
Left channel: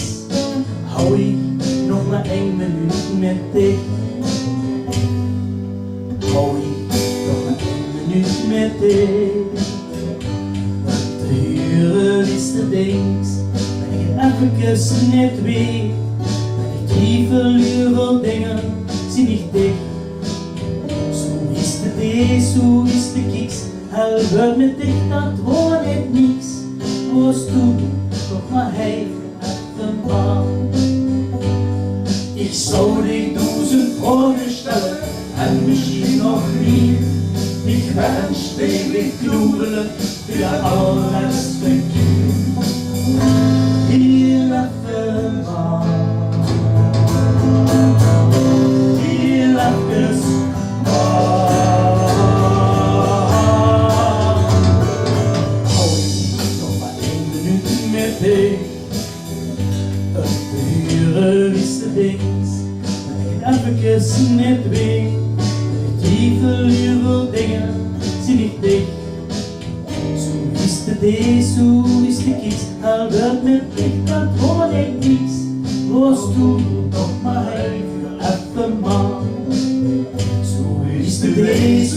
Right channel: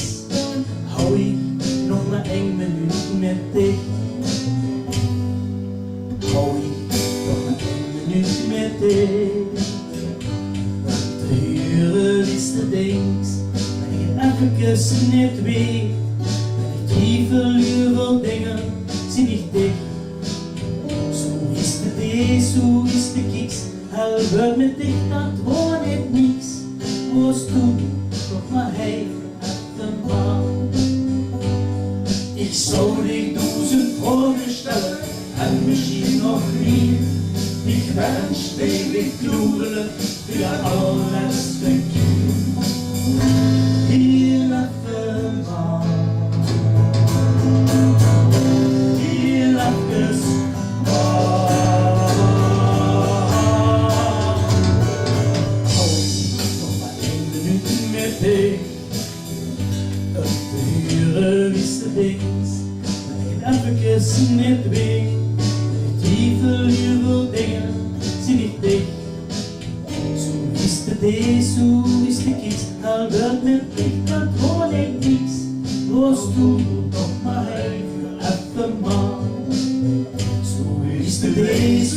Hou ik nog maar 1 minuut met dich. Hou ik nog maar 1 minuut met dich. De uren is de dings, dat ik even niet weet. Dat ik twijfel over dingen, zie ik dich. Zo is de D, zo is de kiks. Al wordt met dicht, dat wordt niet niks. Was toen toch maar hij even man. Ik zou dich 1000 vragen stellen en misschien nog meer. Ik wens ewig klogelen voor de allerlaatste keer. Hier even man. Hier even man. De uren is de dings, dat ik even niet weet. Dat ik twijfel over dingen, zie ik dicht. Zo is de D, zo is de kiks, al wordt met dicht, dat hoor ik niks. Was toen toch maar hij voor even man. Zo is de D,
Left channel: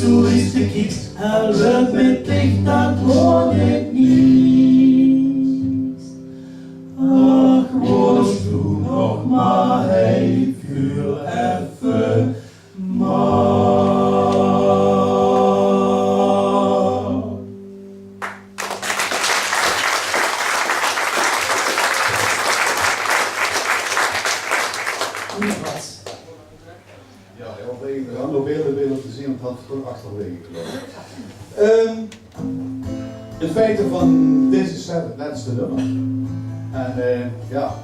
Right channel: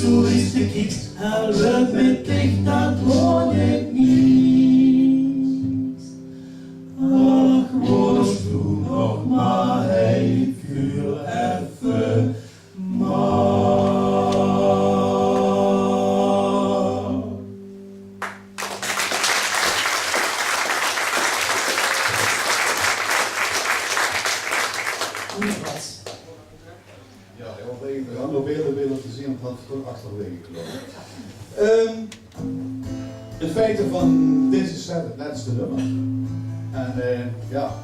zo is de kiks, al wordt met dicht, dat hoor ik niks. Ach, was toen nog maar hij voor even maar. Ja, we gaan nog beelden willen te zien, want het had toch achterwege gelopen. In feite van deze set het laatste nummer. En ja,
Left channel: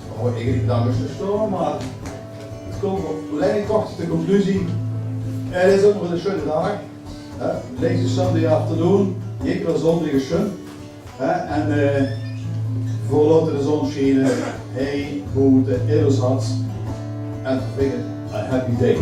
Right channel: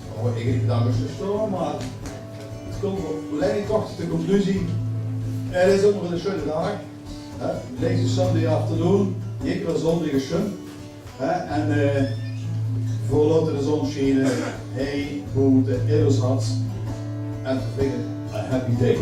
ik word eigenlijk daar rustig door, maar het komt op leiding toch tot de conclusie. Het is ook nog een schöne dag. Deze Sunday afternoon, ik wil zondag schön. En voordat de zon schijnt, hey, boete, in ons hart. En vervingen, a happy day.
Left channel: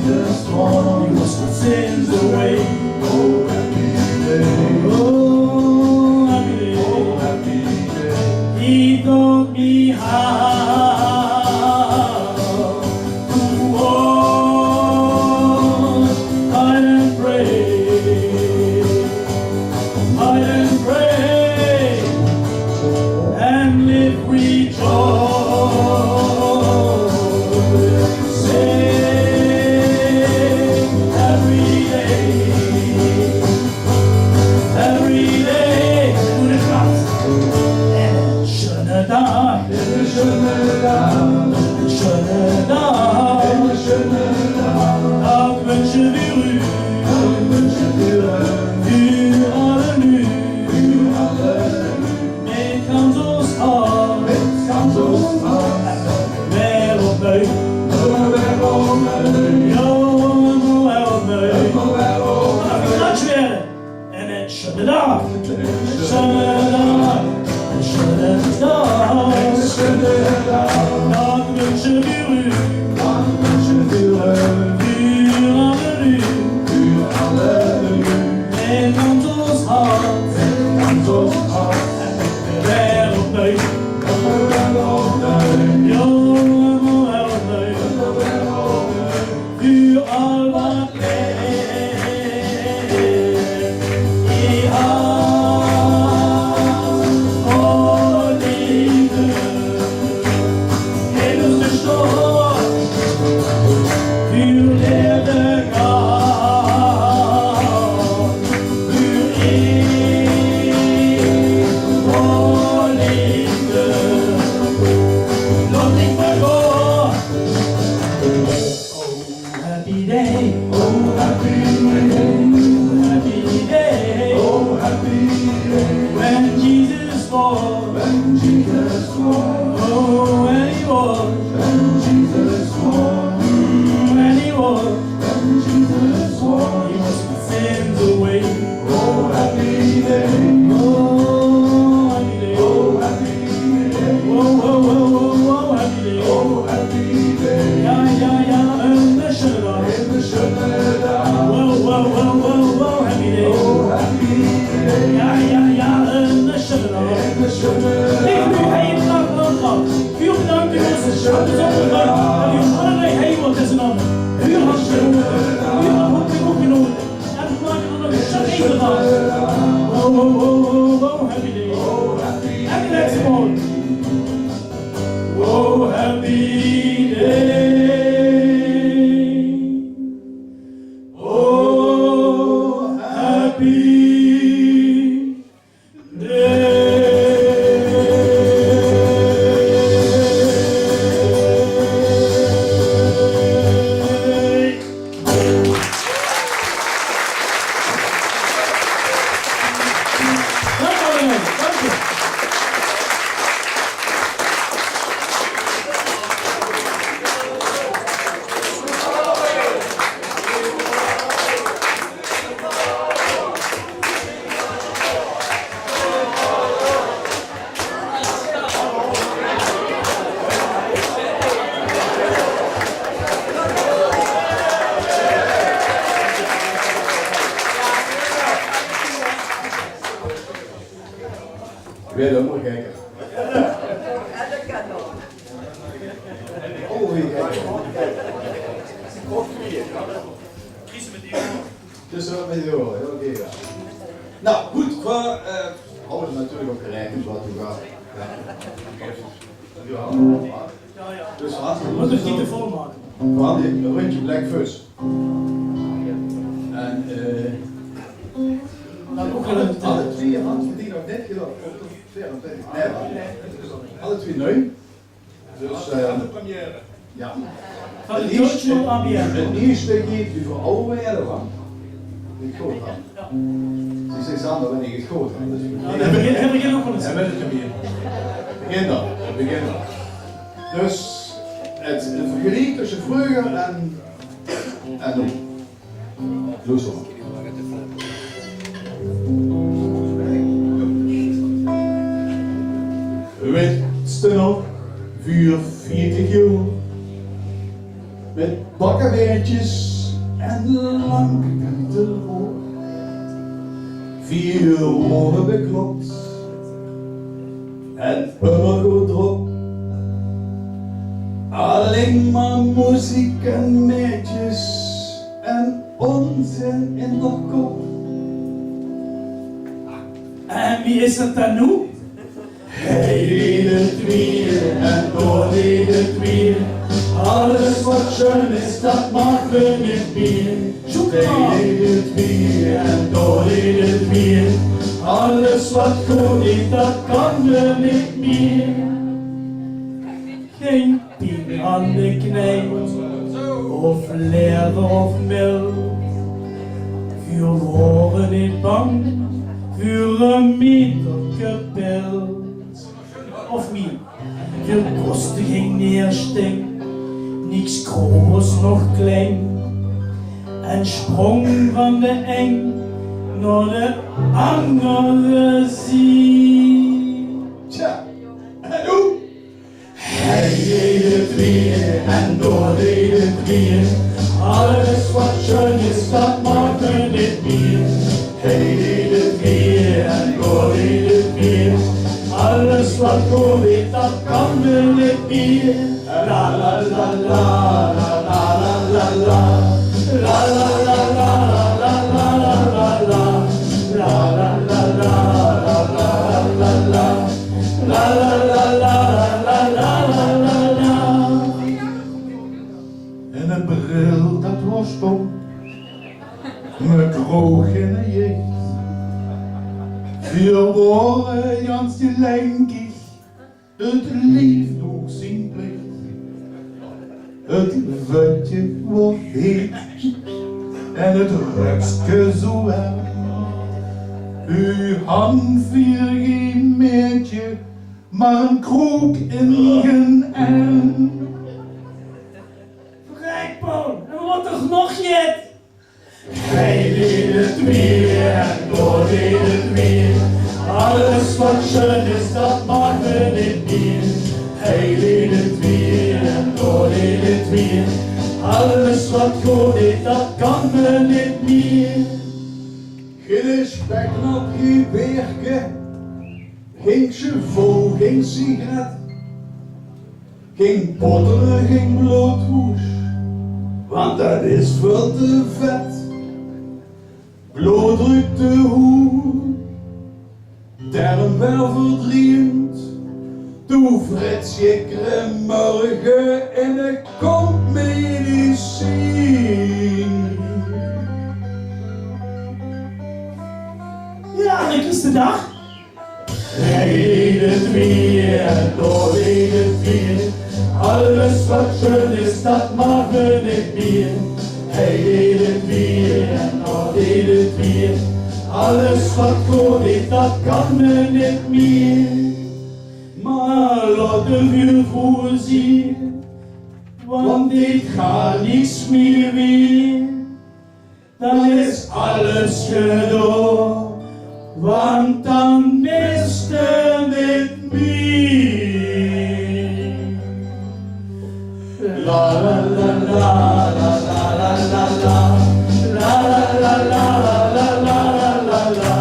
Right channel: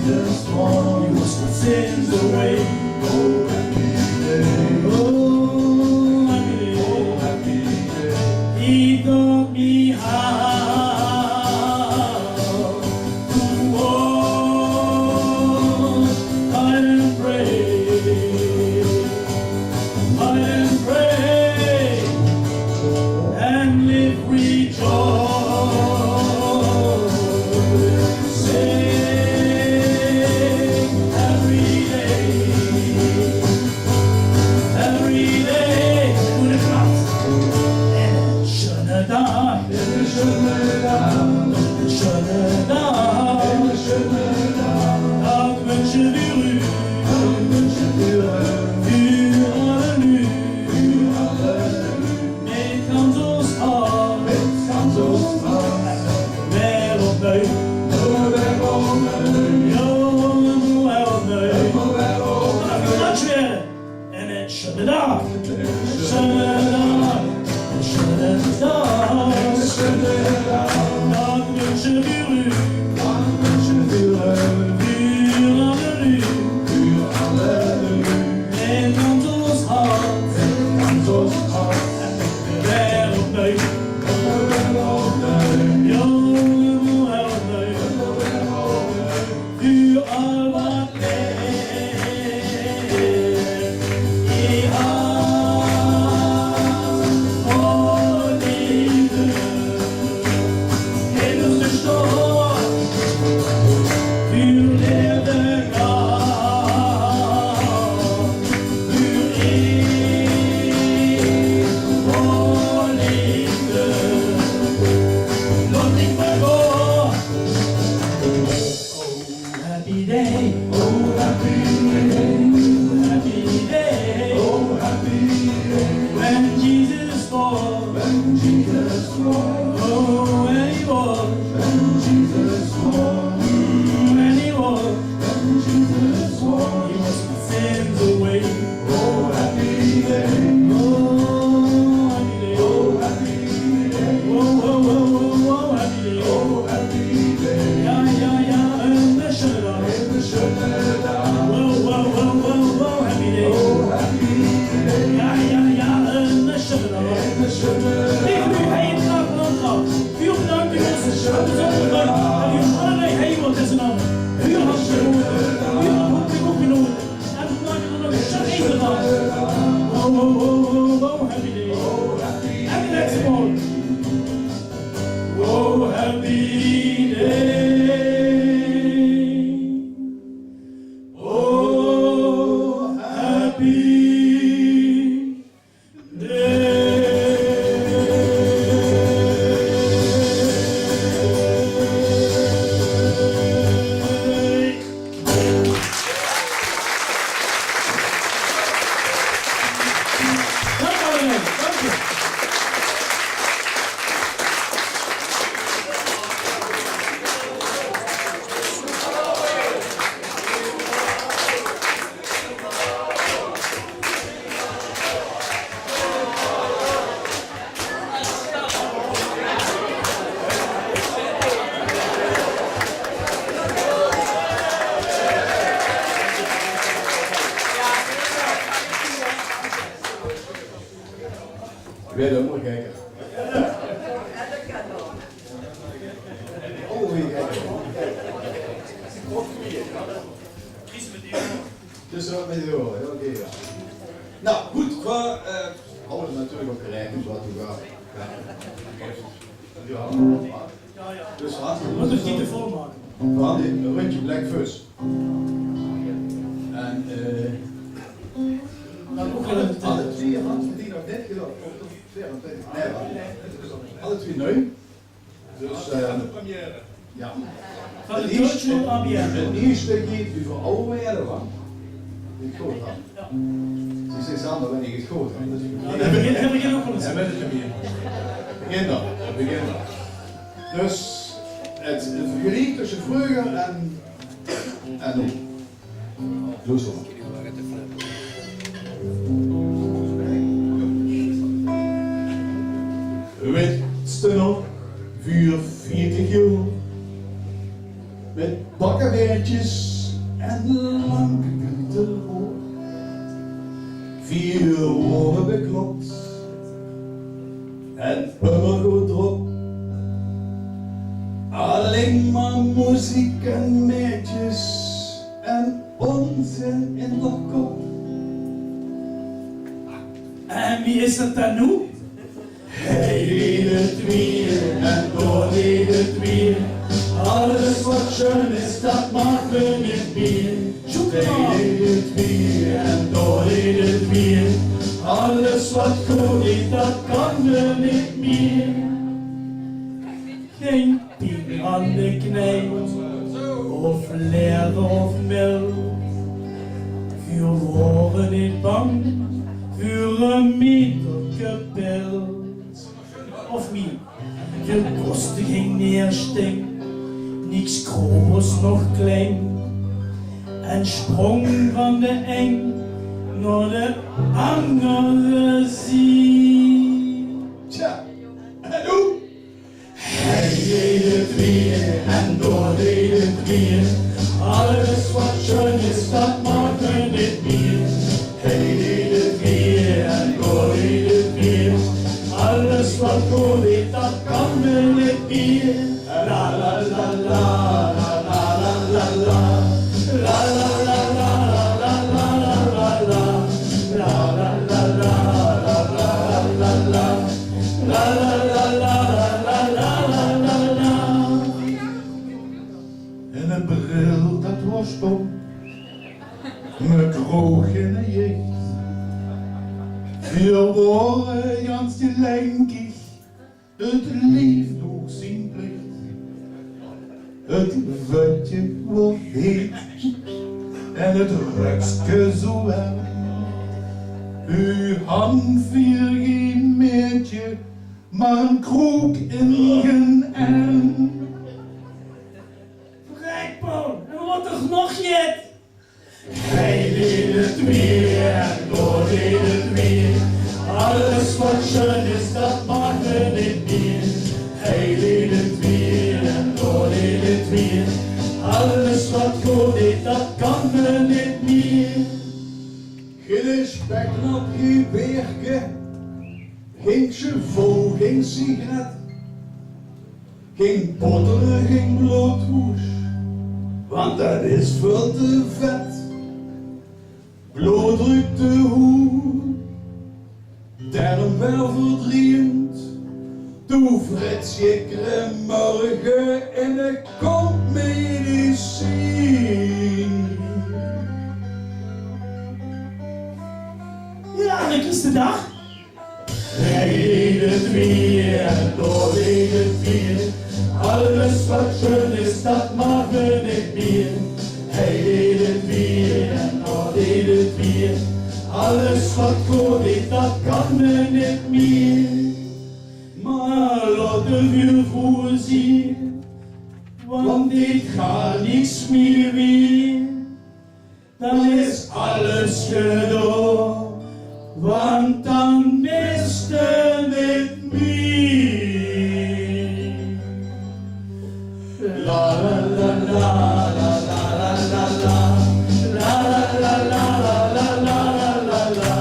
Jesus was Dag, een schöne Dag, een schöne Dag. Dag wünschen wir u, für alle nu, met ganz ons hart, wereld neu. En een schöne Dag, een schöne Dag, een schöne Dag. Dag wünschen wir u, für alle nu, met ganz ons hart, wereld neu. Für all wat Weer dan moet kijken. Oh, weer kijken. Dus wat met de oren, oké. Ja. Nou, goed, we houden natuurlijk ook gelijk dus wat we gaan. Dus Wat is die te vol maken? we hadden een rondje Black Fuss. En alle twee hadden die nog net gedaan. 24. Nee, alle twee nu. Dus de première. ja. Van de Deutsche ABN. Het eerste geht over oude jaren van. Ik goed had. Ze zegt Sander wanneer ik het goed had. Dus Hij begint ook van het En met het première. begin dan. Dus het vergelijk tussen vroeger en nu. Doe zo. Weet je nog, 44 jaar, met bakkenweertjes en lang kantelhoor, 4 oren beklopt en goed erop. Alleen maar muziek en meisjes en onzin in de kop. En wie is het dan nu? Hij deed het weer en door deed het weer. Alles wat schön is, dat maken we niet meer. Hij deed het weer en door deed het weer. Alles wat goed is, dat kan we niet meer. geen pien aan de knij, of lever of mil. Vuur worden niet bang, voor een meterkapel. Of meer, veel kosten geen neersting, niks groß nog klein. En sprong van de eng naar de andere zee. Tja, en hoe? Hij deed het weer en door deed het weer. Alles wat schön is, dat mag me niet meer. Hij deed het weer en door deed het weer. Alles wat goed is, dat kan me niet meer. La la la la la la la la. La la la la la la la la la. La la la la la la la la. La la la la la la la la. En het bril dat was stom, me kroeg in de jeugd. Wir waren ganz gelenkig, het lief nog zien plicht. Het vetje wordt heet en het rukske zo warm. Uw hand vier geen meertje, maar een kroek in geen arm. Rijkboon, en wat toch nog jet? Hij deed het weer en door deed het weer. Alles wat schön is, dat mag me niet meer. Hij deed het weer en door deed het weer. Alles wat goed is, dat kan me niet meer. Geen speknap, geen beerke, geen cheval, geen sigaret, geen potteren, geen bloothoes, want dat is veel te vet. Bloeddruk te hoed, daarom wel verdriend. Toe frits je morgen en er komt medicijn. Ja, dat is de dag. Hij deed het weer en door deed het weer. Alles wat schön is, dat mag me niet meer. Hij deed het weer en door deed het weer. Alles wat goed is, dat kan me niet meer. Maar laat de vuur voorzien, want dit gaat niks meer weer. Dan is alles gedaan, want dan miste het meer. La la la la la la la la la. La la la la la la la la la.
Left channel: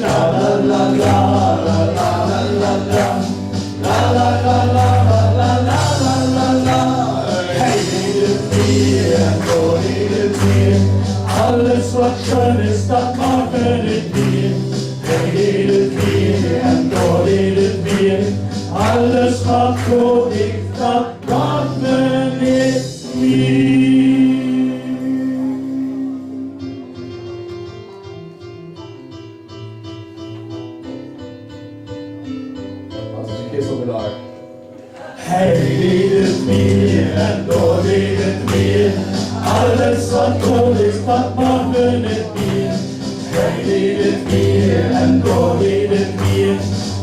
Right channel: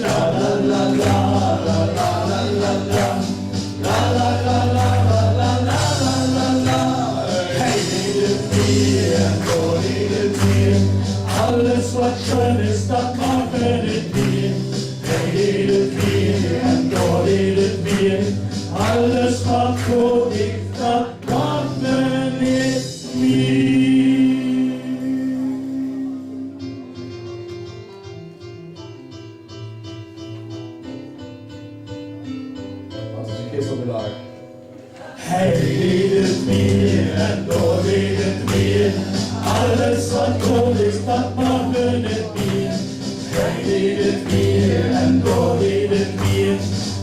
La la la la la la la la. La la la la la la la la. Hij deed het weer en door deed het weer. Alles wat schön is, dat mag me niet meer. Hij deed het weer en door deed het weer. Alles wat goed is, dat mag me niet meer. Wat is een gisteren Hij deed het weer en door deed het weer. Alles wat goed is, dat mag me niet meer. Hij deed het weer en door deed het weer.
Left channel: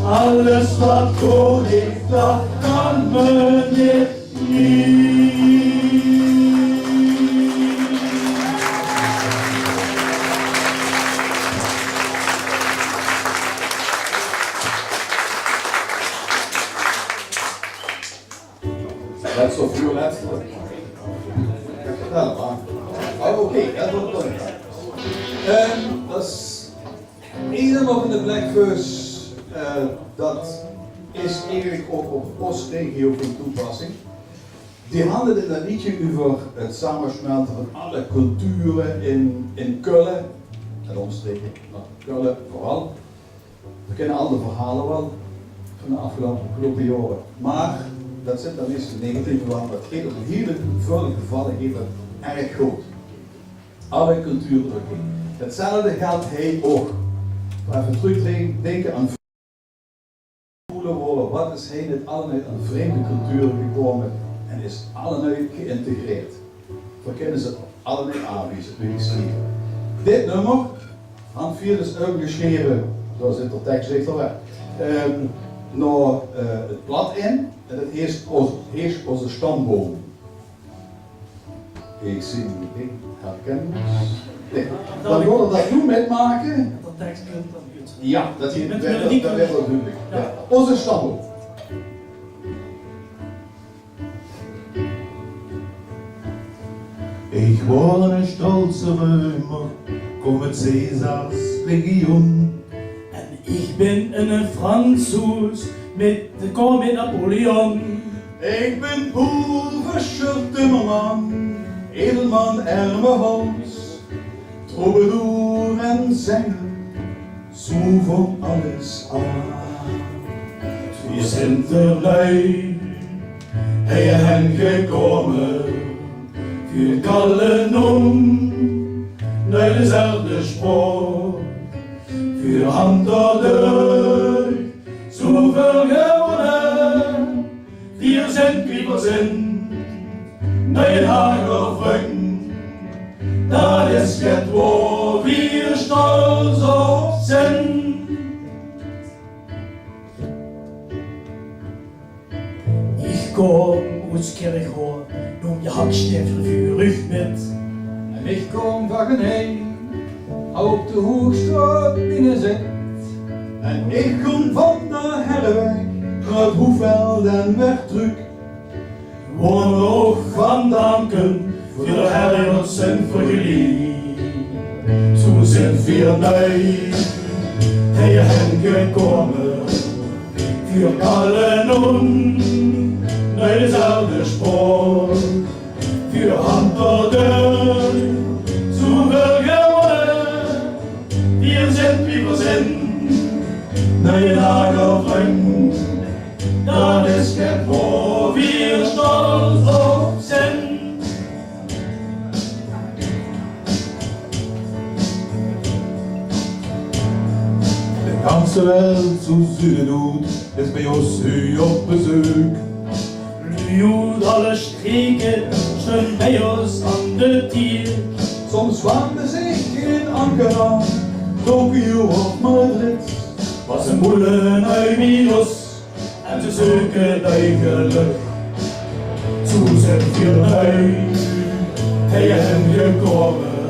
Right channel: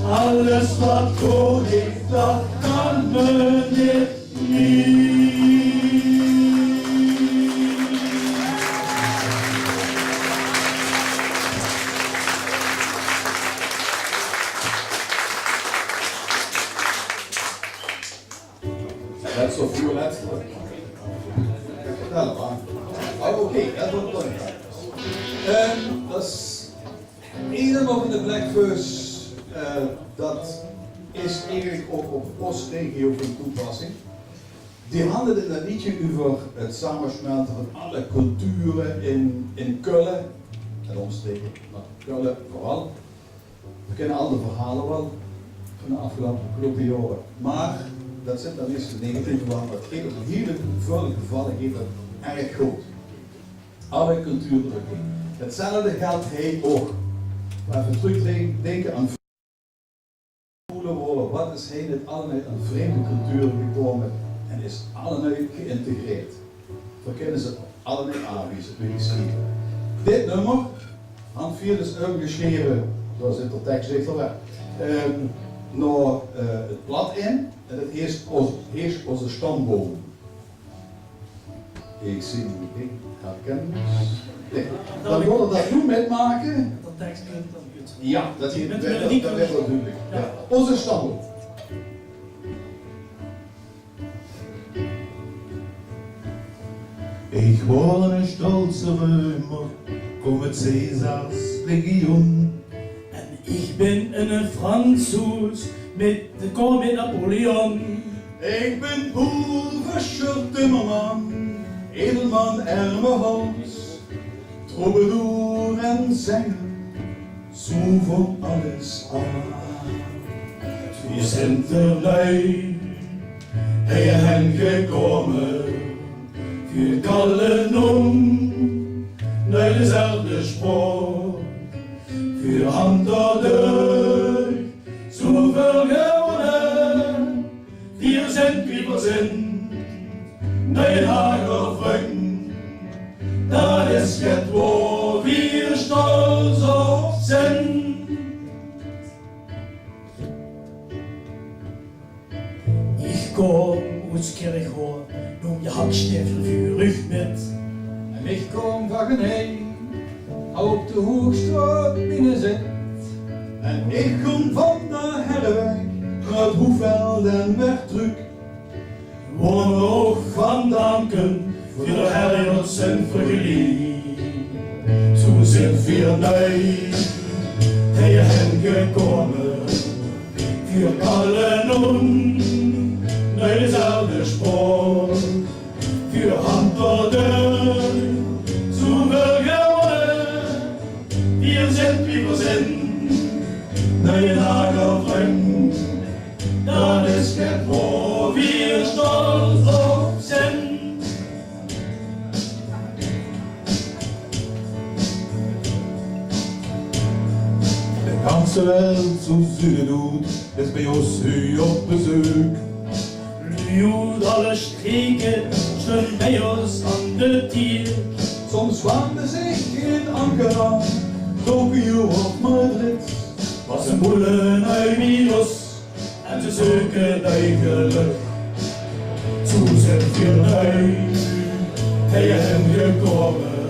Alles wat goed is, dat kan me niet meer. Dat is toch violet? Ja, maar. Oh, oké, dat wordt belangrijk. Dat is één nog in de Blackverse. Dat is eigenlijk ook op Oostregio van toepassing. Die handelt in dat liedje over het samensmelten van alle culturen in Keulen en omstreken, maar Keulen vooral. We kennen al de verhalen wel van de afgelopen jaren, maar dat zit dan eens negatief want dat geeft op hele veel gevallen geeft het erg goed. Alle culturen doorheen. Hetzelfde geldt hij ook. Even terugdenken aan voelen worden, wat is hij net allemaal een vreemde cultuur gekomen en is allemaal geïntegreerd. Verkennen ze allemaal aanwezig, weer geschreven. Dit nummer, Hand 4 is ook geschreven, zoals in de tekst ligt er naar het blad in en het heerst onze stamboom. Ik zie niet, herkennen. Dan willen we dat nu metmaken. Dat tekst kunt dan goed. Ja, dat werd Met wel melodie duidelijk. Ja. Ja. Onze stamboom. Ich war ein stolzer Römer, kom met Caesars Legion. En ik ben een Fransoes kom met Napoleon. Ik ben boeverscher timmerman, edelman Ermehals, troubadour en zanger, zo van alles aan. Wir sind erbij, hij hen gekomen, für kallen naar dezelfde spoor, für hand durch, zoveel gewonnen, wir sind wie wir sind, naar je Hagelbrücken, dat is het waar wir stolz op zijn. Ich komm aus Kirchhof, nun je Hackstiefel für ich mit. En ik kom van Genee, op de Hoogstraat binnen zit. En ik kom van de Herreweg, naar het Hoefveld en Wegdruk. Waar we ook van danken voor de herjers en vergeliefd. Zo zijn wir neu, hij hen gekomen, voor allen naar dezelfde spoor, voor hand door deur, zoveel gewonnen, wir sind wie wir sind, naar je Lager brengen, dat is het waar wir stolz op zijn. De ganze Welt zu Süden doet, is bij ons u op bezoek. Blut alle Stricke, schön bei uns an de Tier. Soms wanden zich in Ankara, Tokio of Madrid. Was een boele uit Milos, en ze zoeken die geluk. Zo zijn wir uit, hij hen gekomen,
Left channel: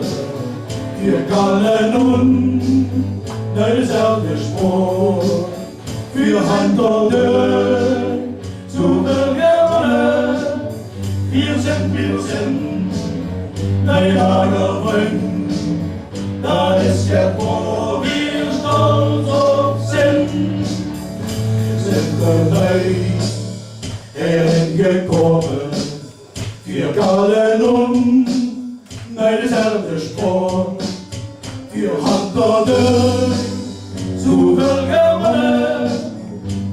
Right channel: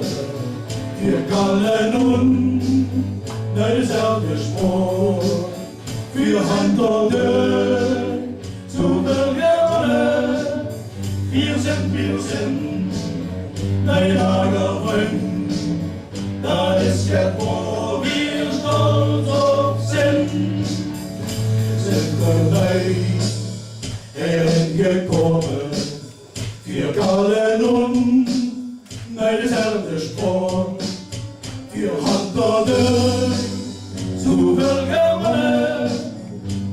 wir kallen naar dezelfde spoor, wir hand door deur, zoveel gewonnen, wir sind, naar je Lagerbrücken, dat is het waar wir stolz op zijn. Sind erbij, gekomen, wir kallen naar dezelfde spoor, wir hand door deur, zoveel gewonnen,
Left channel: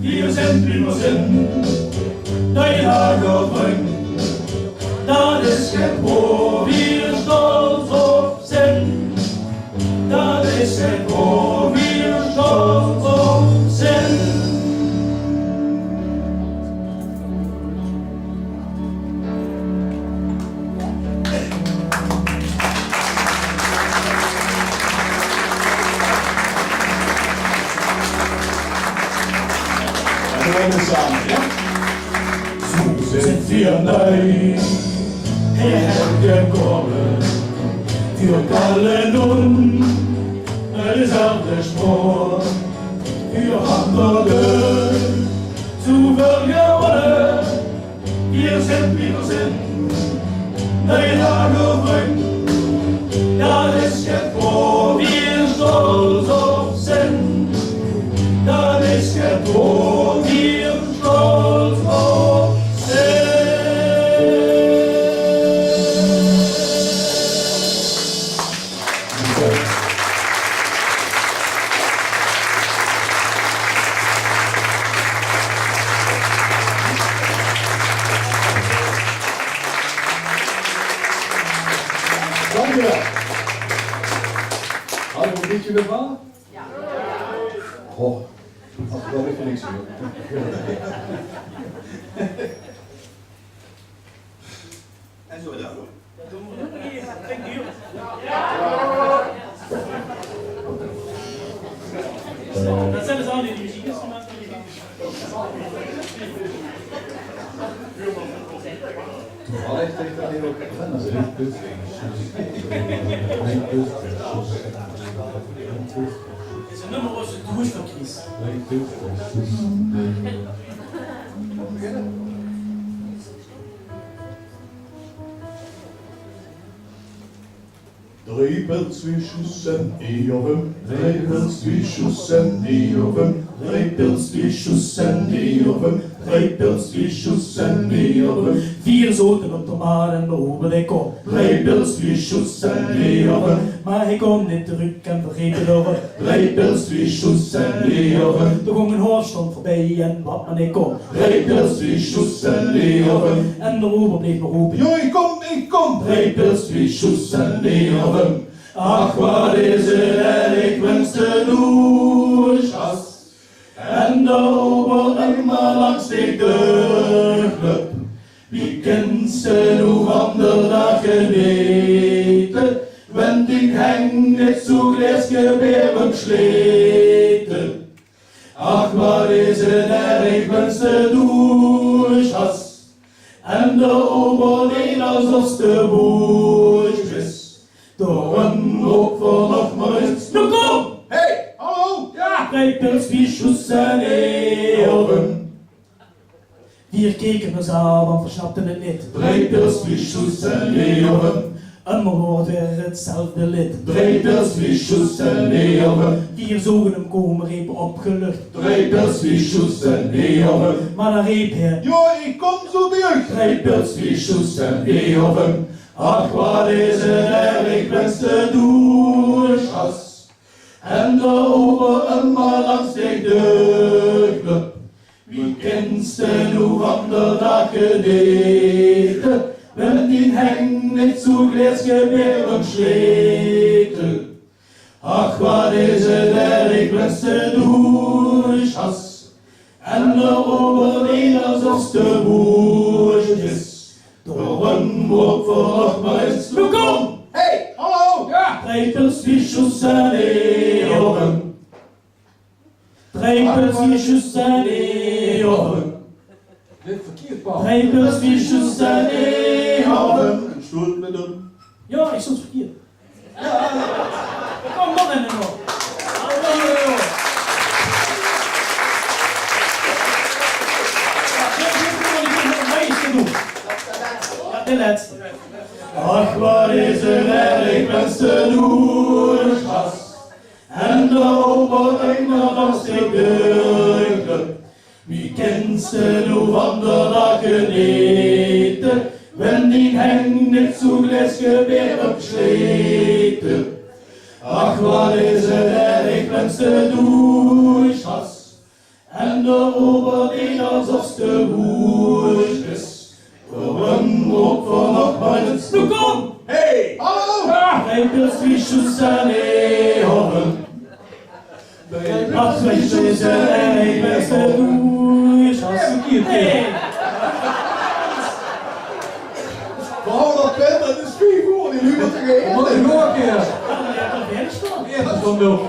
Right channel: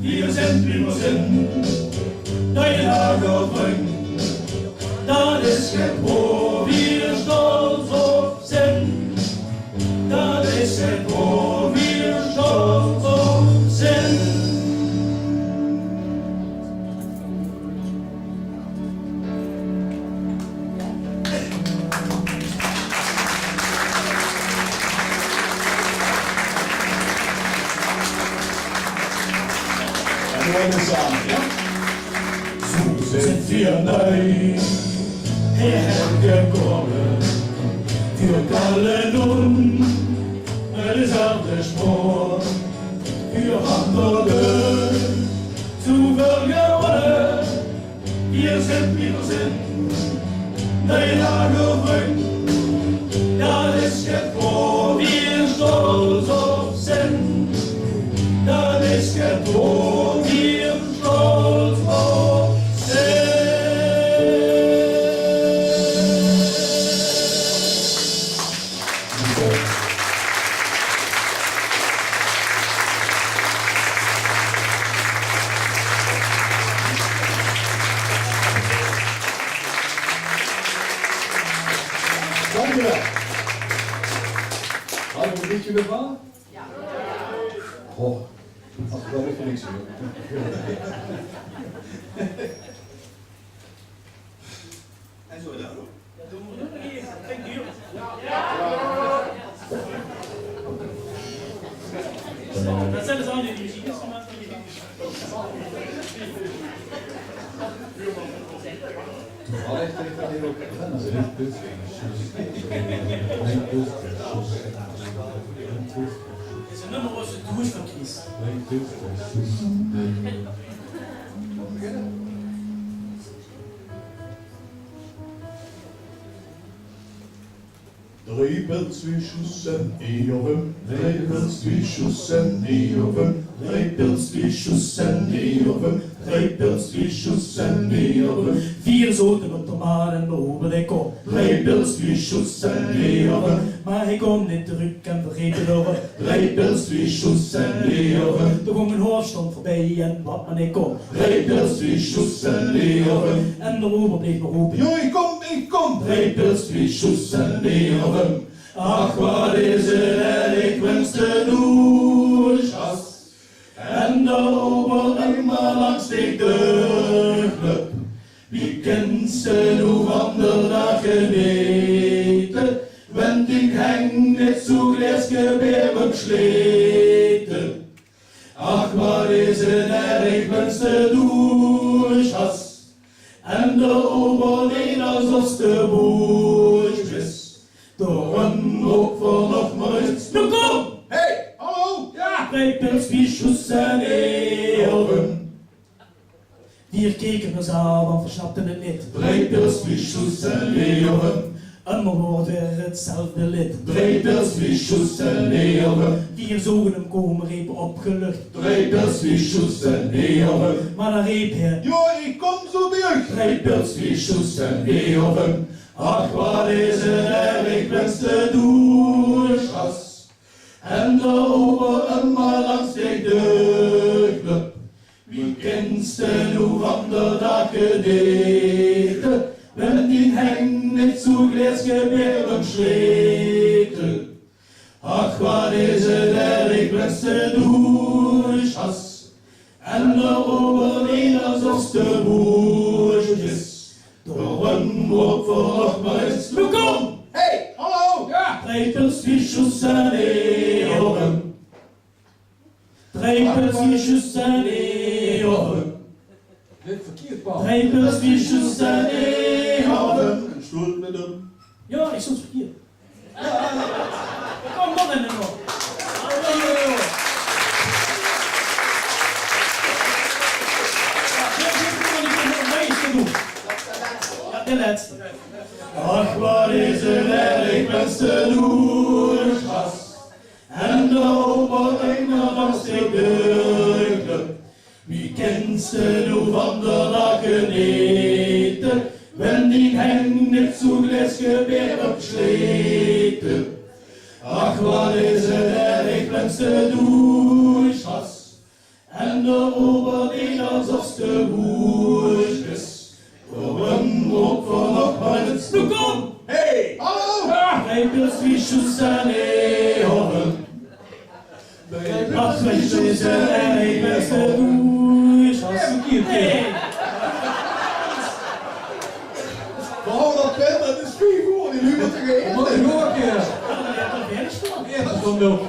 wir sind wie wir sind, naar je Lagerbrücken, dat is het waar wir stolz op zijn. Dat is het waar wir stolz op zijn. En we worden samen, ja? Zo sind wir neu, hergekommen, wir kallen dezelfde spoor, wir haben zoveel gewonnen, wir sind wie wir sind, naar je Lagerbrücken, dat is het waar wir stolz op zijn, dat is het waar wir stolz op zijn. Dankjewel. Hadden we een liedje met waar? Ja. Oh, Als ik wel weer voor niks doe. En zo dan. Ja, doen we nog een keer. Kijk hier. Dat zijn dus al die muziekinstrumenten die Allee, tegen dat hier ook. is een nummer was het douche van Chris. Drie pilswiesjes en eeuwen, drie pilswiesjes en eeuwen, drie pilswiesjes en eeuwen, drie pilswiesjes en eeuwen. Vier zoten op de maar en behoeven ik op. Drie pilswiesjes en eeuwen, Maar ik kom niet terug en vergeet het over. drie pilswiesjes en eeuwen, De gongen hoofd stond voorbij en wat men ik op. drie pilswiesjes en eeuwen. En de ober bleef me roepen. Jo, ik kom! Drie pilswiesjes en eeuwen. Ach, wat is het en ik wens de douches. En de ober immer langs de club. Wie kent ze nu van de dag geweten? Wenn ik heng niet zo glasgebeben schleten. Ach, wat is het en ik wens de douches. En de oberleen alsof de boertjes. Door een hoop voor nog maar eens. Nu kom! Hey, hallo! Ja! Drie pilswiesjes en eeuwen. Vier keken me aan, want versnapten het niet. Drie pilswiesjes en eeuwen. En me hoort weer hetzelfde lid. Drie pilswiesjes en eeuwen. Vier zogen hem komen, repen opgelucht. Drie pilswiesjes en eeuwen. Maar dan reep hij. Jo, ik kom zo terug! Drie pilswiesjes en eeuwen. Ach, wat is het en ik wens de douches. En de ober immer langs de club. Wie kent ze nu van de dag gedeten? Wenn die heng niet zo glasgebeben schleten. Ach, wat is het en ik wens de douches. En de oberleen alsof de boertjes. Door een woord voor nog maar eens. Nu kom! Hey, hallo! Ja! Drie pilswiesjes en eeuwen. Drie pilswiesjes en eeuwen. Dit verkeerd, Paul. Drie pilswiesjes en eeuwen. Een stoel met hem. Ja, ik stond verkeerd. Kom nog in de nog. Ja, de laatste. Ach, wat is het en ik wens de douches. En de oberleen langs de club. Wie kent ze nu van de dag geneten? Wenn die heng niet zo glasgebeben schleten. Ach, wat is het en ik wens de douches. En de oberleen alsof de boertjes. Door een hoop voor nog maar eens. Nu kom! Hey, hallo! Drie pilswiesjes en eeuwen. Ach, pilswiesjes en ik wens de douches. Nee. Vooral dat pen, dat is vier voor die nu wat te geven. Nog een keer. Ja, dat is toch Ja, dat is dan wel.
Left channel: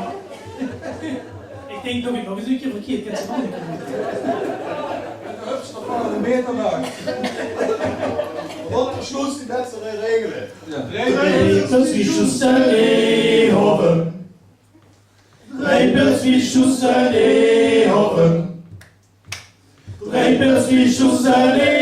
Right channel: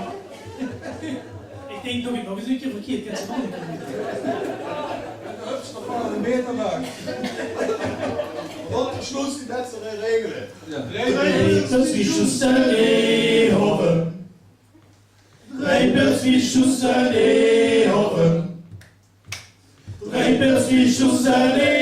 Ik denk dat ik nog eens een keer verkeerd kan zijn. Hups, dan gaan we er meer vandaag. Wat versloot die wedstrijd regelen? Drie pilswiesjes en eeuwen. Drie pilswiesjes en eeuwen. Drie pilswiesjes en eeuwen.